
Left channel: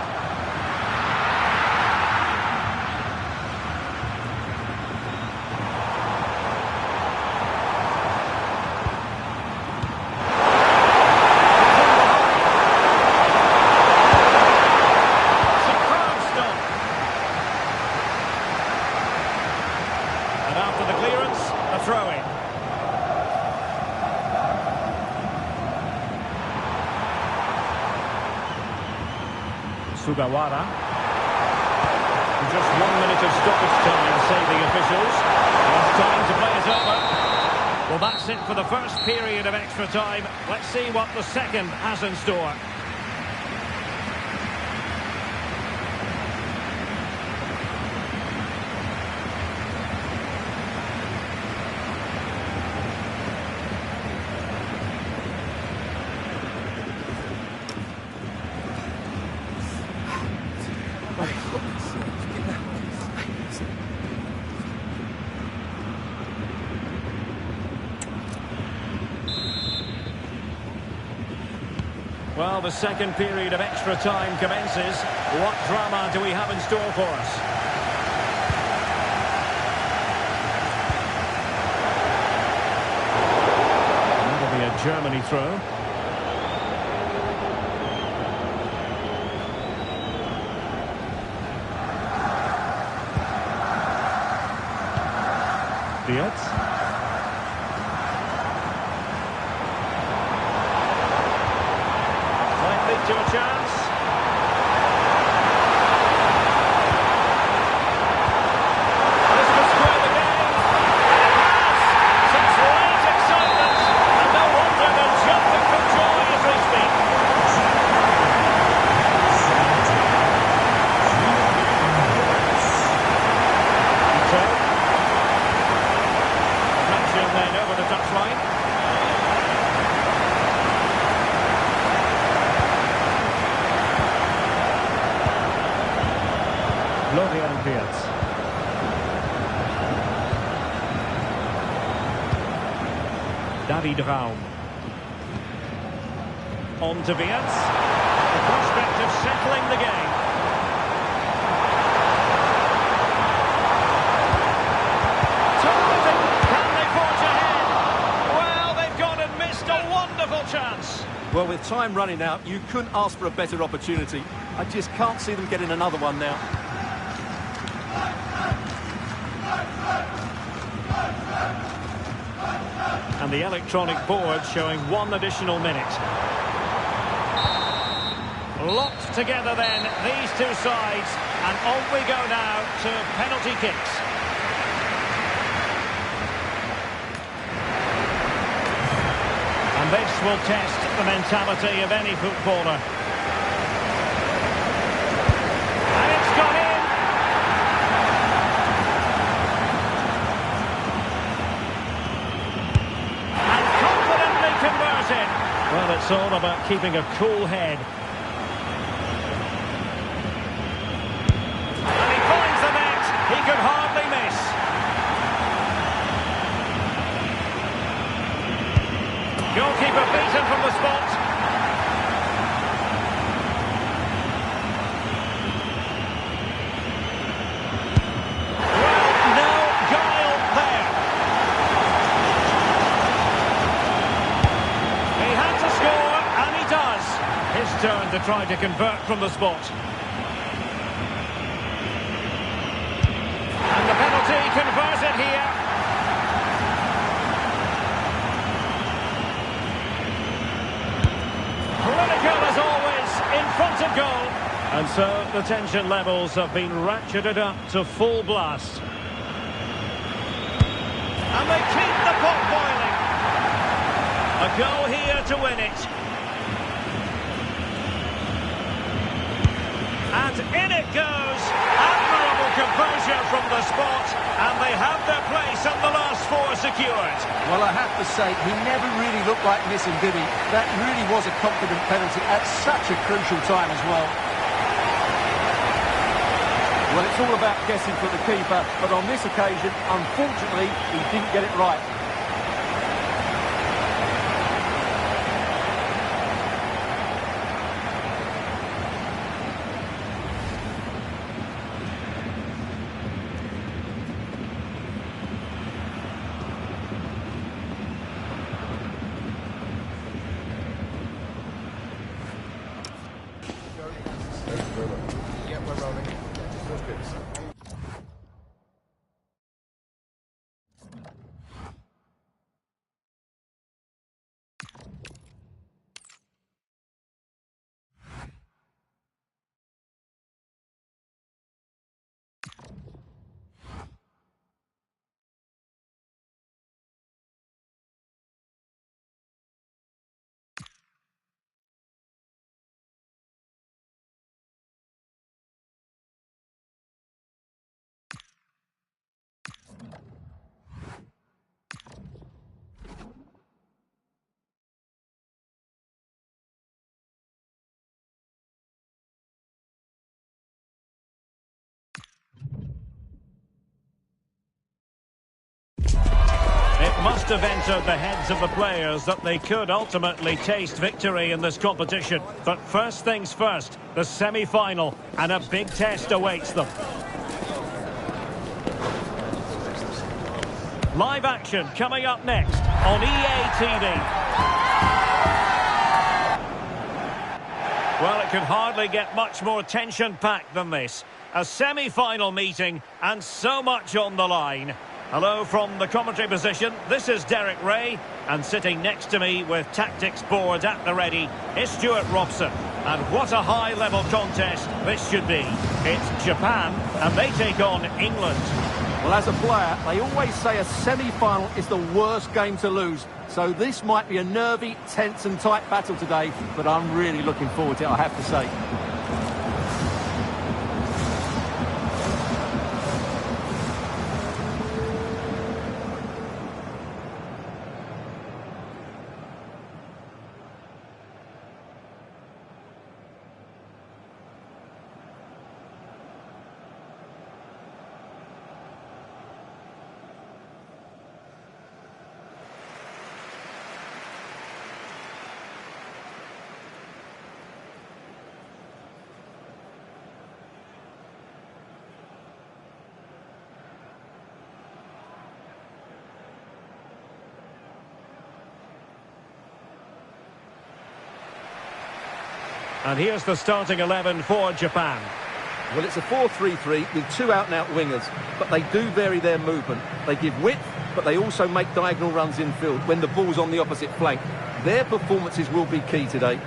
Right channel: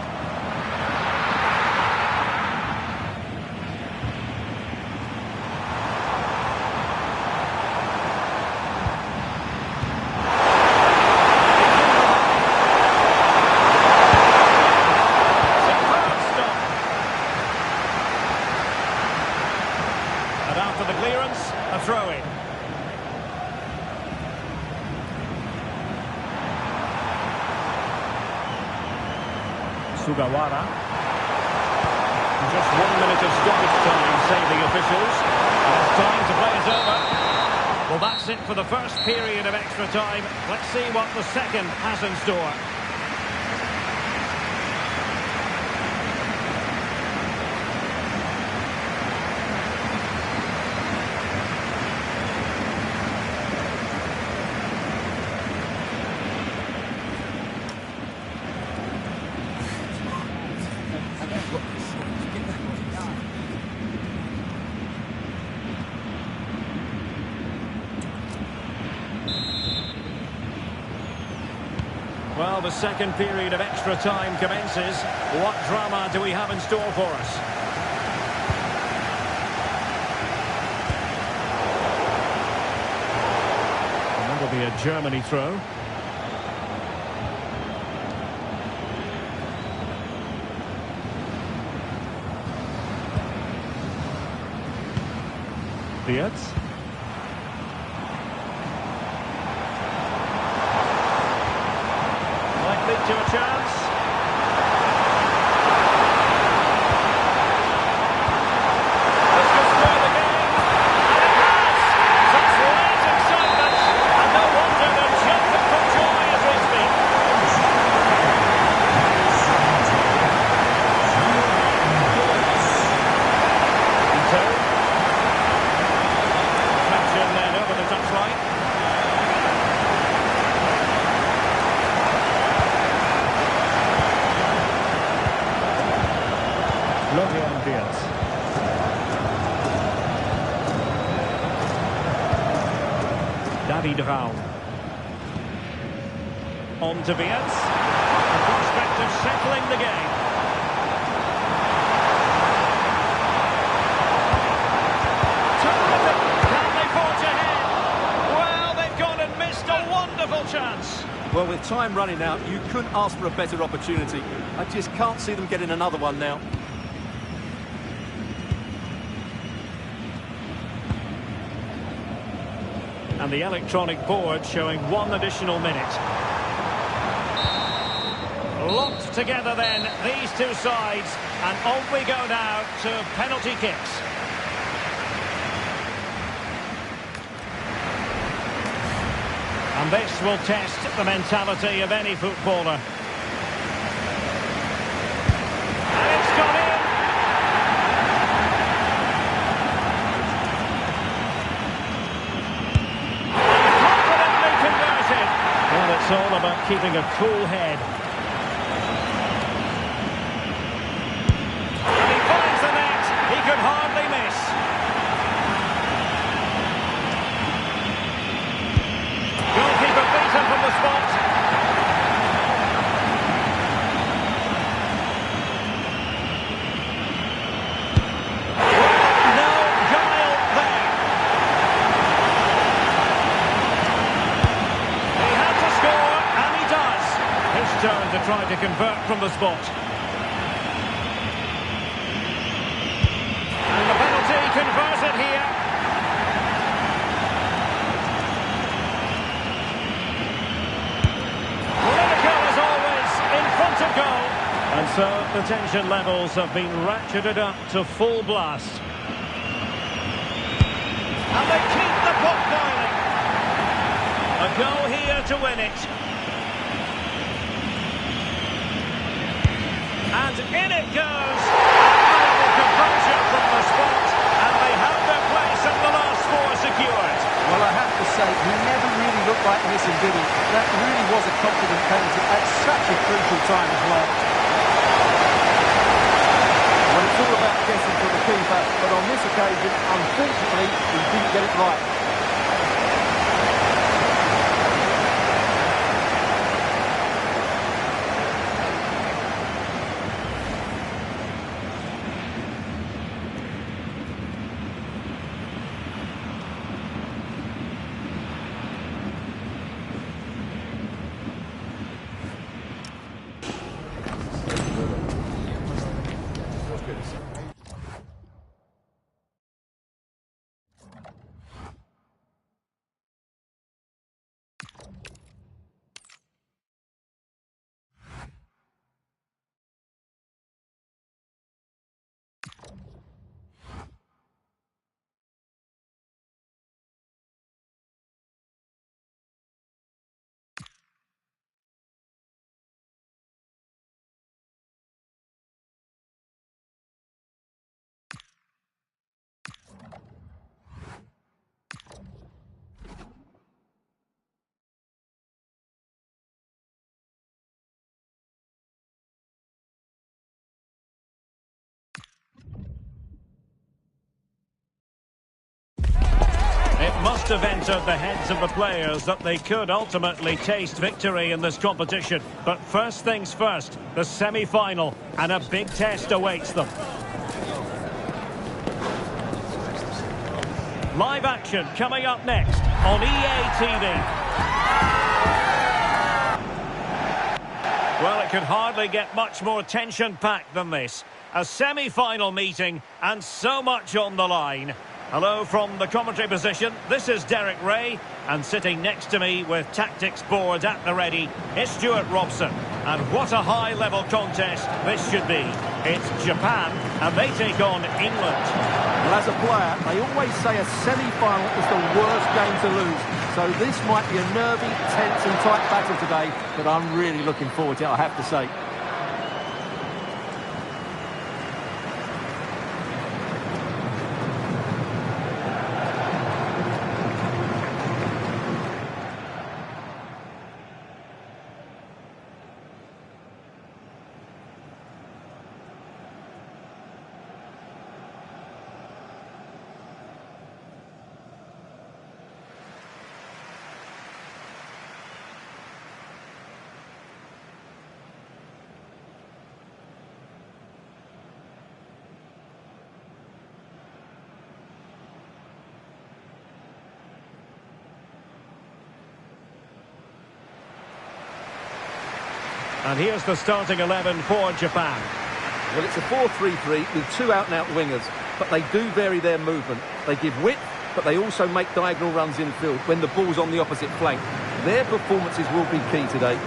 And after the clearance, a throw-in. Sugawara. Just 1 minute of stoppage time, say the officials. And it's time to play it over. Well, that's it for the first period of extra time. Let's see what the second has in store. Well, the second period of extra time commences. What drama do we have in store for us? And that'll be a Germany throw. Dietz. Lead to a chance. This could square the game, and it has. Such late excitement, and no wonder they're jumping for joy as we speak. Ito. Deflection then over the touchline. Florian Wirtz. David Raum. On to Wirtz. The prospect of settling the game. Terrific! Can they forge ahead? Well, they've gone and missed a wonderful chance. Well, with time running out, you couldn't ask for a better opportunity. I just can't see them getting another one now. And the electronic board showing 1 additional minute. Locked together then, these two sides. And on we go now to penalty kicks. And this will test the mentality of any footballer. And it's gone in. Converted. Well, it's all about keeping a cool head. And he finds the net. He could hardly miss. Goalkeeper beaten from the spot. Well, no guile there. He had to score, and he does. His turn to try to convert from the spot. And the penalty converted here. Clinical as always, in front of goal. And so the tension levels have been ratcheted up to full blast. And they keep the pot boiling. A goal here to win it. And in it goes. Admirable composure from the spot. And they have their place and the last 4 secured. Well, I have to say, he never really looked like missing, did he? That really was a confident penalty at such a crucial time as well. Well, it's all about guessing for the keeper, but on this occasion, unfortunately, he didn't get it right. must have entered the heads of the players that they could ultimately taste victory in this competition. But first things first, the semi-final, and a big test awaits them. Live action coming up next on EA TV. Well, it could hardly get much more tension-packed than this. A semi-final meeting and so much on the line. Hello from the commentary position. This is Derek Ray, and sitting next to me with tactics board at the ready is Stuart Robson. And what a high-level contest this should be. It's Japan, and they take on England. Well, as a player, they always say a semi-final is the worst game to lose. So this might be a nervy, tense and tight battle today, but I'm really looking forward to it, I have to say. And here's the starting 11 for Japan. Well, it's a 4-3-3 with two out-and-out wingers, but they do vary their movement. They give width, but they also make diagonal runs infield when the ball's on the opposite flank. Their performances will be key today.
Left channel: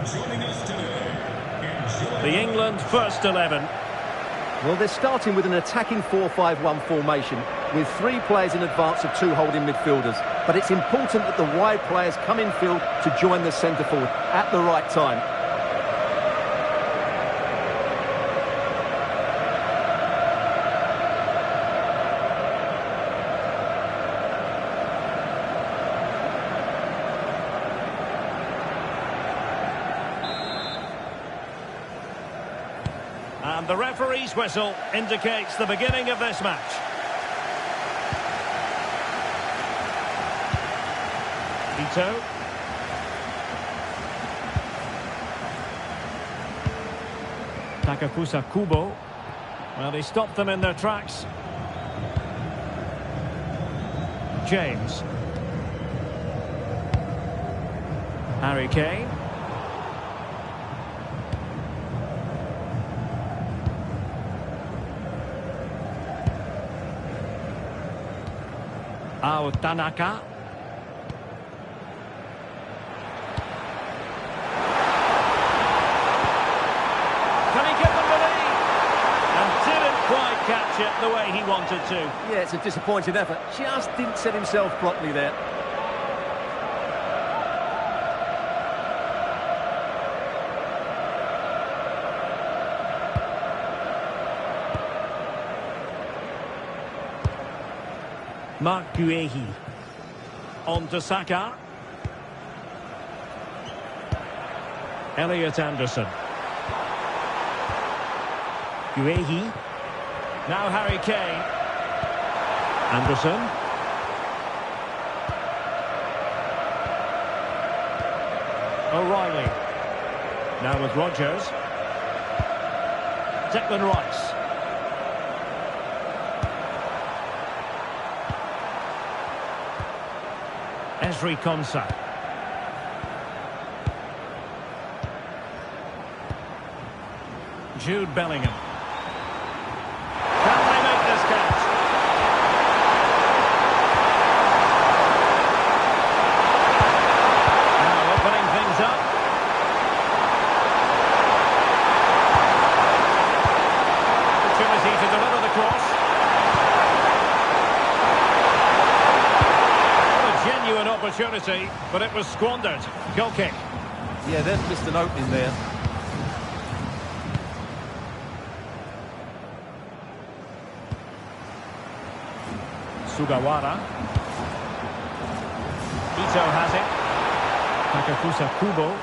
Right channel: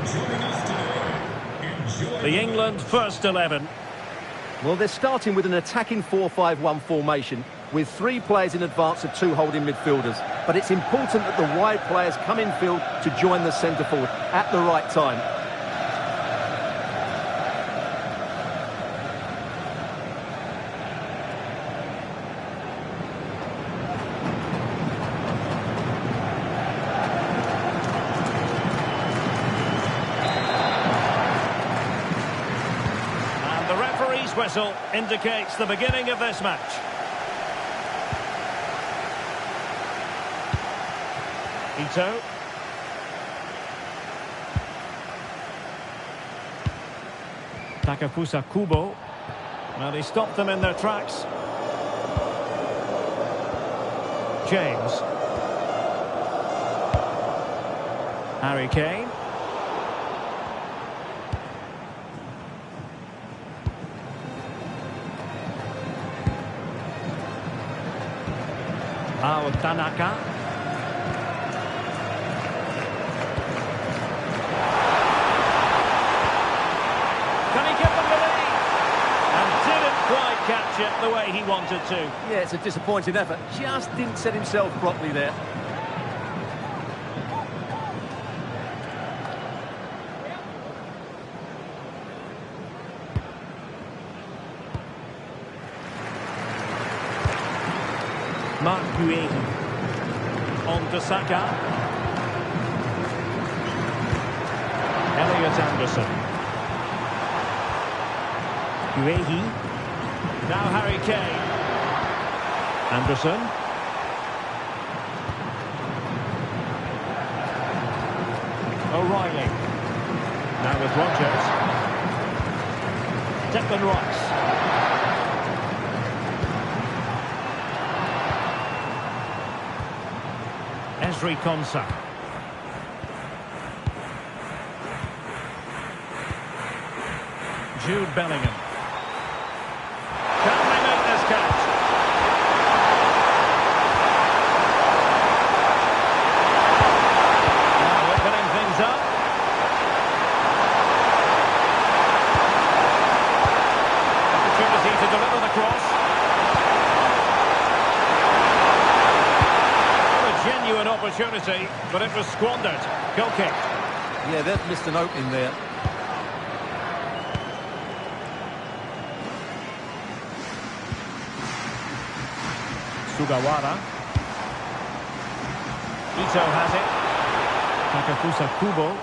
Joining us today. Enjoy The England first 11. Well, they're starting with an attacking 4-5-1 formation with three players in advance of two holding midfielders. But it's important that the wide players come in field to join the centre forward at the right time. The referee's whistle indicates the beginning of this match. Ito. Takafusa Kubo. Well, he stopped them in their tracks. James. Harry Kane. Tanaka. Can he get them the lead? And didn't quite catch it the way he wanted to. Yeah, it's a disappointing effort. Just didn't set himself properly there. Mark Guehi. On to Saka. Elliot Anderson. Guehi. Now Harry Kane. Anderson. O'Reilly. Now with Rodgers. Declan Rice. Ezri Konsa. Jude Bellingham. Can they make this catch? Now opening things up. Opportunity to deliver the cross. opportunity, but it was squandered. Goal kick. Yeah, they've missed an opening there. Sugawara. Ito has it. Takafusa Kubo.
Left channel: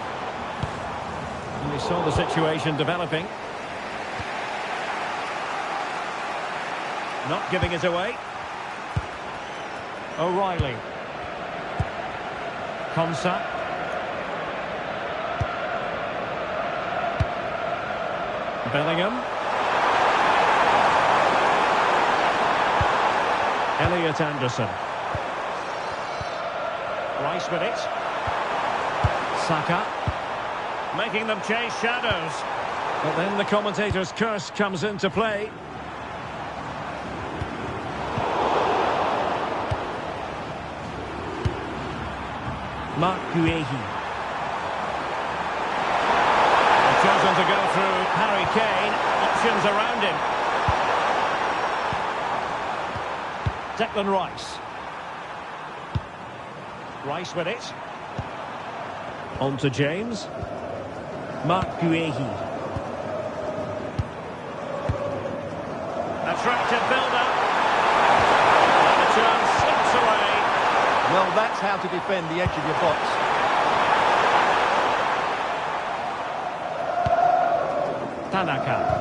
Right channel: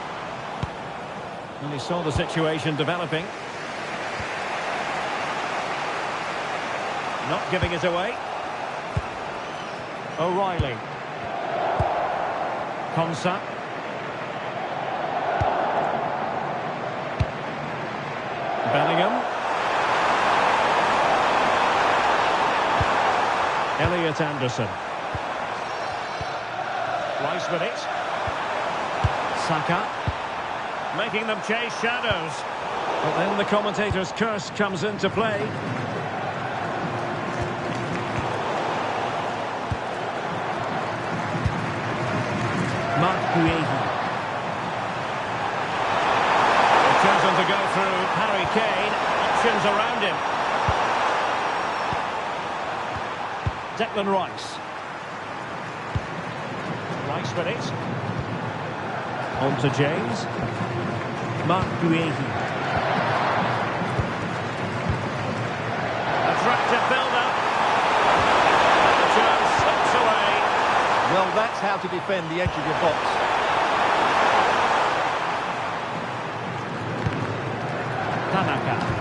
And he saw the situation developing. Not giving it away. O'Reilly. Konsa. Bellingham. Elliot Anderson. Rice with it. Saka. Making them chase shadows. But then the commentator's curse comes into play. Mark Guehi. They've chosen to go through Harry Kane. Options around him. Declan Rice. Rice with it. On to James. Mark Guehi. Attractive build-up. And the chance slips away. Well, that's how to defend the edge of your box. Tanaka.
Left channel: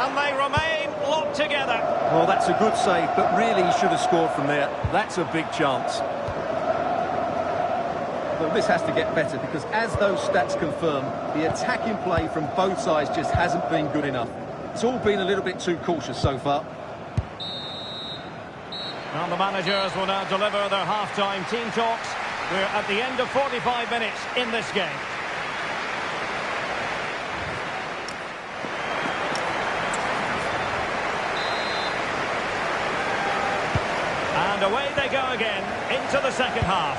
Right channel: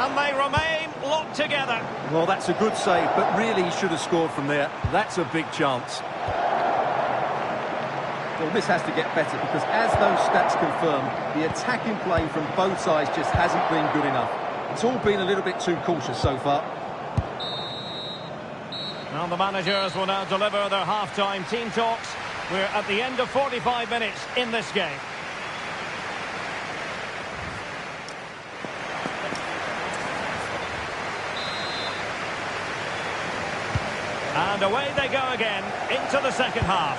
And they remain locked together. Well, that's a good save, but really he should have scored from there. That's a big chance. Well, this has to get better because as those stats confirm, the attacking play from both sides just hasn't been good enough. It's all been a little bit too cautious so far. Well, the managers will now deliver their half-time team talks. We're at the end of 45 minutes in this game. And away they go again into the second half.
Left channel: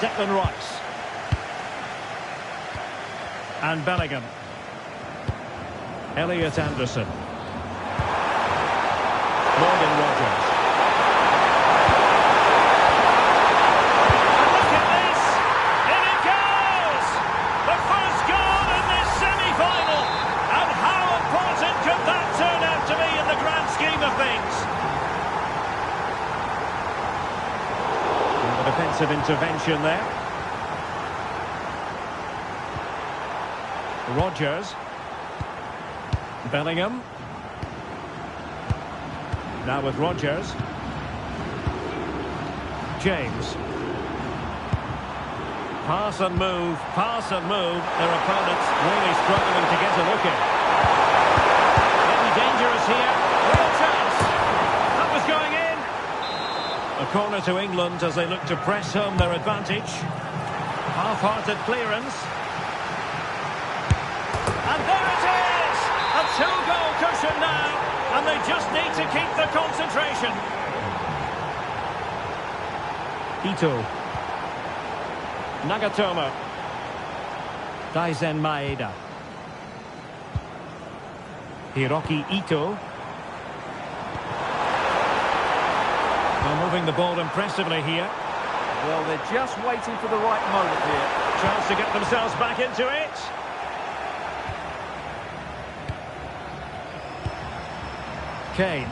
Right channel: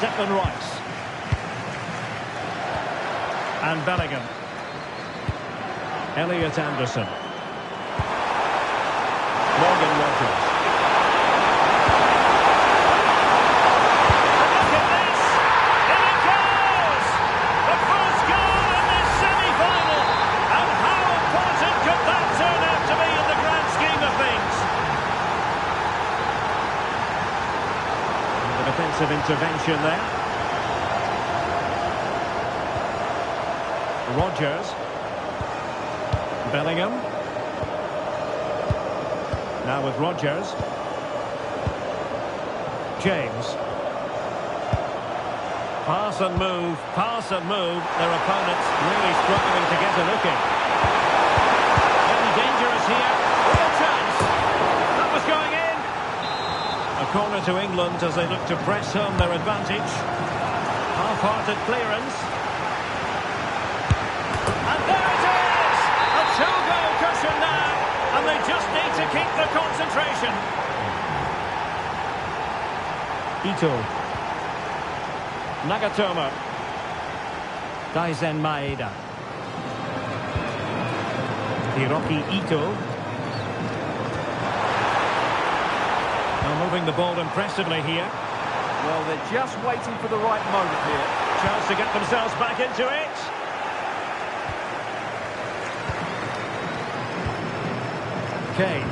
Declan Rice. And Bellingham. Elliot Anderson. Morgan Rogers. And look at this! In it goes! The first goal in this semi-final! And how important could that turn out to be in the grand scheme of things? And the defensive intervention there. Rogers. Bellingham. Now with Rogers. James. Pass and move, pass and move. Their opponents really struggling to get a look in. Maybe dangerous here. Real chance. That was going in. A corner to England as they look to press home their advantage. Half-hearted clearance. And there it is! A two-goal cushion now. And they just need to keep the concentration. Ito. Nagatomo. Daizen Maeda. Hiroki Ito. Now moving the ball impressively here. Well, they're just waiting for the right moment here. Chance to get themselves back into it. Kane.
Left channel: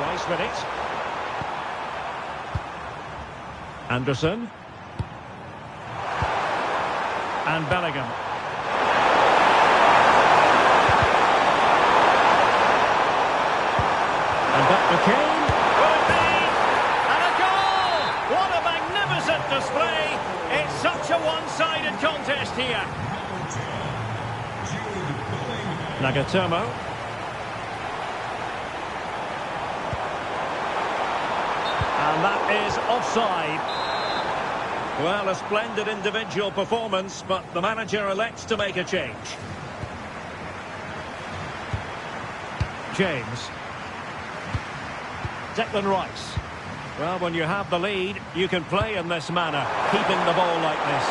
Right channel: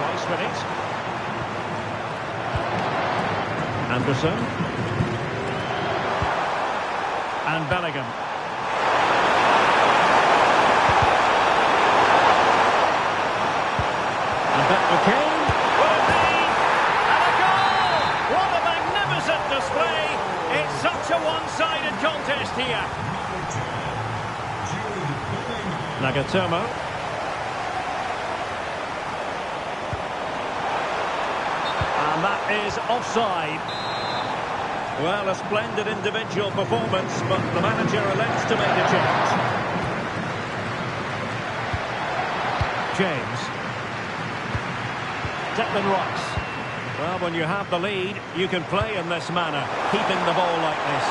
Rice with it. Anderson. And Bellingham. And back to Kane. Will it be? And a goal! What a magnificent display! It's such a one-sided contest here. Nagatomo. And that is offside. Well, a splendid individual performance, but the manager elects to make a change. James. Declan Rice. Well, when you have the lead, you can play in this manner, keeping the ball like this.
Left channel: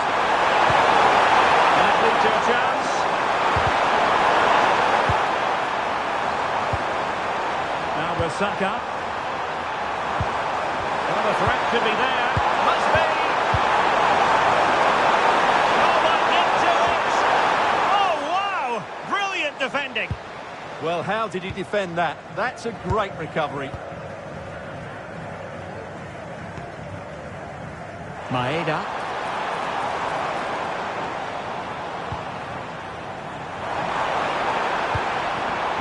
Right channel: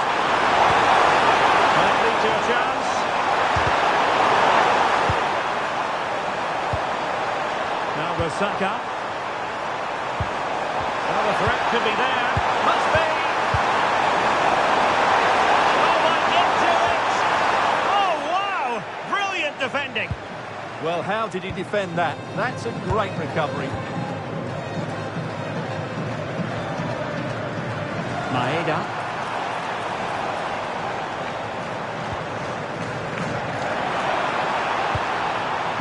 Might lead to a chance. Now with Saka. Well, the threat could be there. Must be. Oh, might get to it. Oh, wow. Brilliant defending. Well, how did he defend that? That's a great recovery. Maeda.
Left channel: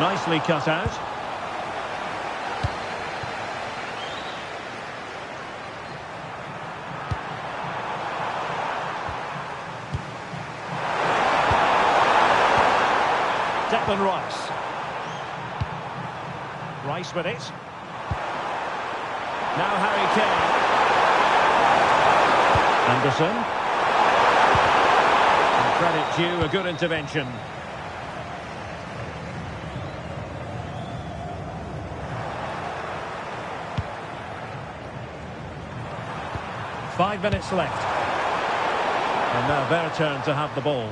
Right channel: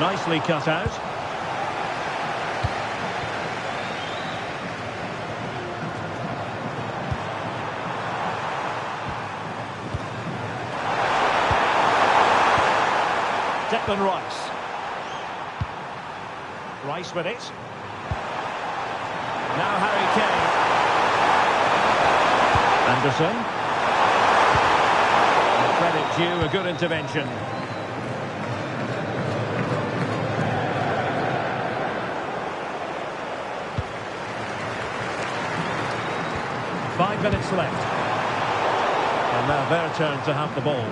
Nicely cut out. Declan Rice. Rice with it. Now Harry Kane. Anderson. And credit due, a good intervention. Five minutes left. And now their turn to have the ball.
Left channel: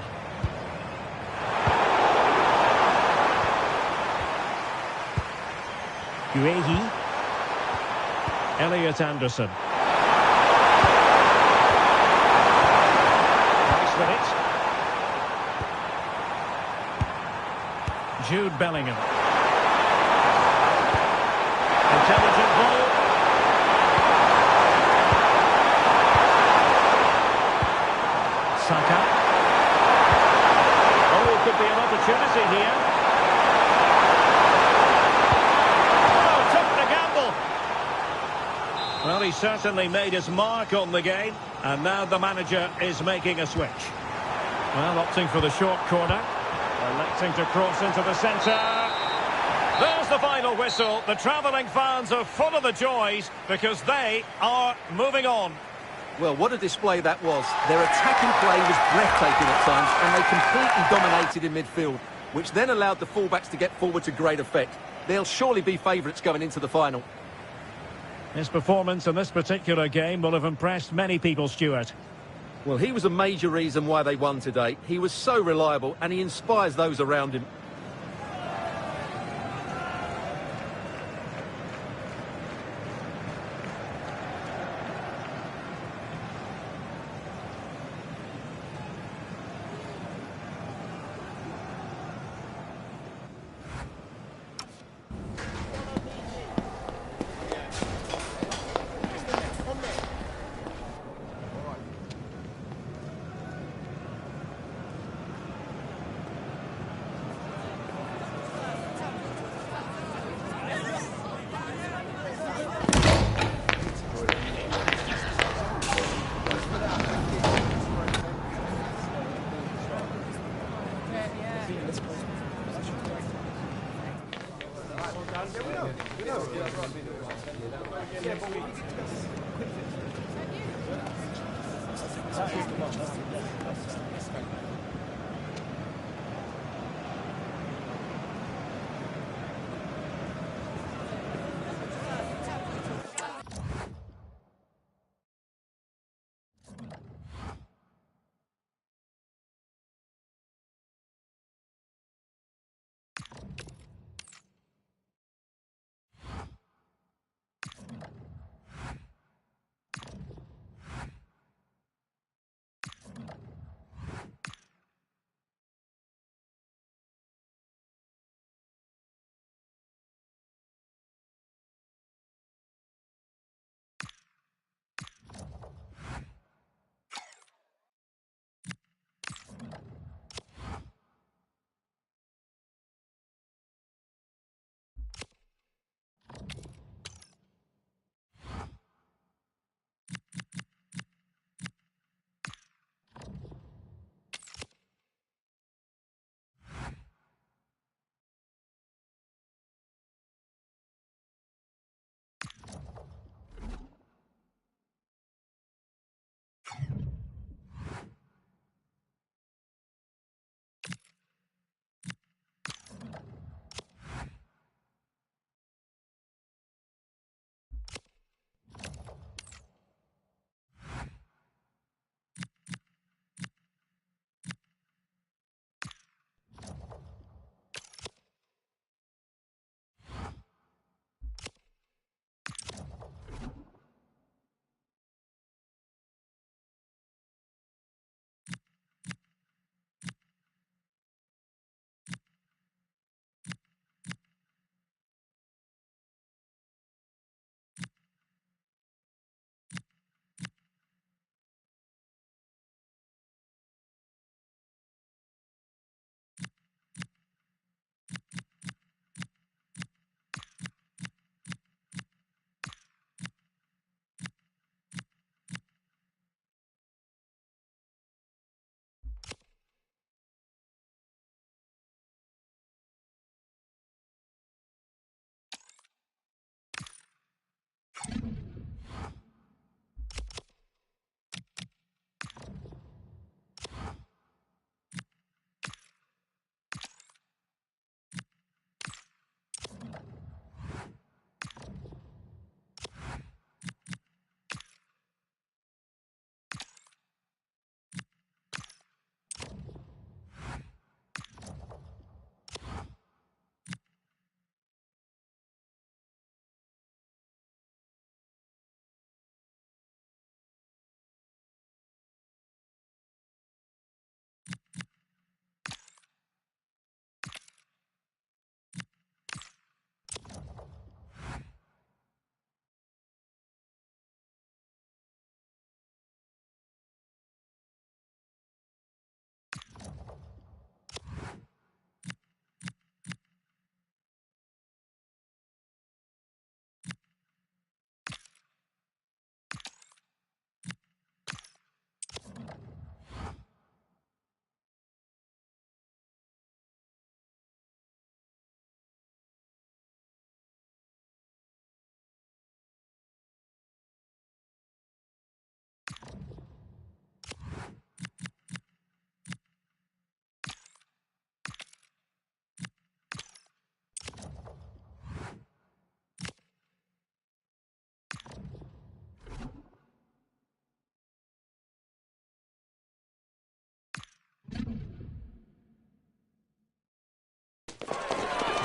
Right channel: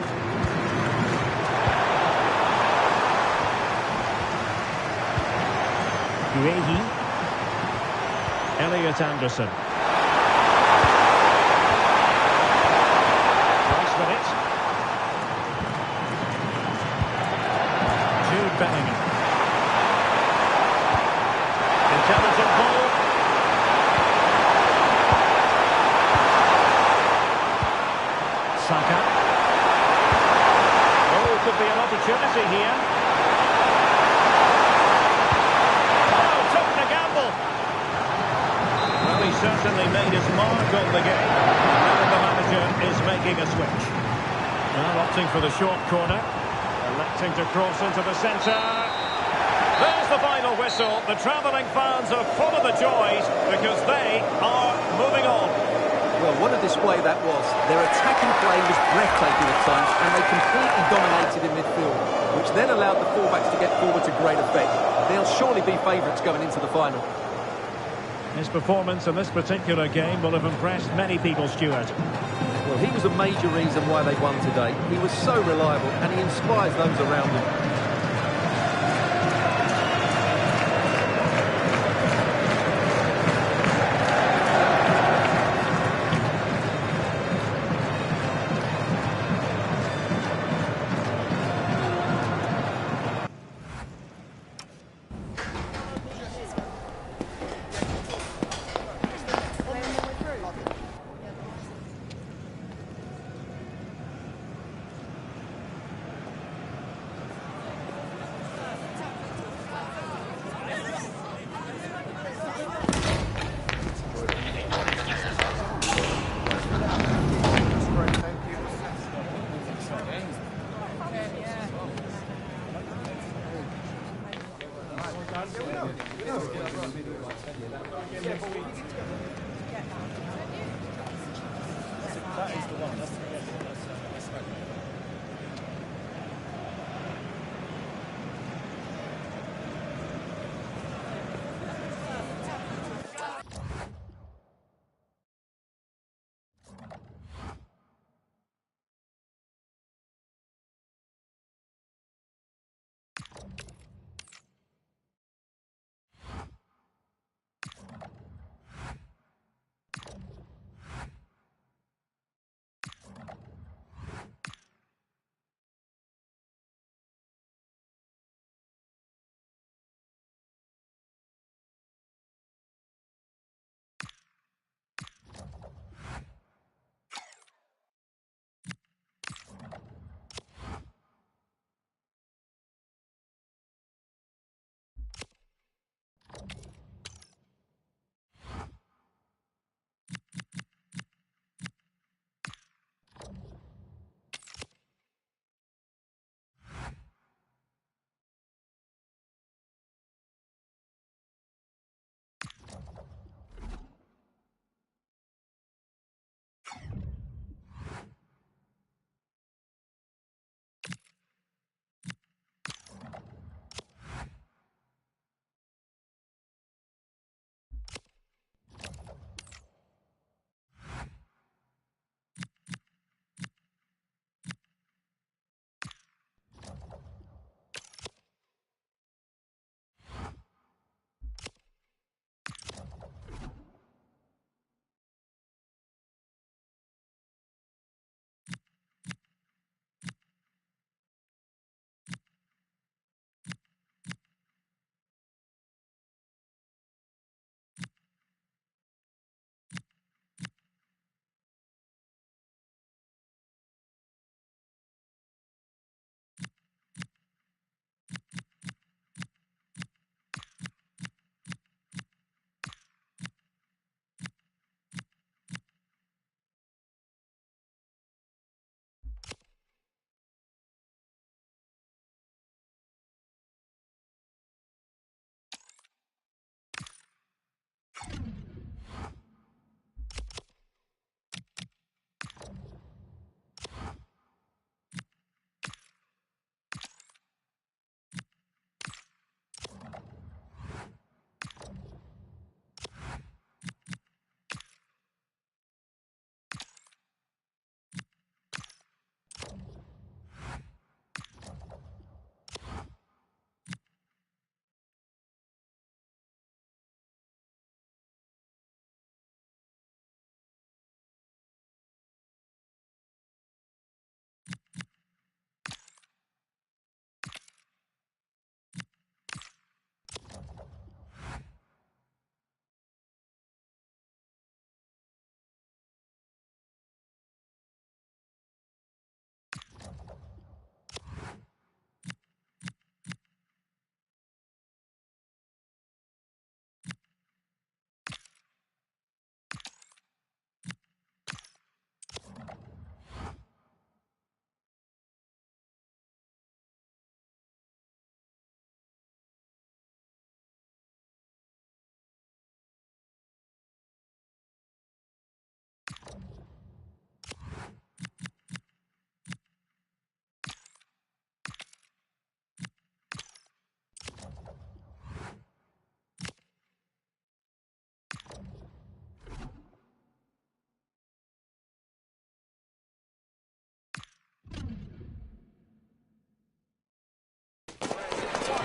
Guehi. Elliot Anderson. Rice with it. Jude Bellingham. Intelligent ball. Saka. Oh, could be an opportunity here. Oh, took the gamble. Well, he certainly made his mark on the game, and now the manager is making a switch. Well, opting for the short corner, electing to cross into the centre. There's the final whistle. The travelling fans are full of the joys because they are moving on. Well, what a display that was. Their attacking play was breathtaking at times, and they completely dominated in midfield, which then allowed the fullbacks to get forward to great effect. They'll surely be favourites going into the final. His performance in this particular game will have impressed many people, Stuart. Well, he was a major reason why they won today. He was so reliable, and he inspires those around him.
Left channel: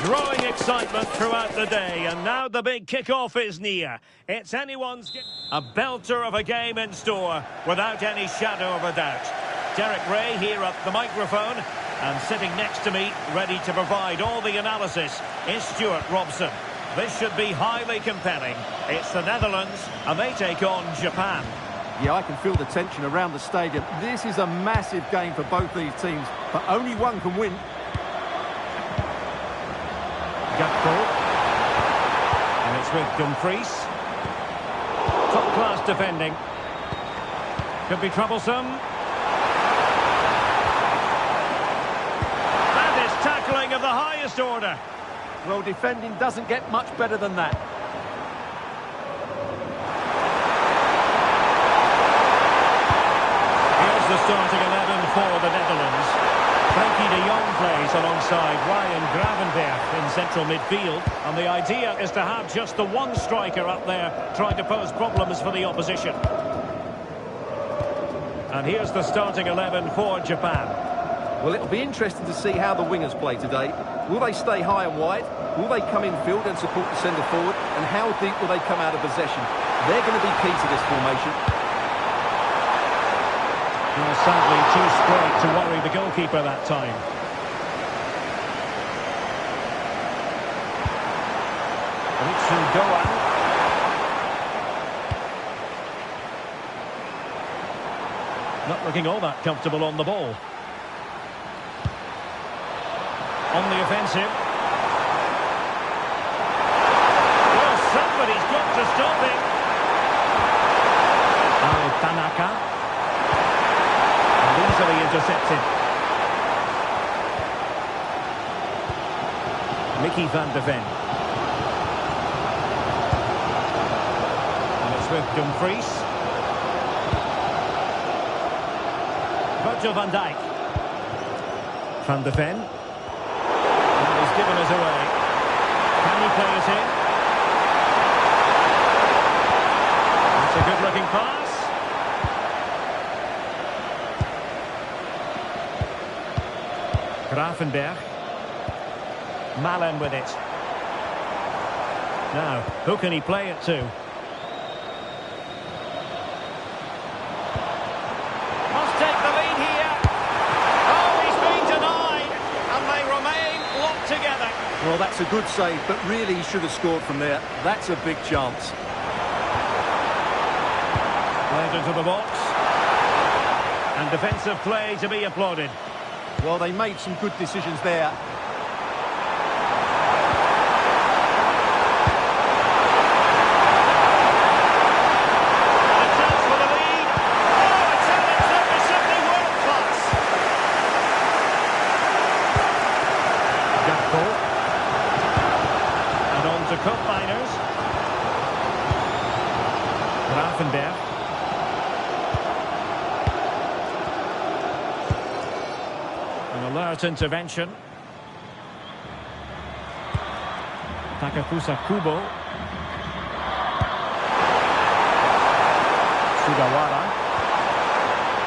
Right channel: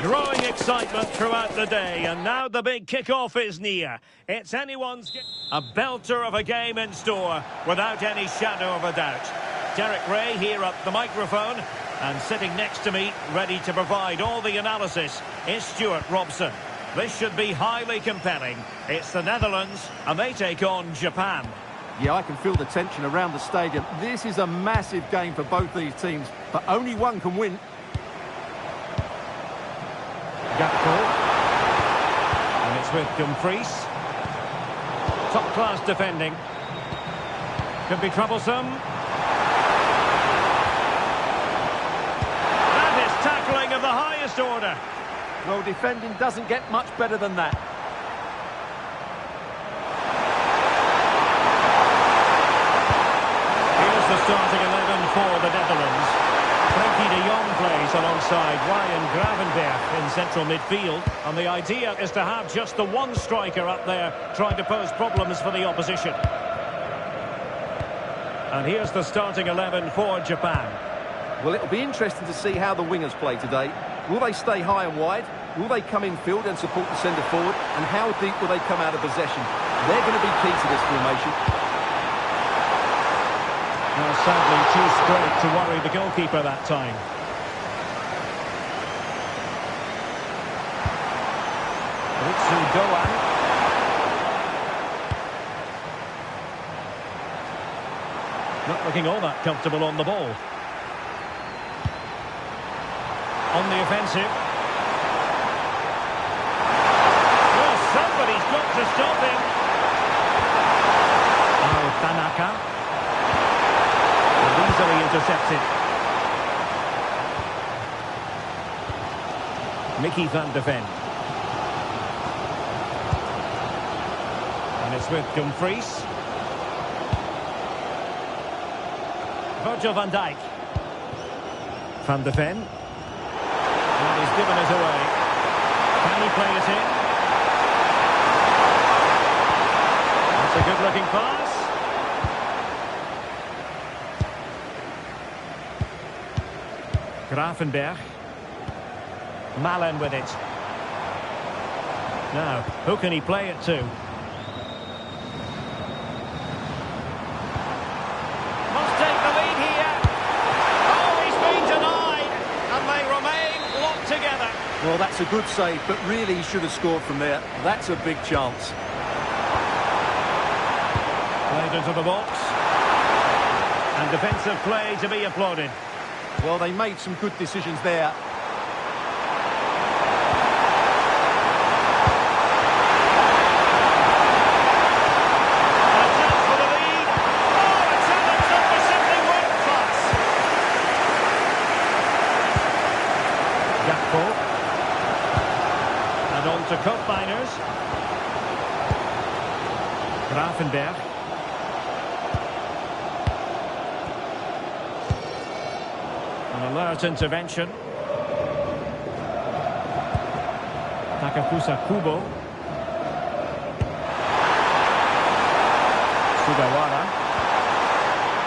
Growing excitement throughout the day, and now the big kick-off is near. It's anyone's... A belter of a game in store, without any shadow of a doubt. Derek Ray here at the microphone, and sitting next to me, ready to provide all the analysis, is Stuart Robson. This should be highly compelling. It's the Netherlands, and they take on Japan. Yeah, I can feel the tension around the stadium. This is a massive game for both these teams, but only one can win. Gakpo. And it's with Dumfries. Top-class defending. Could be troublesome. That is tackling of the highest order. Well, defending doesn't get much better than that. Here's the starting 11 for the Netherlands. Frenkie de Jong plays alongside Ryan Gravenberch in central midfield. And the idea is to have just the one striker up there trying to pose problems for the opposition. And here's the starting 11 for Japan. Well, it'll be interesting to see how the wingers play today. Will they stay high and wide? Will they come in field and support the centre forward? And how deep will they come out of possession? They're going to be key to this formation. Well, sadly, too straight to worry the goalkeeper that time. Ritsu Doan. Not looking all that comfortable on the ball. On the offensive. Well, somebody's got to stop him. Oh, Tanaka. And easily intercepted. Mickey van de Ven. And it's with Dumfries. Virgil van Dijk. Van de Ven. And he's given us away. Can he play it in? That's a good-looking pass. Gravenberch. Malen with it. Now, who can he play it to? Must take the lead here. Oh, he's been denied. And they remain locked together. Well, that's a good save, but really he should have scored from there. That's a big chance. Played into the box. And defensive play to be applauded. Well, they made some good decisions there. And a chance for the lead. Oh, a challenge that was simply world-class. Gakpo. And on to cup miners. Gravenberch. An alert intervention. Takafusa Kubo. Sugawara.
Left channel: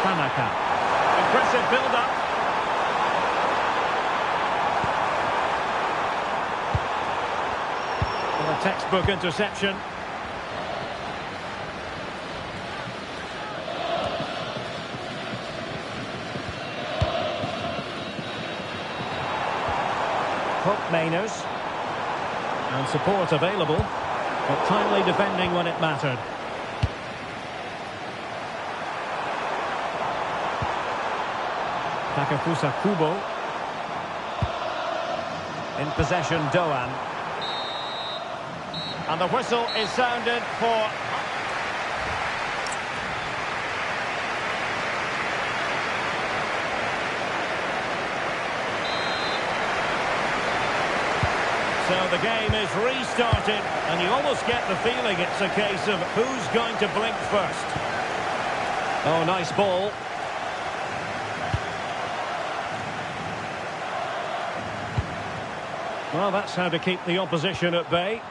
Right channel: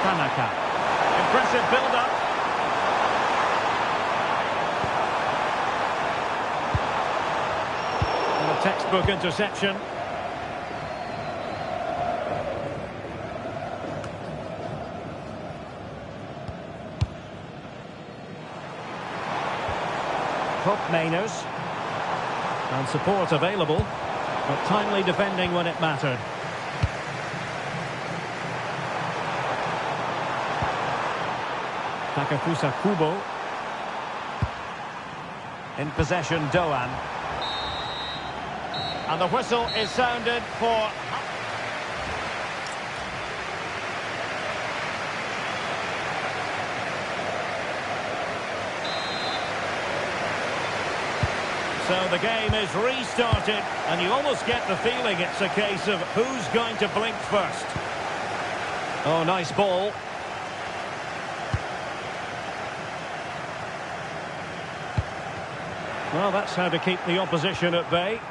Tanaka. Impressive build-up. And a textbook interception. Hope Mainers. And support available, but timely defending when it mattered. Takafusa Kubo. In possession, Doan. And the whistle is sounded for... So the game is restarted, and you almost get the feeling it's a case of who's going to blink first. Oh, nice ball. Well, that's how to keep the opposition at bay.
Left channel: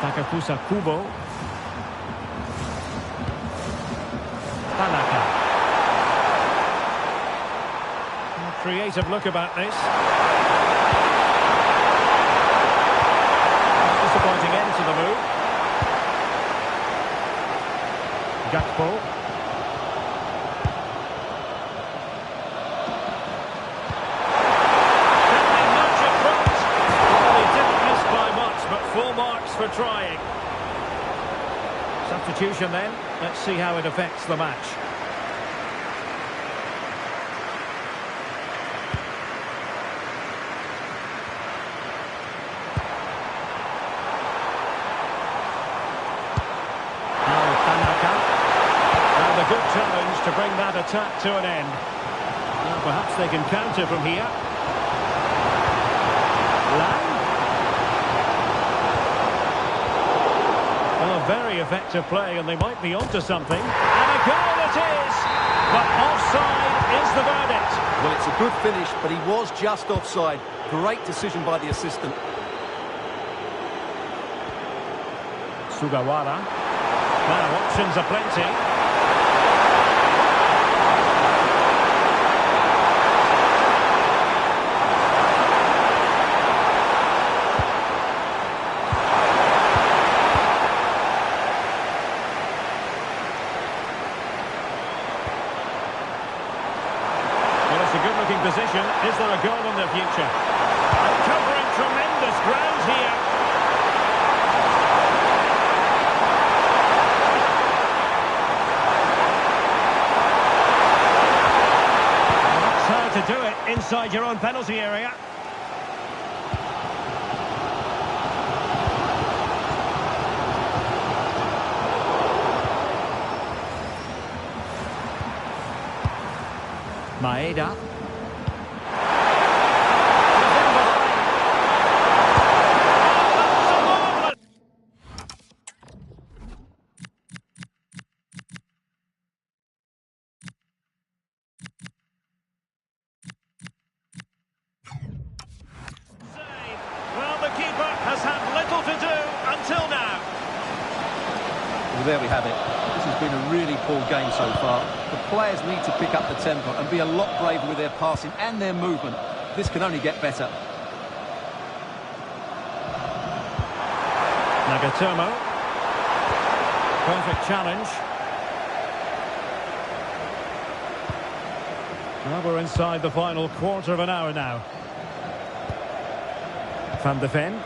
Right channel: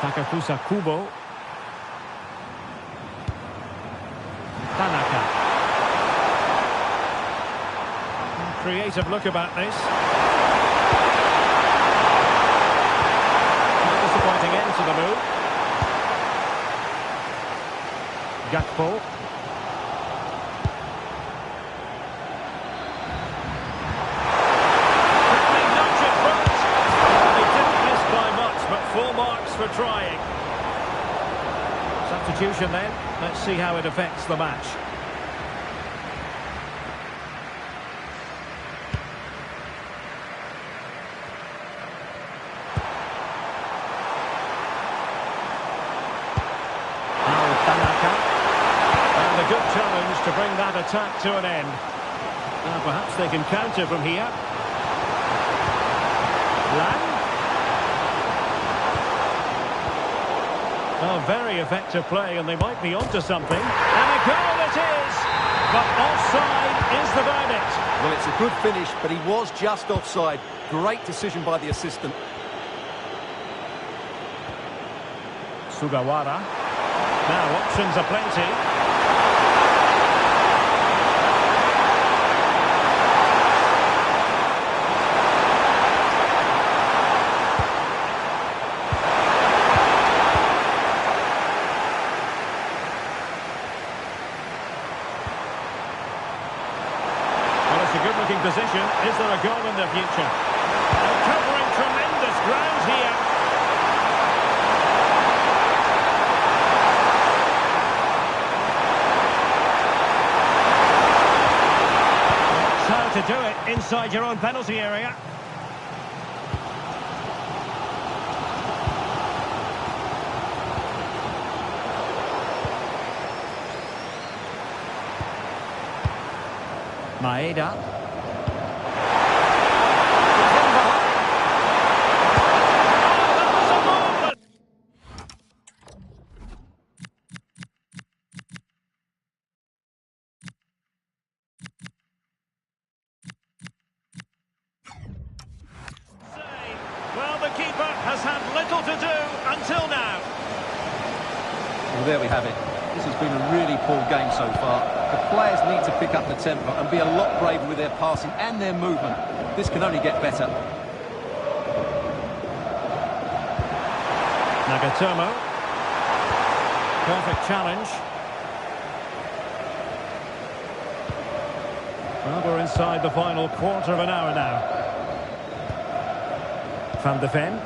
Takafusa Kubo. Tanaka. creative look about this. Disappointing end to the move. Gakpo. Can they nudge it front? Well, they didn't miss by much, but full marks for trying. Substitution then. Let's see how it affects the match. And a good challenge to bring that attack to an end. Now perhaps they can counter from here. Lang. Well, very effective play, and they might be onto something. And a goal it is! But offside is the verdict. Well, it's a good finish, but he was just offside. Great decision by the assistant. Sugawara. Now, options are plenty. Well, it's a good-looking position. Is there a goal in the future? And covering tremendous ground here. How to do it inside your own penalty area. Maeda. He's in behind. Oh, that was a marvellous. Well, the keeper has had little to do until now. Well, there we have it. This has been a really poor game so far. The players need to pick up the tempo and be a lot braver with their passing and their movement. This can only get better. Nagatomo. Perfect challenge. Well, we're inside the final quarter of an hour now. Van de Ven.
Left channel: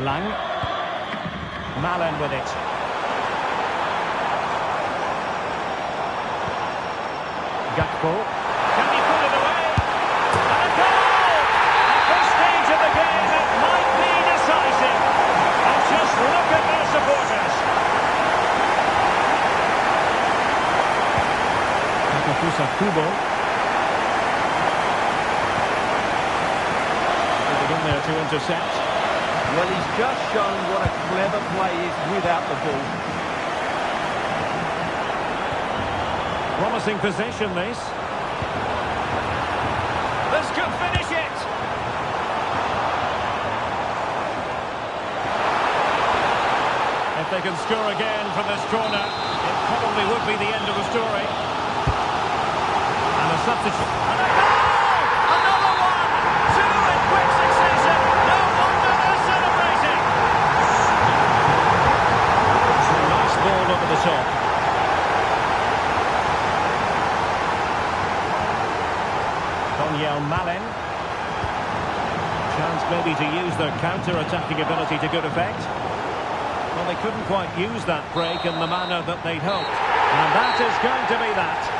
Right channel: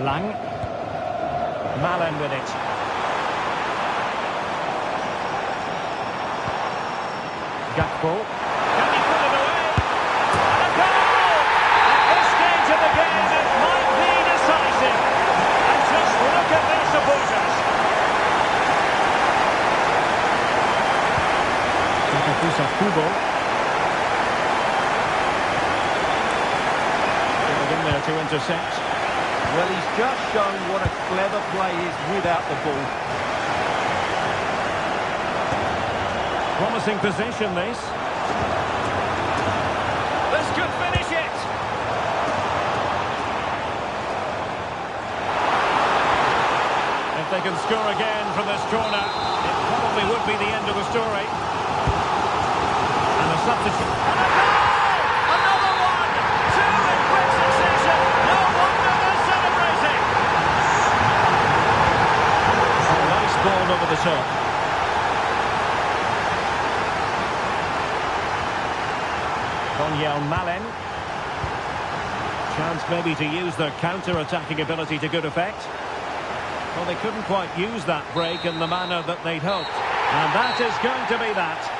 Lang. Malen with it. Gakpo. Can he put it away? And a goal! At this stage of the game, it might be decisive. And just look at their supporters. Takafusa Kubo. In there to intercept. Well, he's just shown what a clever play is without the ball. Promising possession, this. This could finish it. If they can score again from this corner, it probably would be the end of the story. And a substitute. And a goal! Another one! Two in quick succession. No wonder they're celebrating. A nice ball over the top. Donyell Malen. Chance maybe to use their counter-attacking ability to good effect. Well, they couldn't quite use that break in the manner that they'd hoped. And that is going to be that.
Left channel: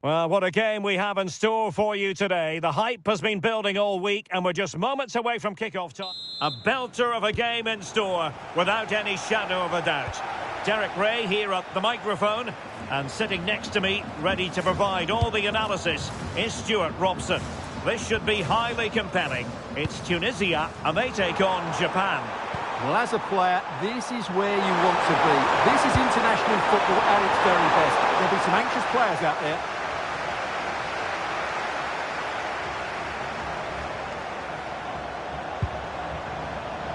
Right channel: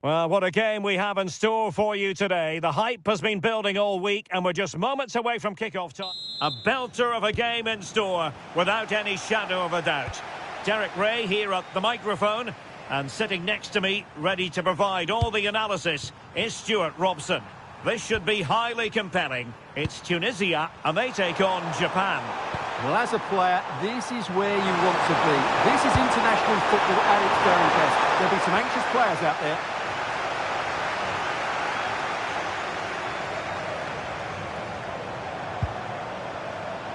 Well, what a game we have in store for you today. The hype has been building all week and we're just moments away from kick-off time. A belter of a game in store, without any shadow of a doubt. Derek Ray here at the microphone, and sitting next to me, ready to provide all the analysis, is Stuart Robson. This should be highly compelling. It's Tunisia, and they take on Japan. Well, as a player, this is where you want to be. This is international football at its very best. There'll be some anxious players out there.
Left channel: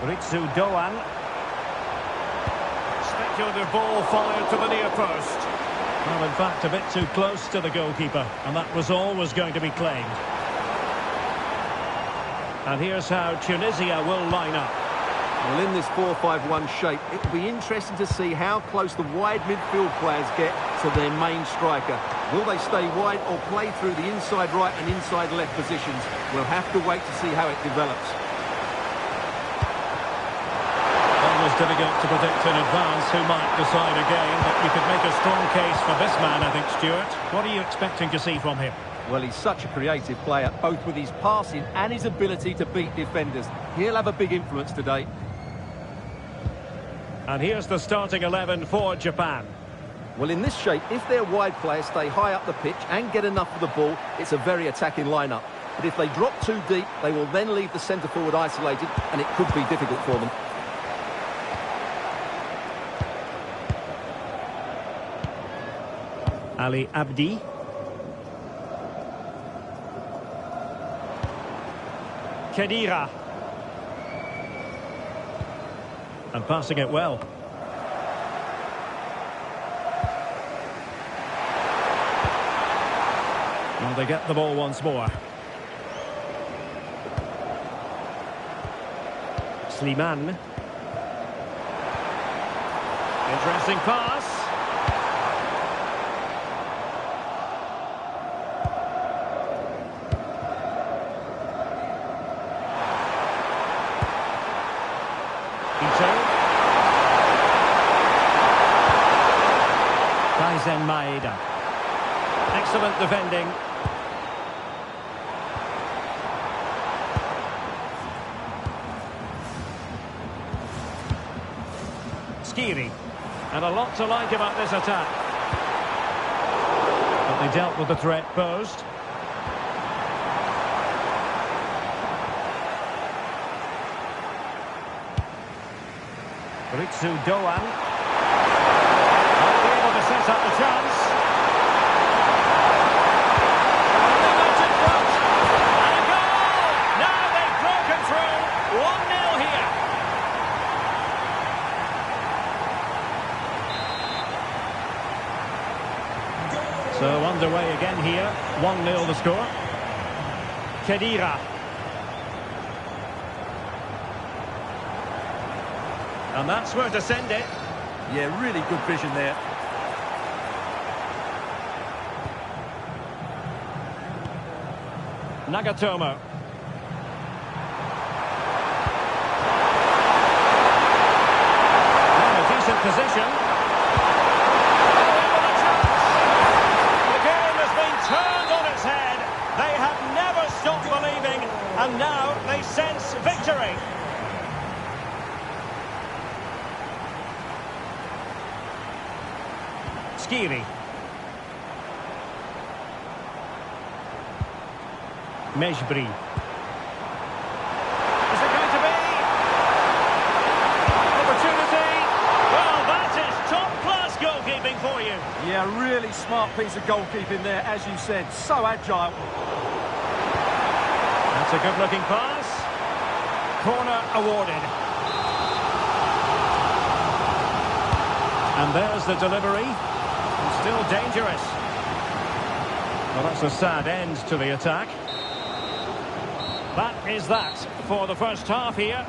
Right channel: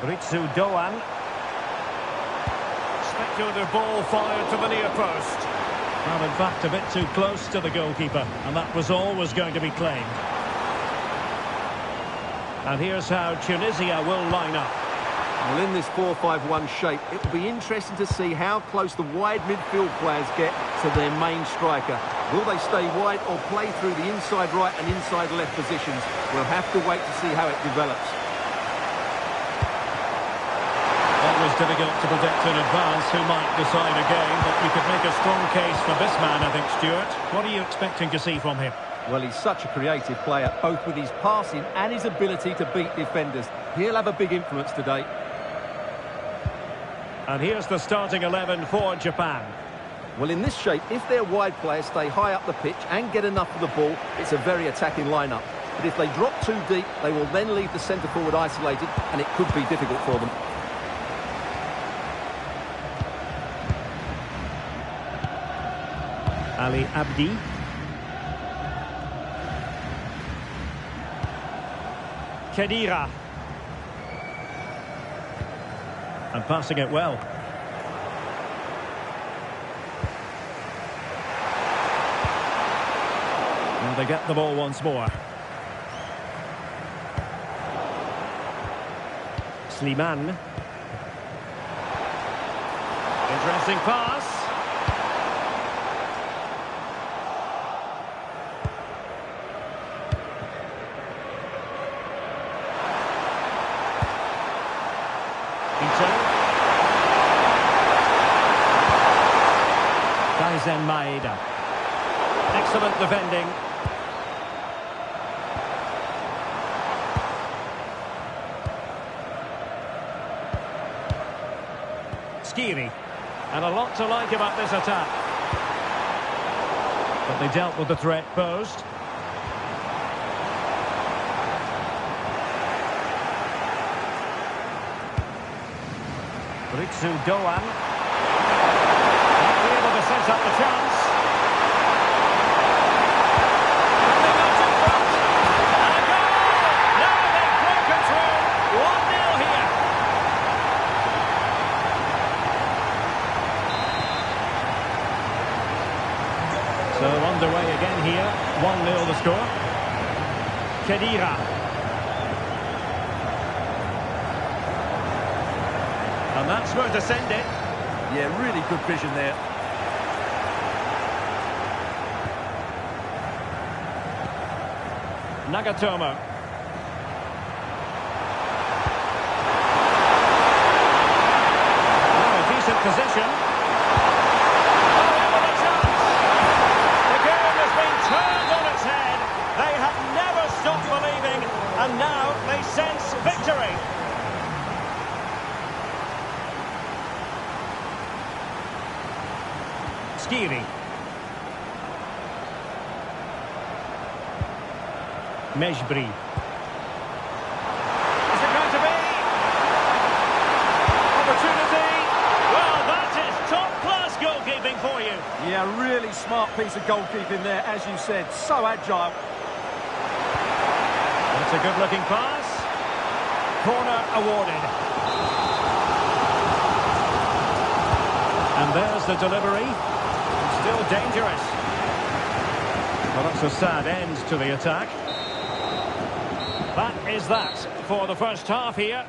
Ritsu Doan. Speculative ball fired to the near post. Well, in fact, a bit too close to the goalkeeper, and that was always going to be claimed. And here's how Tunisia will line up. Well, in this 4-5-1 shape, it will be interesting to see how close the wide midfield players get to their main striker. Will they stay wide or play through the inside right and inside left positions? We'll have to wait to see how it develops. Always difficult to predict in advance who might decide a game, but you could make a strong case for this man, I think, Stuart. What are you expecting to see from him? Well, he's such a creative player, both with his passing and his ability to beat defenders. He'll have a big influence today. And here's the starting 11 for Japan. Well, in this shape, if their wide players stay high up the pitch and get enough of the ball, it's a very attacking lineup. But if they drop too deep, they will then leave the centre-forward isolated, and it could be difficult for them. Ali Abdi. Khedira. And passing it well. Well, they get the ball once more. Slimane. Interesting pass. Kaizen Maeda. Excellent defending. Skiri. And a lot to like about this attack. But they dealt with the threat posed. Ritsu Doan. Might be able to set up the chance. And they got in front. And a goal! Now they've broken through. 1-0 here. So underway again here. 1-0 the score. Khedira. And that's where to send it. Yeah, really good vision there. Nagatomo. Now a decent position. Oh, in with a chance. The game has been turned on its head. They have never stopped believing, and now they sense victory. Skiri. Mejbri. Is it going to be? Opportunity. Well, that is top-class goalkeeping for you. Yeah, really smart piece of goalkeeping there, as you said. So agile. That's a good-looking pass. Corner awarded. And there's the delivery. Still dangerous. Well, that's a sad end to the attack. That is that for the first half here.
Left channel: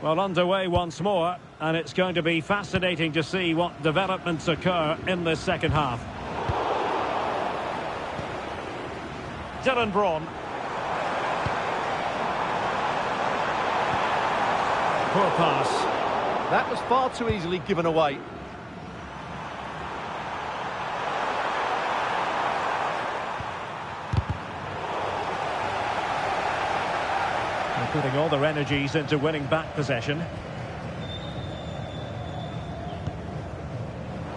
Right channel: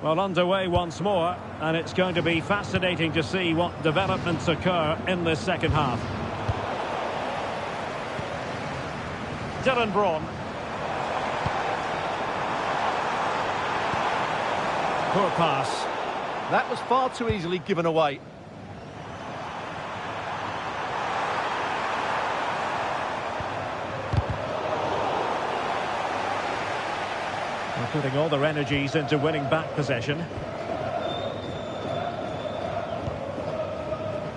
Well, underway once more, and it's going to be fascinating to see what developments occur in this second half. Dylan Braun. Poor pass. That was far too easily given away. They're putting all their energies into winning back possession.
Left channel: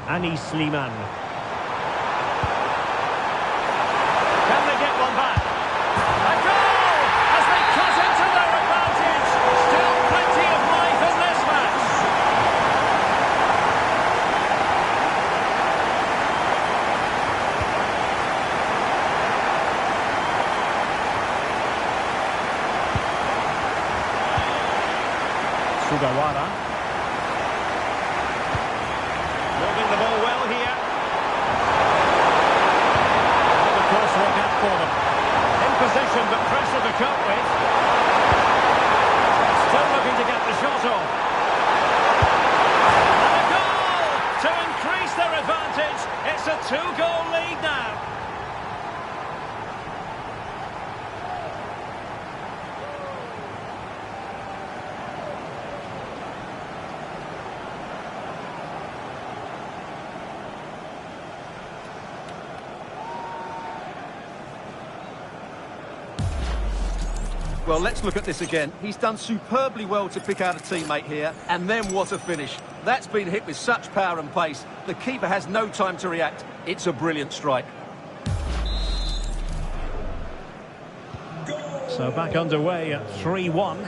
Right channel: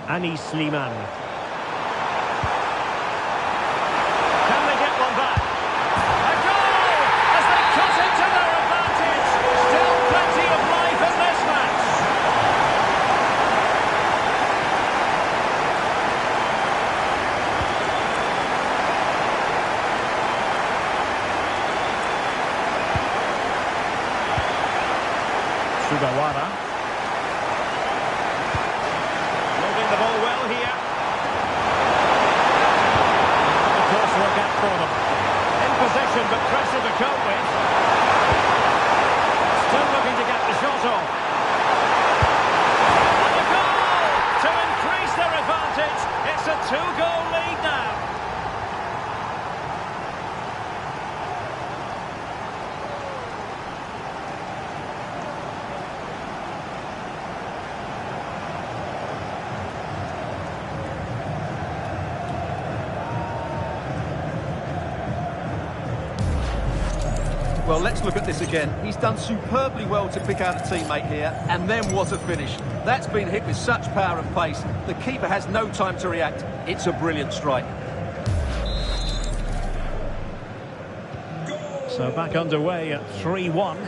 Anis Slimane. Can they get one back? A goal! As they cut into their advantage. Still plenty of life in this match. Sugawara. Lobbing the ball well here. And the course work out for them. In possession, but pressure to cope with. Still looking to get the shot on. And a goal to increase their advantage. It's a 2-goal lead now. Well, let's look at this again. He's done superbly well to pick out a teammate here, and then what a finish. That's been hit with such power and pace. The keeper has no time to react. It's a brilliant strike. So back underway at 3-1.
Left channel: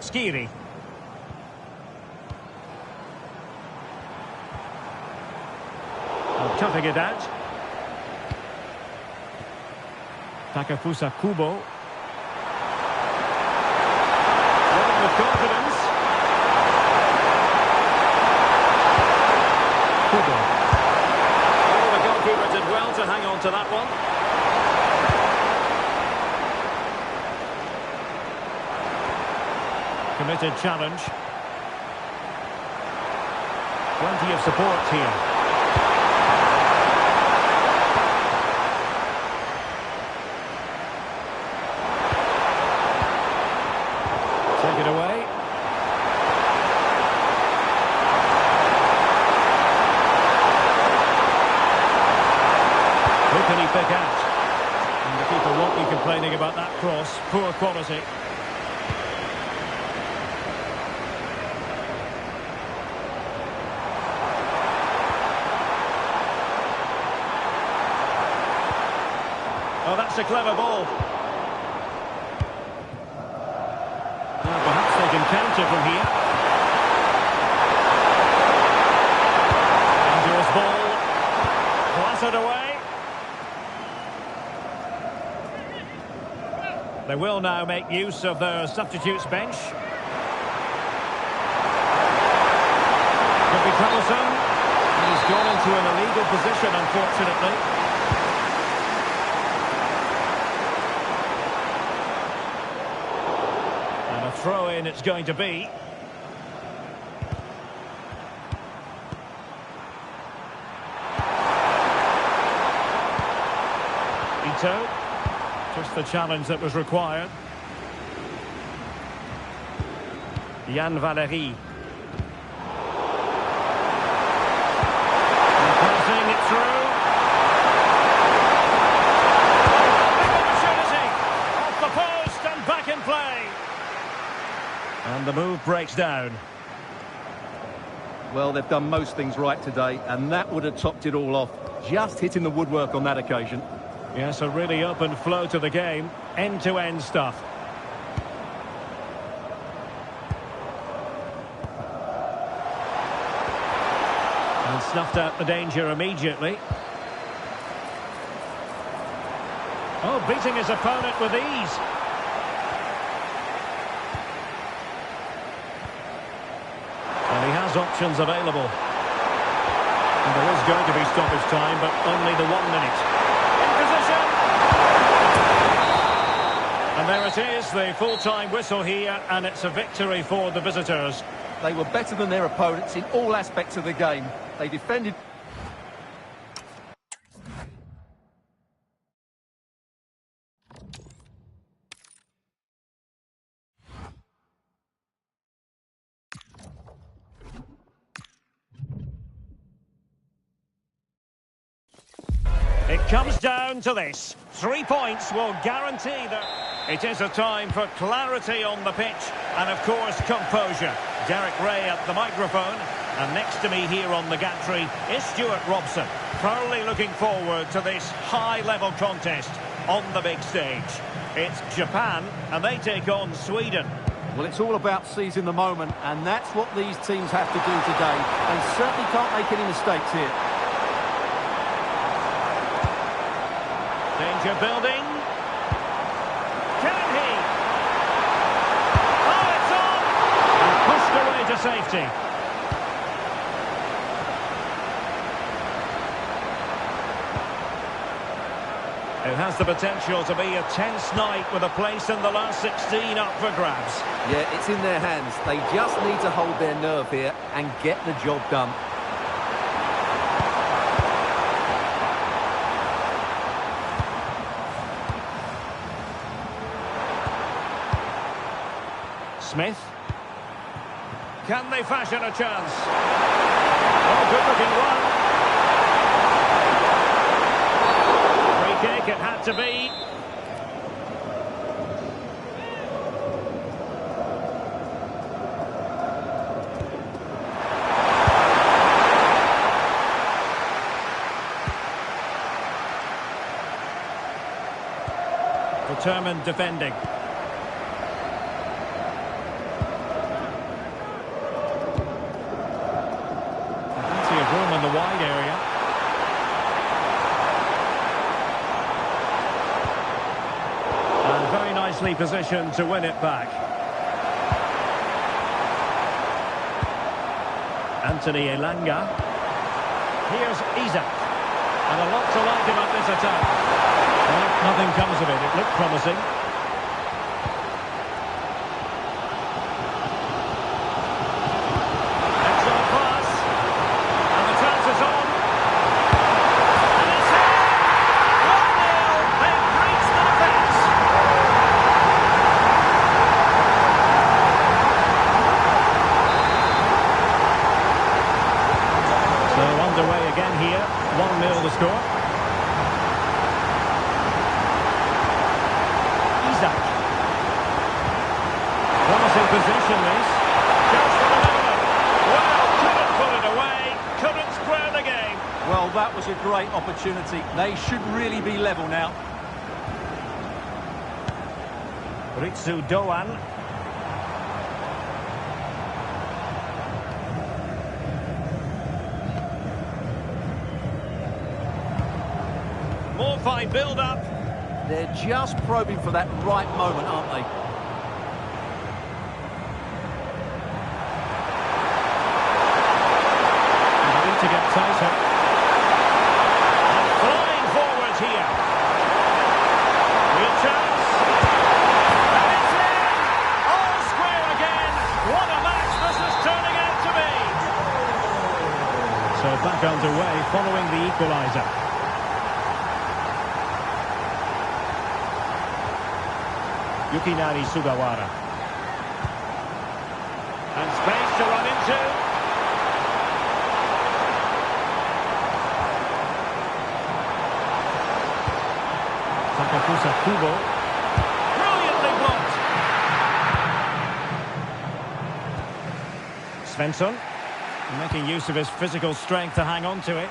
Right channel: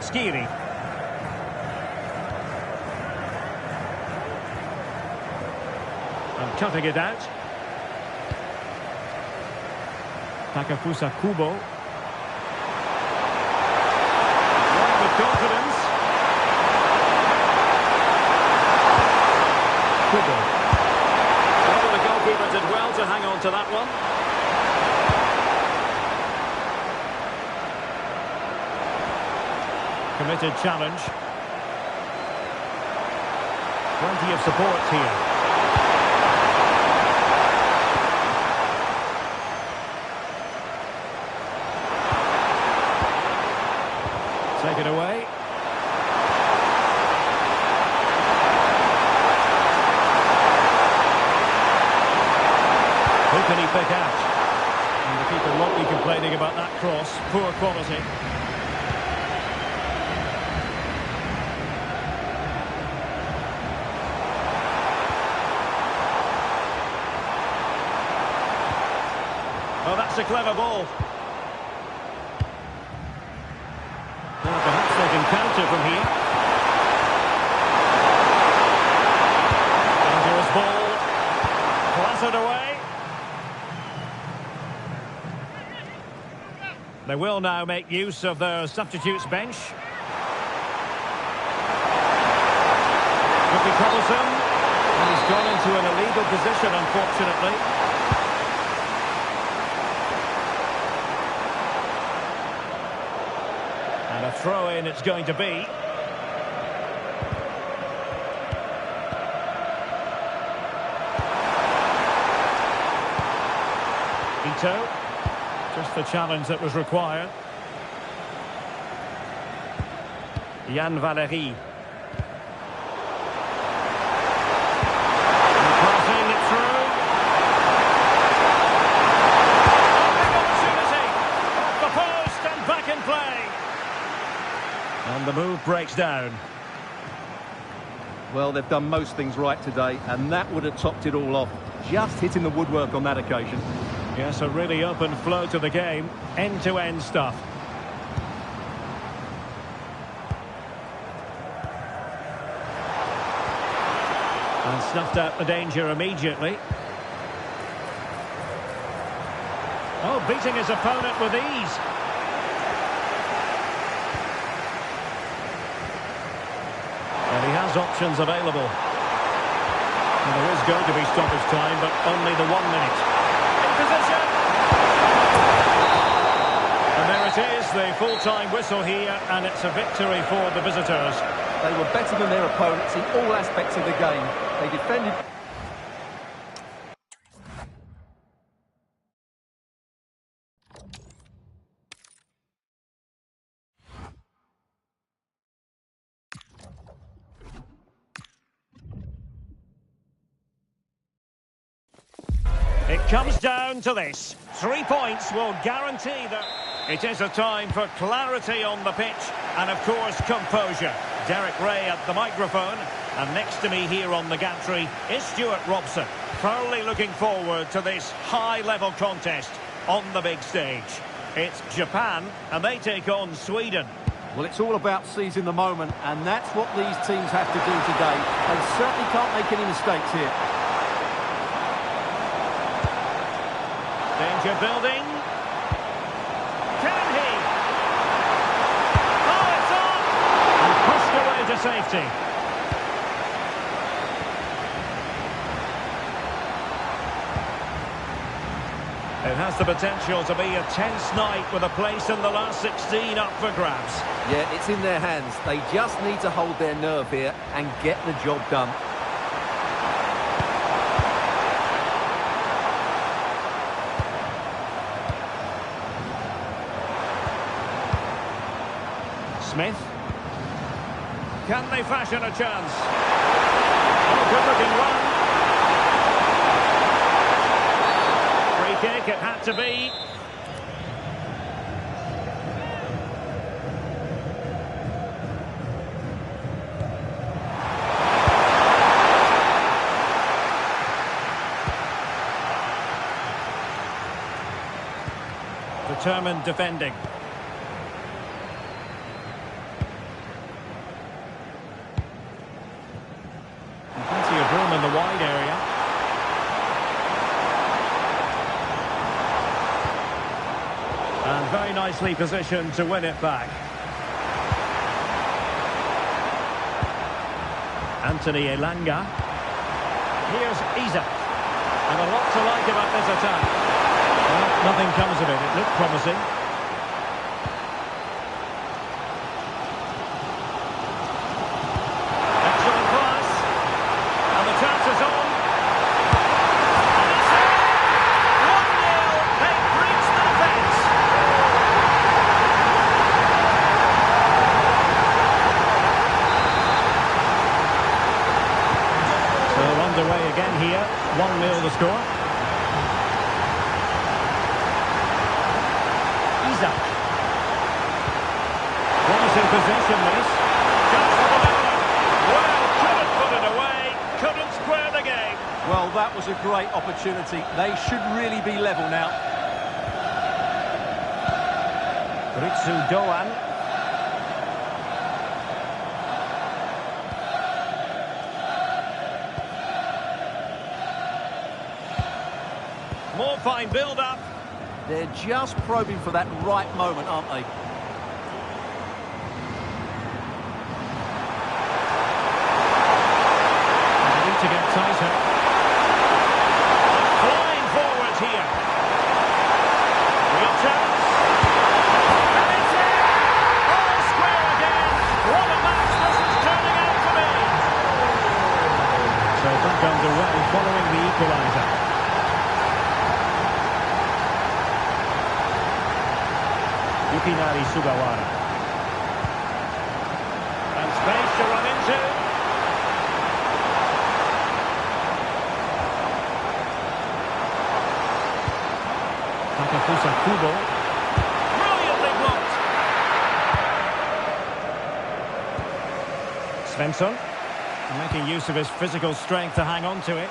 Skiri. And cutting it out. Takafusa Kubo. Running with confidence. Kubo. Well, the goalkeeper did well to hang on to that one. Committed challenge. Plenty of support here. Take it away. Who can he pick out? And the keeper won't be complaining about that cross. Poor quality. Oh, that's a clever ball. Perhaps they can counter from here. Dangerous ball. Clattered away. They will now make use of their substitutes bench. Could be troublesome. And he's gone into an illegal position, unfortunately. And a throw-in it's going to be. Ito. Just the challenge that was required. Yann Valery. And passing it through. Oh, big opportunity. Off the post and back in play. And the move breaks down. Well, they've done most things right today, and that would have topped it all off. Just hitting the woodwork on that occasion. Yes, a really open flow to the game. End-to-end stuff. And snuffed out the danger immediately. Oh, beating his opponent with ease. And he has options available. And there is going to be stoppage time, but only the 1 minute. In position! And there it is, the full-time whistle here, and it's a victory for the visitors. They were better than their opponents in all aspects of the game. They defended... It comes down to this. 3 points will guarantee that it is a time for clarity on the pitch and, of course, composure. Derek Ray at the microphone. And next to me here on the gantry is Stuart Robson. Thoroughly looking forward to this high-level contest on the big stage. It's Japan, and they take on Sweden. Well, it's all about seizing the moment, and that's what these teams have to do today. They certainly can't make any mistakes here. Danger building. Can he? Oh, it's on! And pushed away to safety. It has the potential to be a tense night with a place in the last 16 up for grabs. Yeah, it's in their hands. They just need to hold their nerve here and get the job done. Smith. Can they fashion a chance? Oh, good-looking run. Free kick, it had to be. Determined defending. Plenty of room in the wide area. And very nicely positioned to win it back. Anthony Elanga. Here's Isak. And a lot to like about this attack. Well, nothing comes of it. It looked promising. Excellent pass. And the chance is on. And it's in! 1-0. They've breached the defence. So underway again here. 1-0 the score. Isak. Promising position this. Just for the leveller. Well, couldn't put it away. Couldn't square the game. Well, that was a great opportunity. They should really be level now. Ritsu Doan. More fine build-up. They're just probing for that right moment, aren't they? They need to get tighter. And flying forwards here. Real chance. And it's in! All square again. What a match this is turning out to be. So back underway following the equaliser. Yukinari Sugawara. And space to run into. Takafusa Kubo. Brilliantly blocked. Svensson. Making use of his physical strength to hang on to it.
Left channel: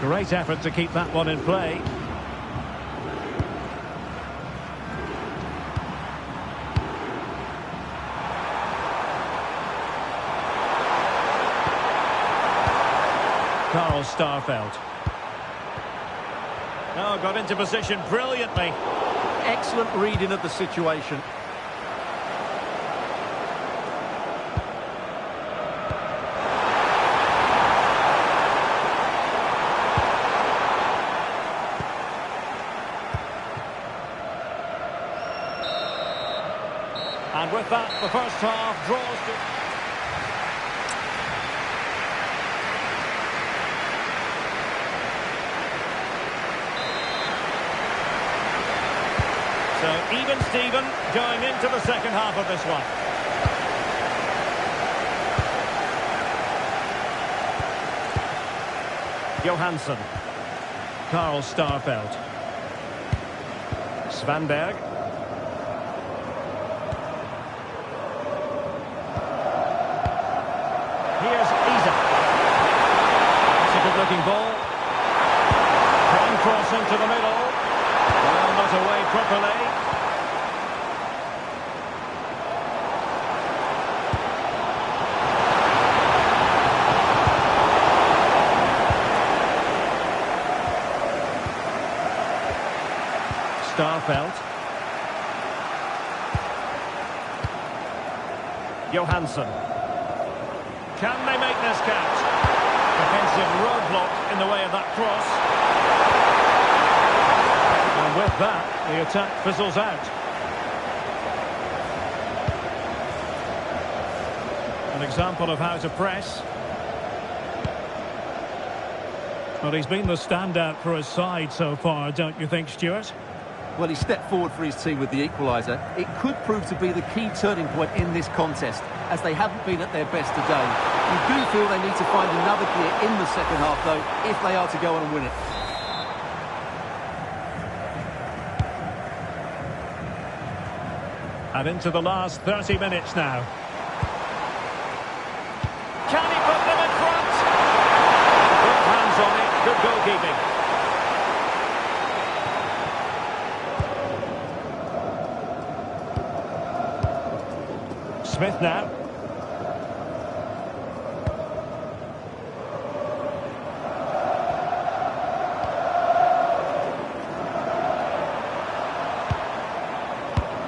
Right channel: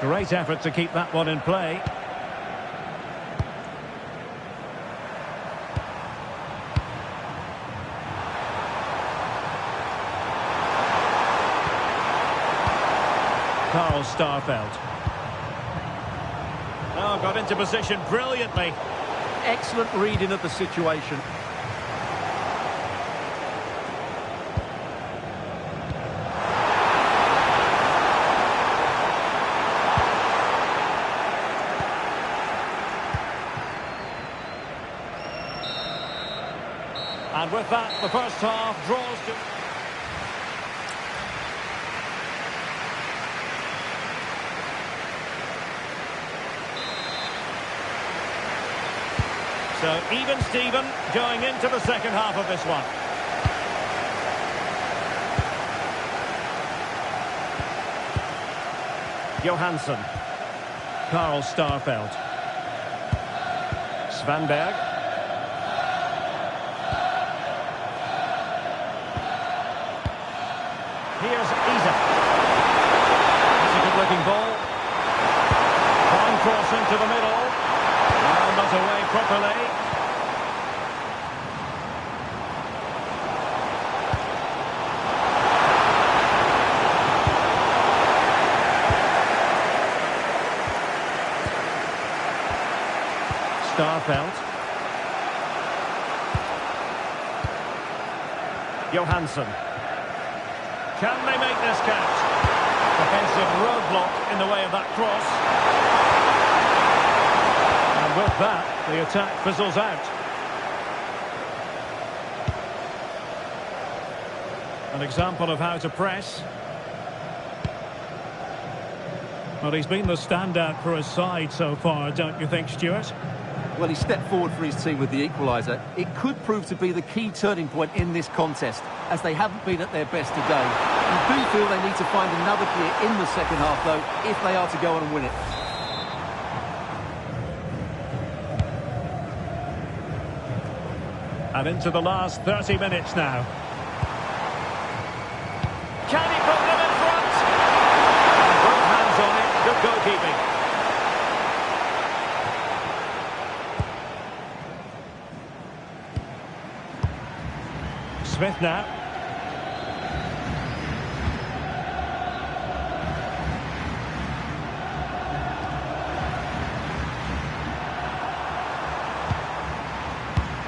Great effort to keep that one in play. Karl Starfelt. Oh, got into position brilliantly. Excellent reading of the situation. And with that, the first half draws to... So even Steven going into the second half of this one. Johansson. Karl Starfelt. Svanberg. Here's Isa. It's a good-looking ball. Fine cross into the middle. Well, not away properly. Starfelt. Johansson. Can they make this catch? Defensive roadblock in the way of that cross. And with that, the attack fizzles out. An example of how to press. Well, he's been the standout for his side so far, don't you think, Stuart? Well, he stepped forward for his team with the equaliser. It could prove to be the key turning point in this contest, as they haven't been at their best today. You do feel they need to find another gear in the second half, though, if they are to go on and win it. And into the last 30 minutes now. Can he put them in front? And both hands on it. Good goalkeeping. Smith now.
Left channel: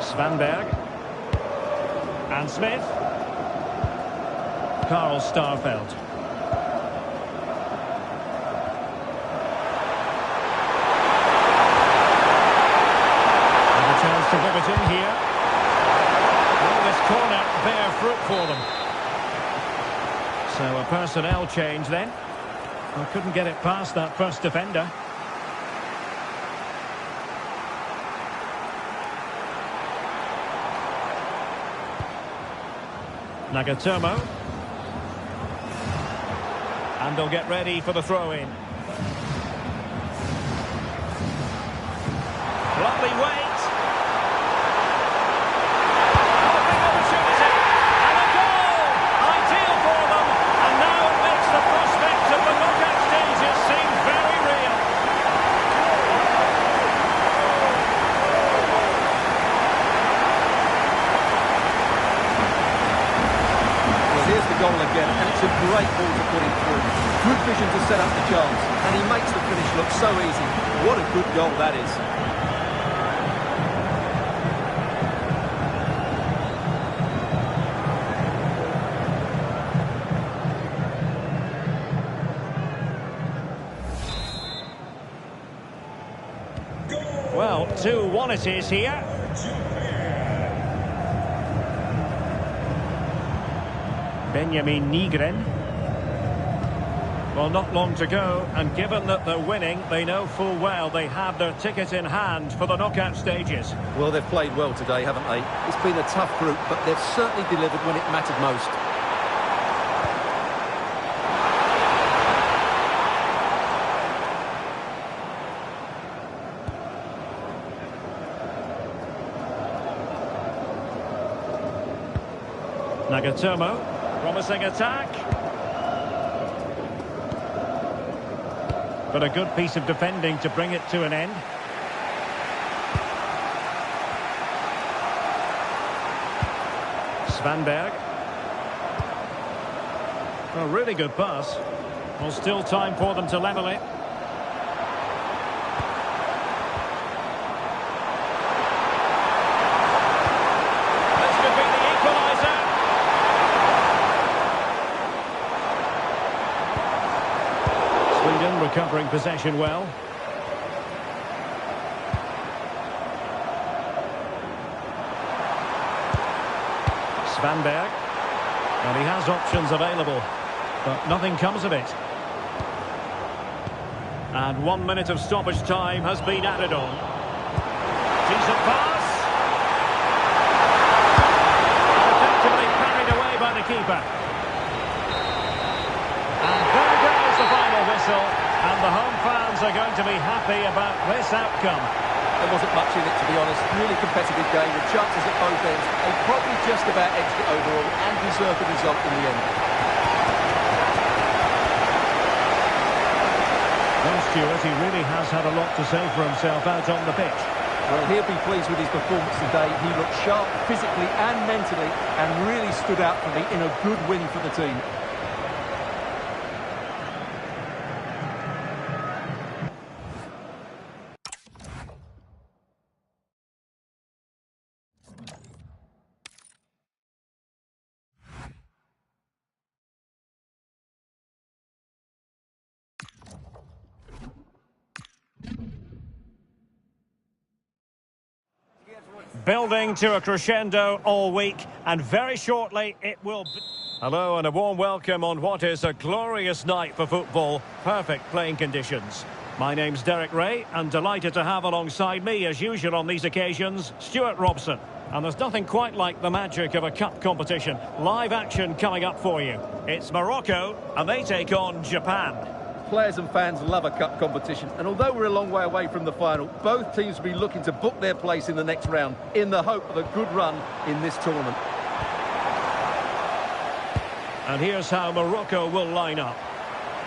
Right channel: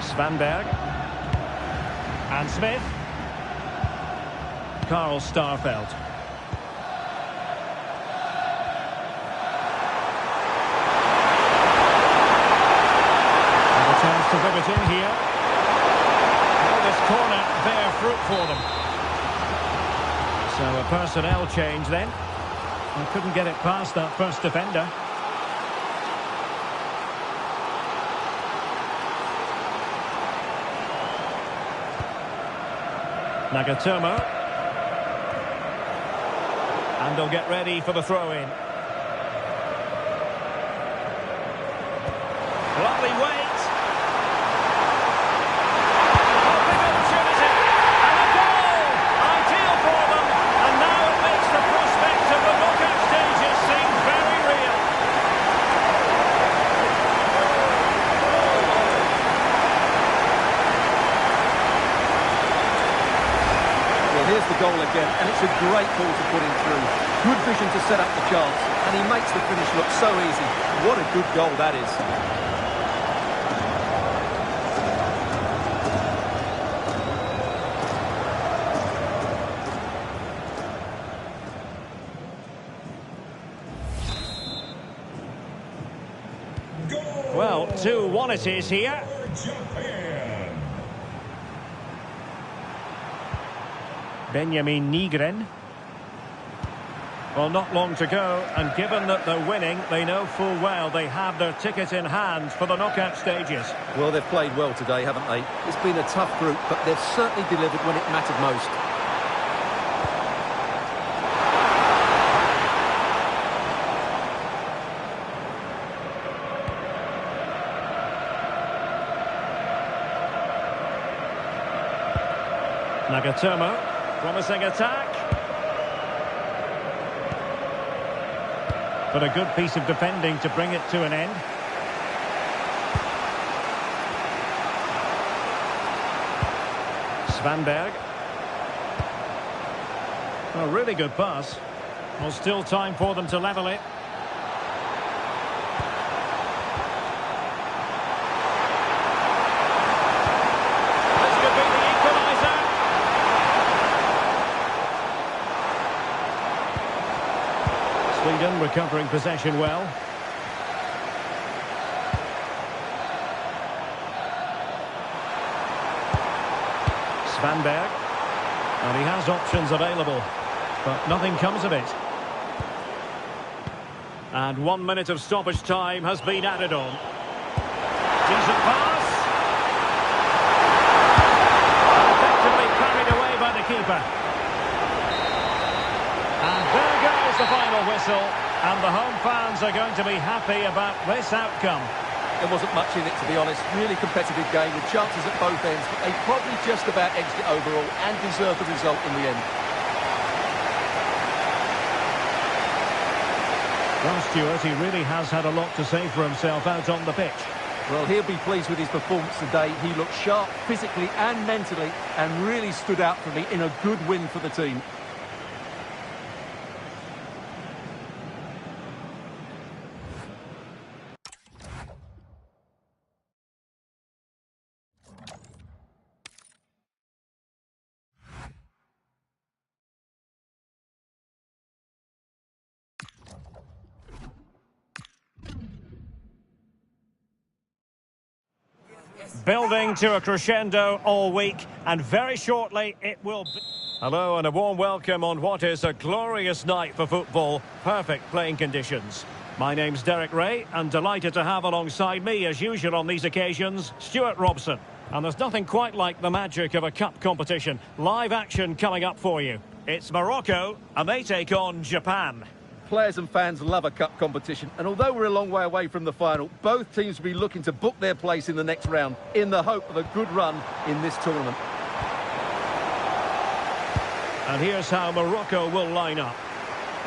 Svanberg. And Smith. Carl Starfelt. And a chance to whip it in here. Well, this corner bear fruit for them. So a personnel change then. I couldn't get it past that first defender. Nagatomo. And they'll get ready for the throw-in. Lovely weight. Oh, big opportunity. And a goal! Ideal for them. And now it makes the prospect of the knockout stages seem very real. Well, here's the goal again, and it's a great ball to put him through. Good vision to set up the chance, and he makes the finish look so easy. What a good goal that is. Well, 2-1 it is here. Benjamin Nygren. Well, not long to go, and given that they're winning, they know full well they have their ticket in hand for the knockout stages. Well, they've played well today, haven't they? It's been a tough group, but they've certainly delivered when it mattered most. Nagatomo, promising attack. But a good piece of defending to bring it to an end. Svanberg. A really good pass. Well, still time for them to level it. This could be the equaliser. Sweden recovering possession well. Svanberg. And he has options available, but nothing comes of it. And 1 minute of stoppage time has been added on. Decent pass. And effectively carried away by the keeper. And there goes the final whistle, and the home fans are going to be happy about this outcome. There wasn't much in it, to be honest. Really competitive game with chances at both ends, but they probably just about edged it overall and deserved the result in the end. Well, Stuart, he really has had a lot to say for himself out on the pitch. Well, he'll be pleased with his performance today. He looked sharp physically and mentally and really stood out for me in a good win for the team. Building to a crescendo all week, and very shortly it will be... Hello and a warm welcome on what is a glorious night for football. Perfect playing conditions. My name's Derek Ray, and delighted to have alongside me, as usual on these occasions, Stuart Robson. And there's nothing quite like the magic of a cup competition. Live action coming up for you. It's Morocco, and they take on Japan. Players and fans love a cup competition, and although we're a long way away from the final, both teams will be looking to book their place in the next round in the hope of a good run in this tournament. And here's how Morocco will line up.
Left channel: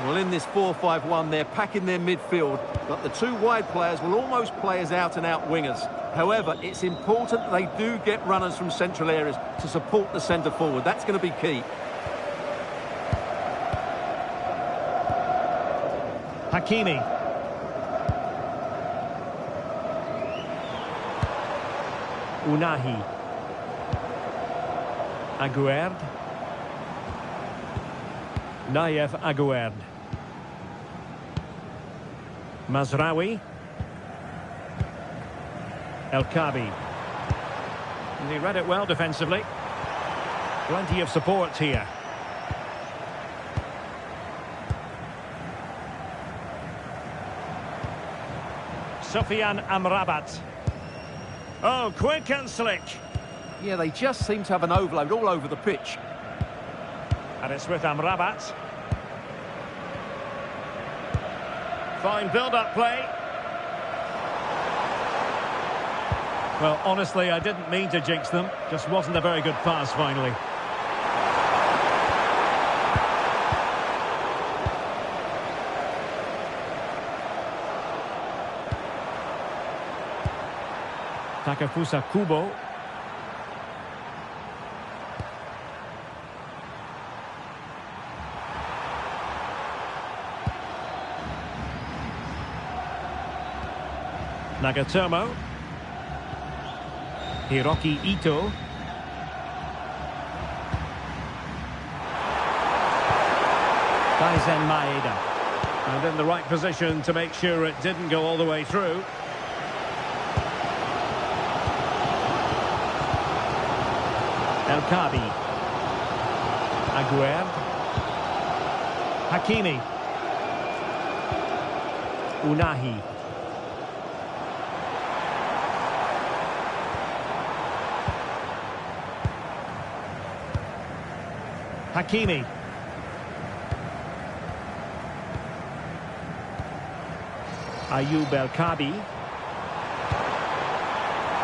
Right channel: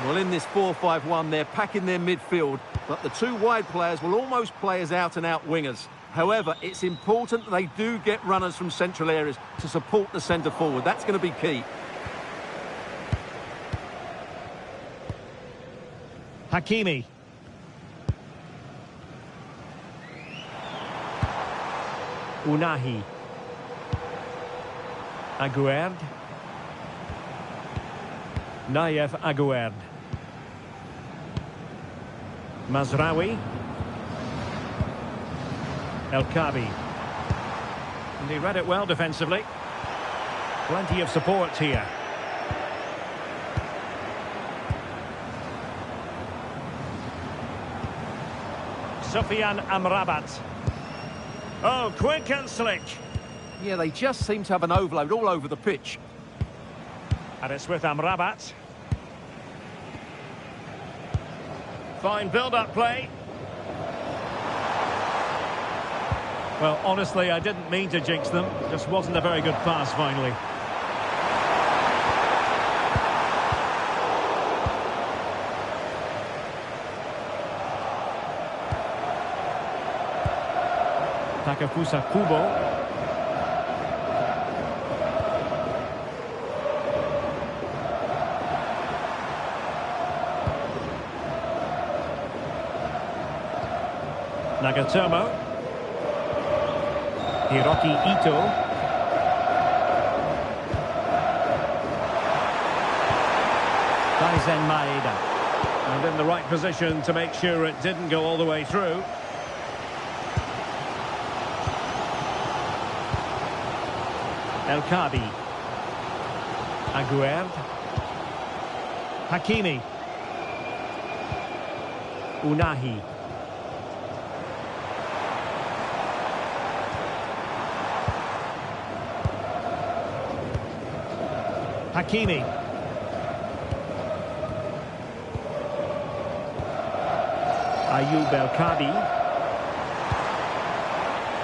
Well, in this 4-5-1, they're packing their midfield, but the two wide players will almost play as out-and-out wingers. However, it's important they do get runners from central areas to support the centre forward. That's going to be key. Hakimi. Unahi. Aguerd. Nayef Aguerd. Mazraoui. El Kabi. And he read it well defensively. Plenty of support here. Sofiane Amrabat. Oh, quick and slick. Yeah, they just seem to have an overload all over the pitch. And it's with Amrabat. Fine build-up play. Well, honestly, I didn't mean to jinx them. Just wasn't a very good pass, finally. Takafusa Kubo. Nagatomo. Hiroki Ito. Daizen Maeda. And in the right position to make sure it didn't go all the way through. El Kabi. Aguerd. Hakimi. Unahi. Hakimi. Ayoub El Kabi.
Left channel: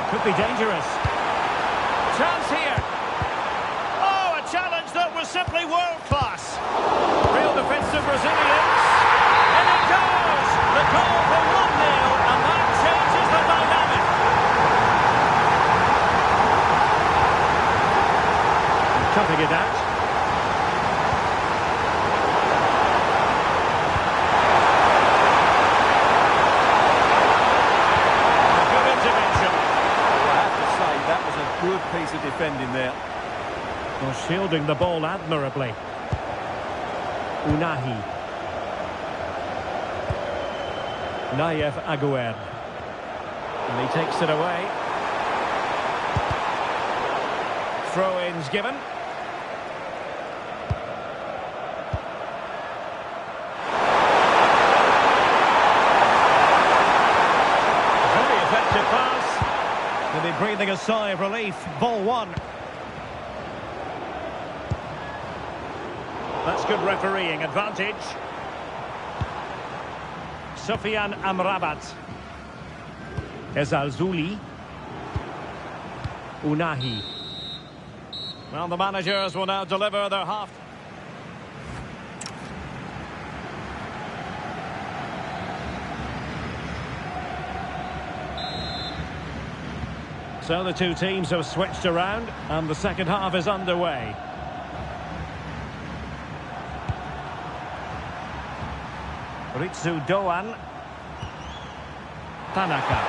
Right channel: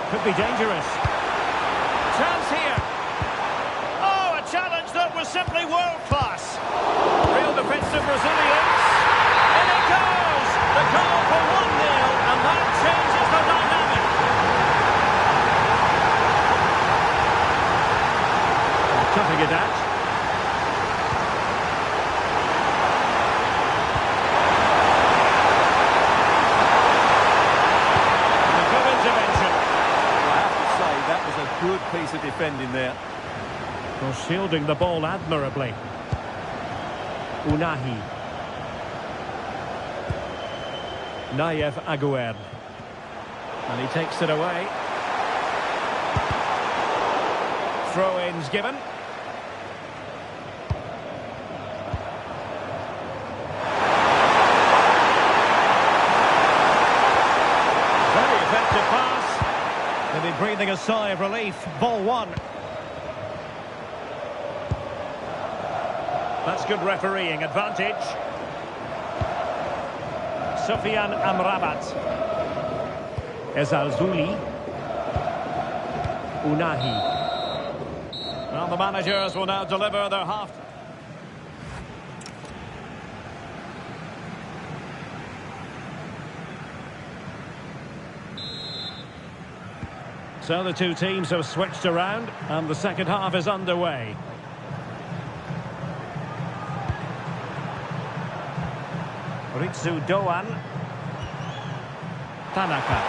Could be dangerous. Chance here. Challenge that was simply world-class. Real defensive resilience. In it goes. The goal for 1-0, and that changes the dynamic. And cutting it out. And a good intervention. Well, I have to say, that was a good piece of defending there. Well, shielding the ball admirably. Unahi. Nayef Aguerd. And he takes it away. Throw-ins given. Very effective pass. They'll be breathing a sigh of relief. Ball one. That's good refereeing advantage. Sofiane Amrabat. Ezalzouli. Unahi. Well, the managers will now deliver their half. So the two teams have switched around and the second half is underway. Ritsu Doan. Tanaka.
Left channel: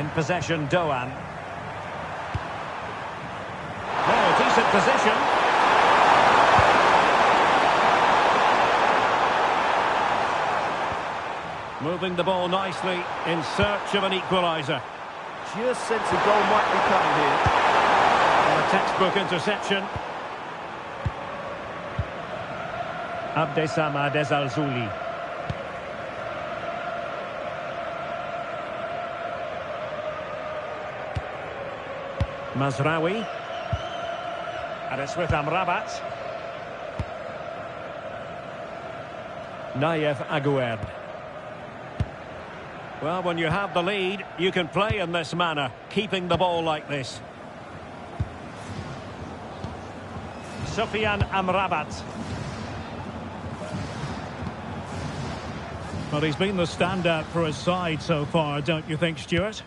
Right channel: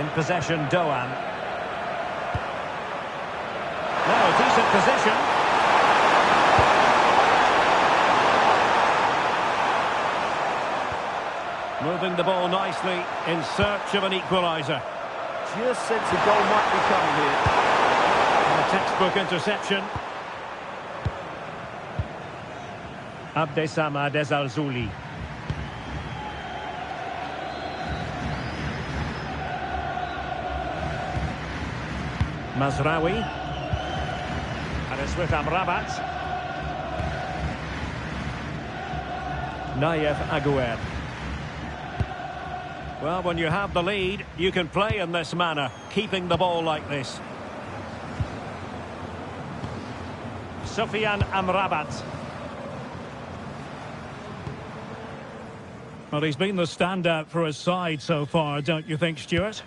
In possession, Doan. Now a decent position. Moving the ball nicely in search of an equaliser. Just sense a goal might be coming here. And a textbook interception. Abdesama Dezalzouli. Mazraoui. And it's with Amrabat. Nayef Aguerd. Well, when you have the lead, you can play in this manner, keeping the ball like this. Sufyan Amrabat. Well, he's been the standout for his side so far, don't you think, Stuart?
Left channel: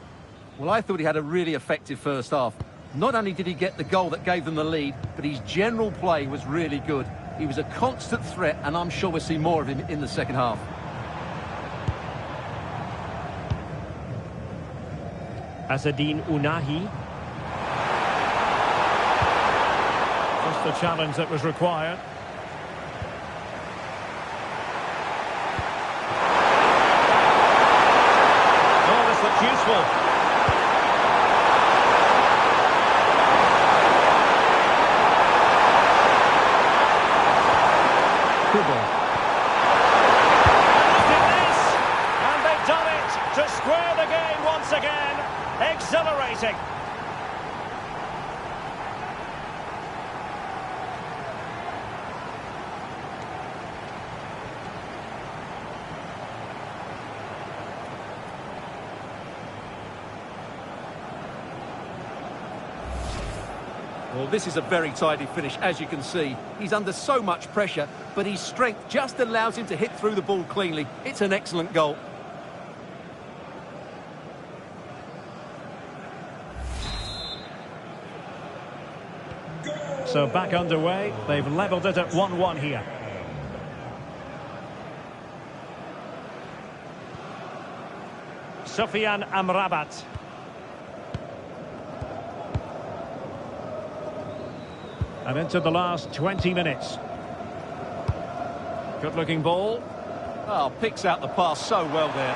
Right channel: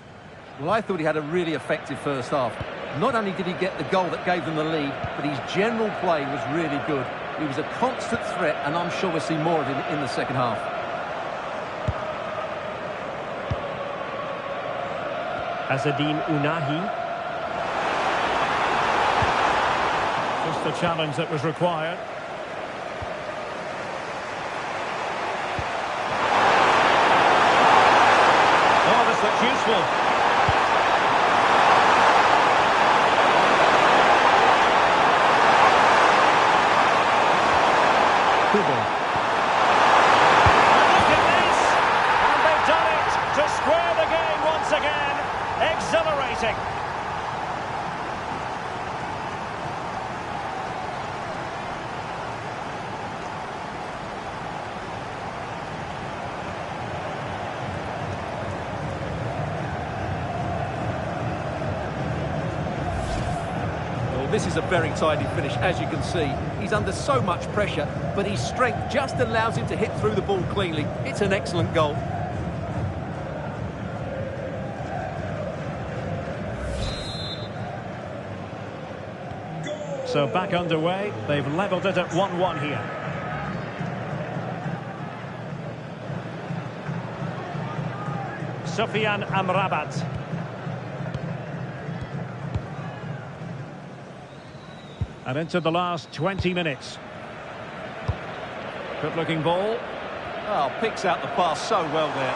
Well, I thought he had a really effective first half. Not only did he get the goal that gave them the lead, but his general play was really good. He was a constant threat, and I'm sure we'll see more of him in the second half. Azzedine Ounahi. Just the challenge that was required. Oh, this looks useful. Kubo. And look at this! And they've done it to square the game once again. Exhilarating. Well, this is a very tidy finish, as you can see. He's under so much pressure, but his strength just allows him to hit through the ball cleanly. It's an excellent goal. So back underway. They've levelled it at 1-1 here. Sufyan Amrabat. And into the last 20 minutes. Good looking ball. Oh, picks out the pass so well there.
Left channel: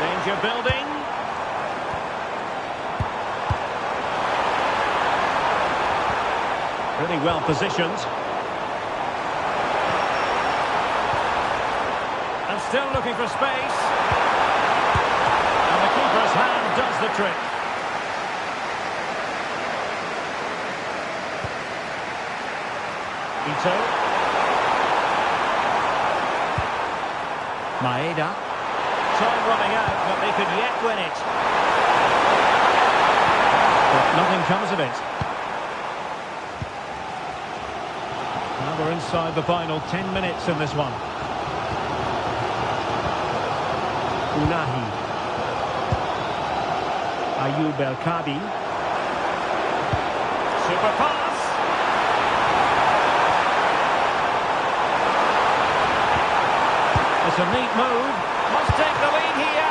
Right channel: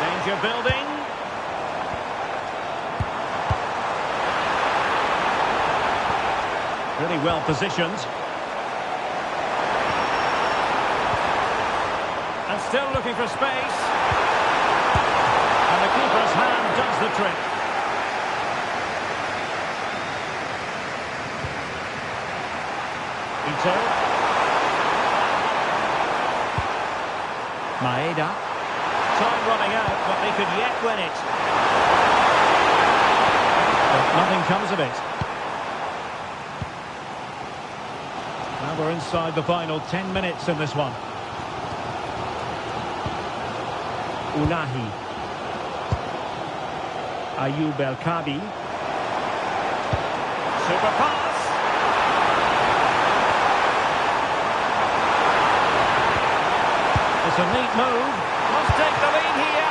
Danger building. Really well positioned. And still looking for space. And the keeper's hand does the trick. Ito. Maeda. Time running out, but they could yet win it. But nothing comes of it. Now we're inside the final 10 minutes in this one. Ounahi. Ayoub El-Kabi. Super pass. It's a neat move. Must take the lead here.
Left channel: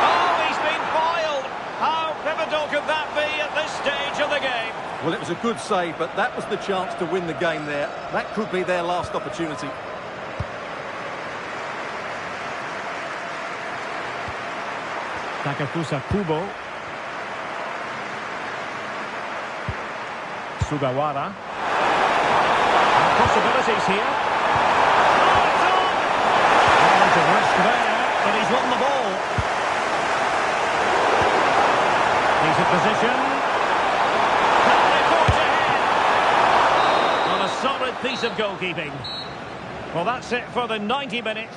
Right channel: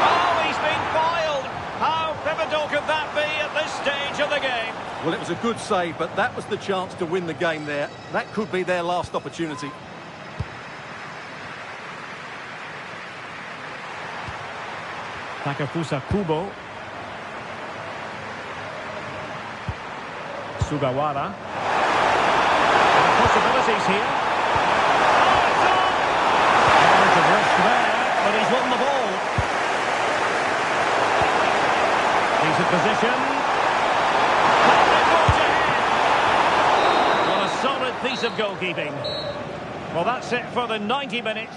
Oh, he's been foiled. How pivotal could that be at this stage of the game? Well, it was a good save, but that was the chance to win the game there. That could be their last opportunity. Takafusa Kubo. Sugawara. And possibilities here. Oh, it's on! Element of risk there, but he's won the ball. Decent position. Can they forge ahead? Well, a solid piece of goalkeeping. Well, that's it for the 90 minutes.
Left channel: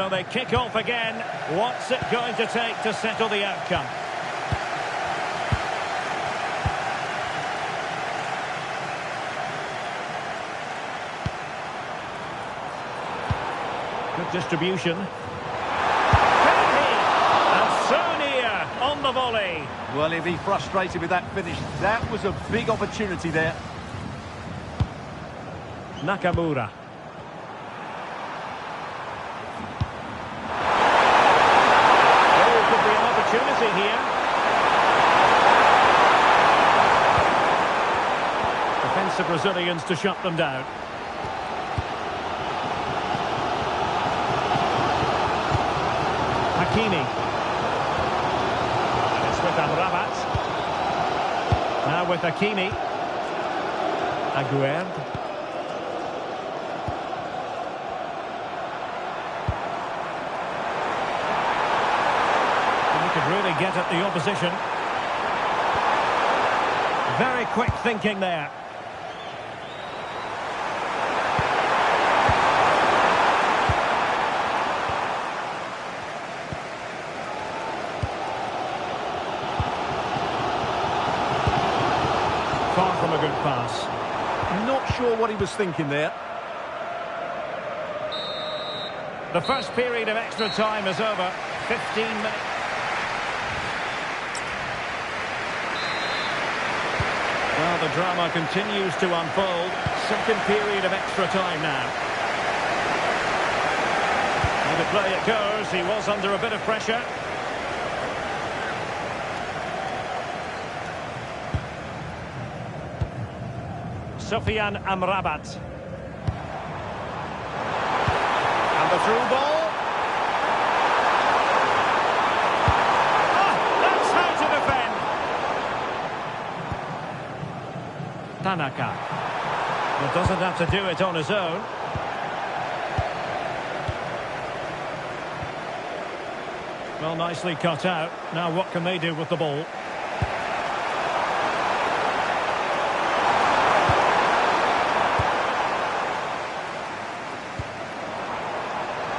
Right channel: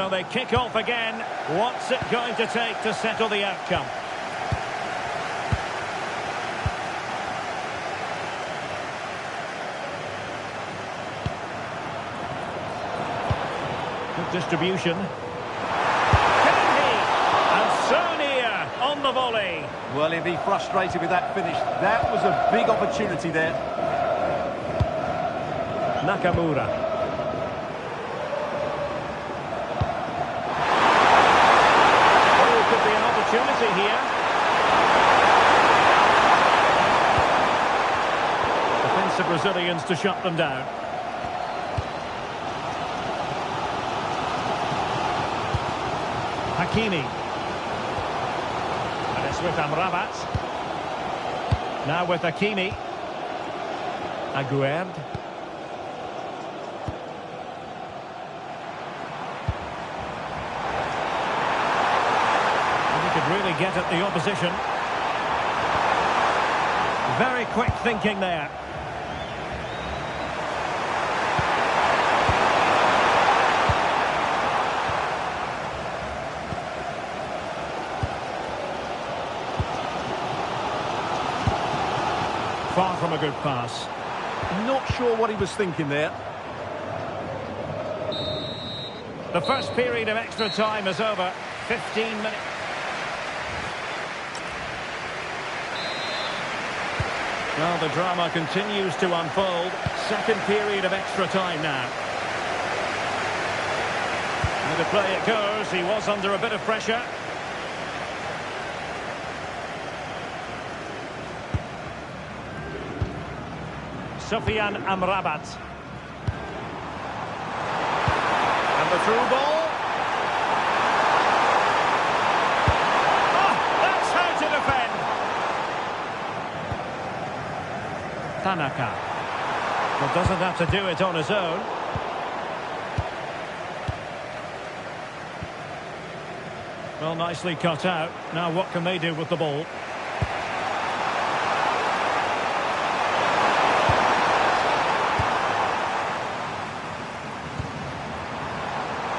So they kick off again. What's it going to take to settle the outcome? Good distribution. Can he? And so near on the volley. Well, he'll be frustrated with that finish. That was a big opportunity there. Nakamura. Oh, could be an opportunity here. Defensive Brazilians to shut them down. Hakimi. And it's with Amrabat. Now with Hakimi. Aguerd. And he could really get at the opposition. Very quick thinking there. Far from a good pass. I'm not sure what he was thinking there. The first period of extra time is over. 15 minutes. Well, the drama continues to unfold. Second period of extra time now. And the play it goes. He was under a bit of pressure. Sofyan Amrabat. And the through ball. Oh, that's how to defend. Tanaka. Well, doesn't have to do it on his own. Well, nicely cut out. Now what can they do with the ball?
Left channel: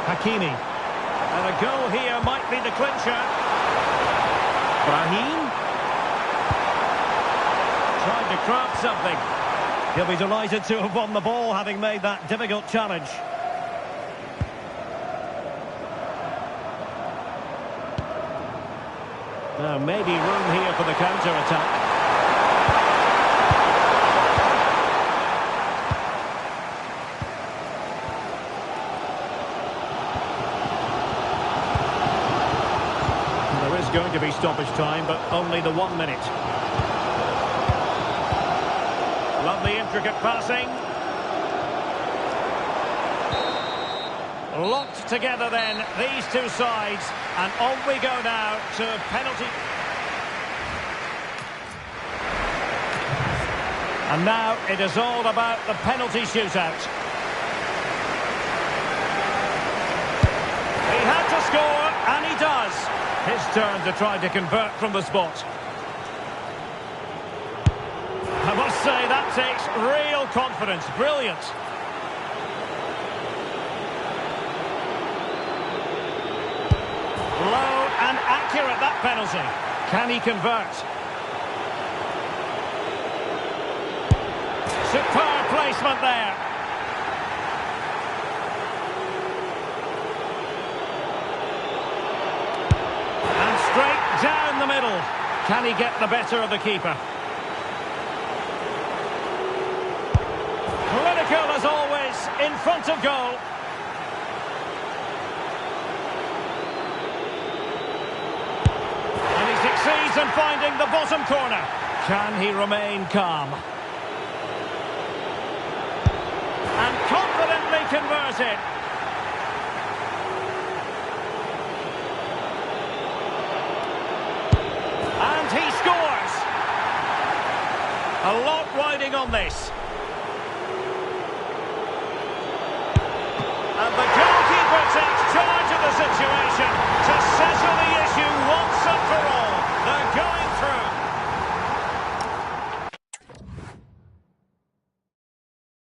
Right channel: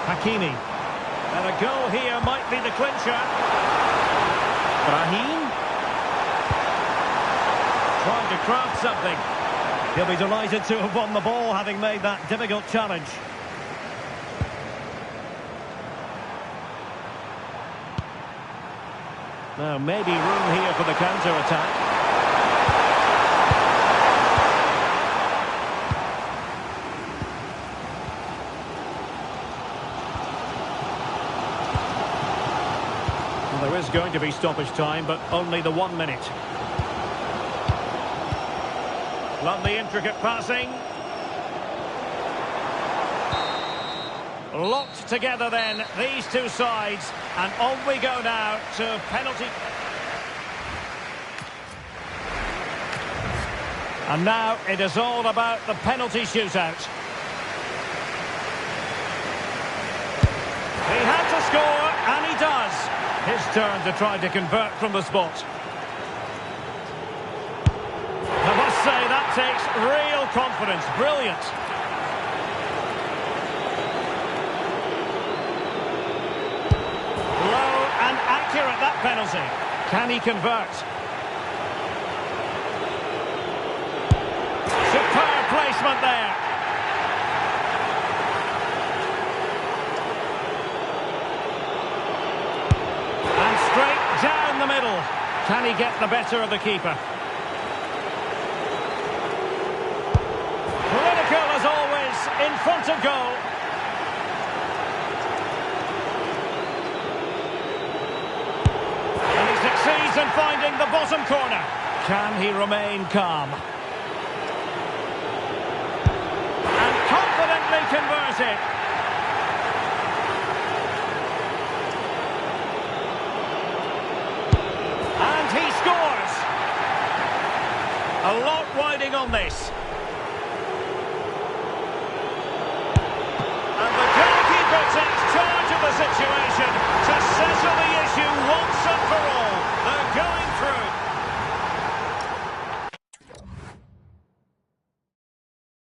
Hakimi. And a goal here might be the clincher. Brahim. Trying to craft something. He'll be delighted to have won the ball, having made that difficult challenge. Now, maybe room here for the counter-attack. There is going to be stoppage time, but only the 1 minute. Lovely intricate passing. Locked together then, these two sides. And on we go now to penalty. And now it is all about the penalty shootout. He had to score, and he does. His turn to try to convert from the spot. I must say, that takes real confidence. Brilliant. Low and accurate, that penalty. Can he convert? Superb placement there. And straight down the middle. Can he get the better of the keeper? Clinical as always, in front of goal. And he succeeds in finding the bottom corner. Can he remain calm? And confidently converted. And he scores. A lot riding on this. And the goalkeeper takes charge of the situation to settle the issue once and for all. They're going through.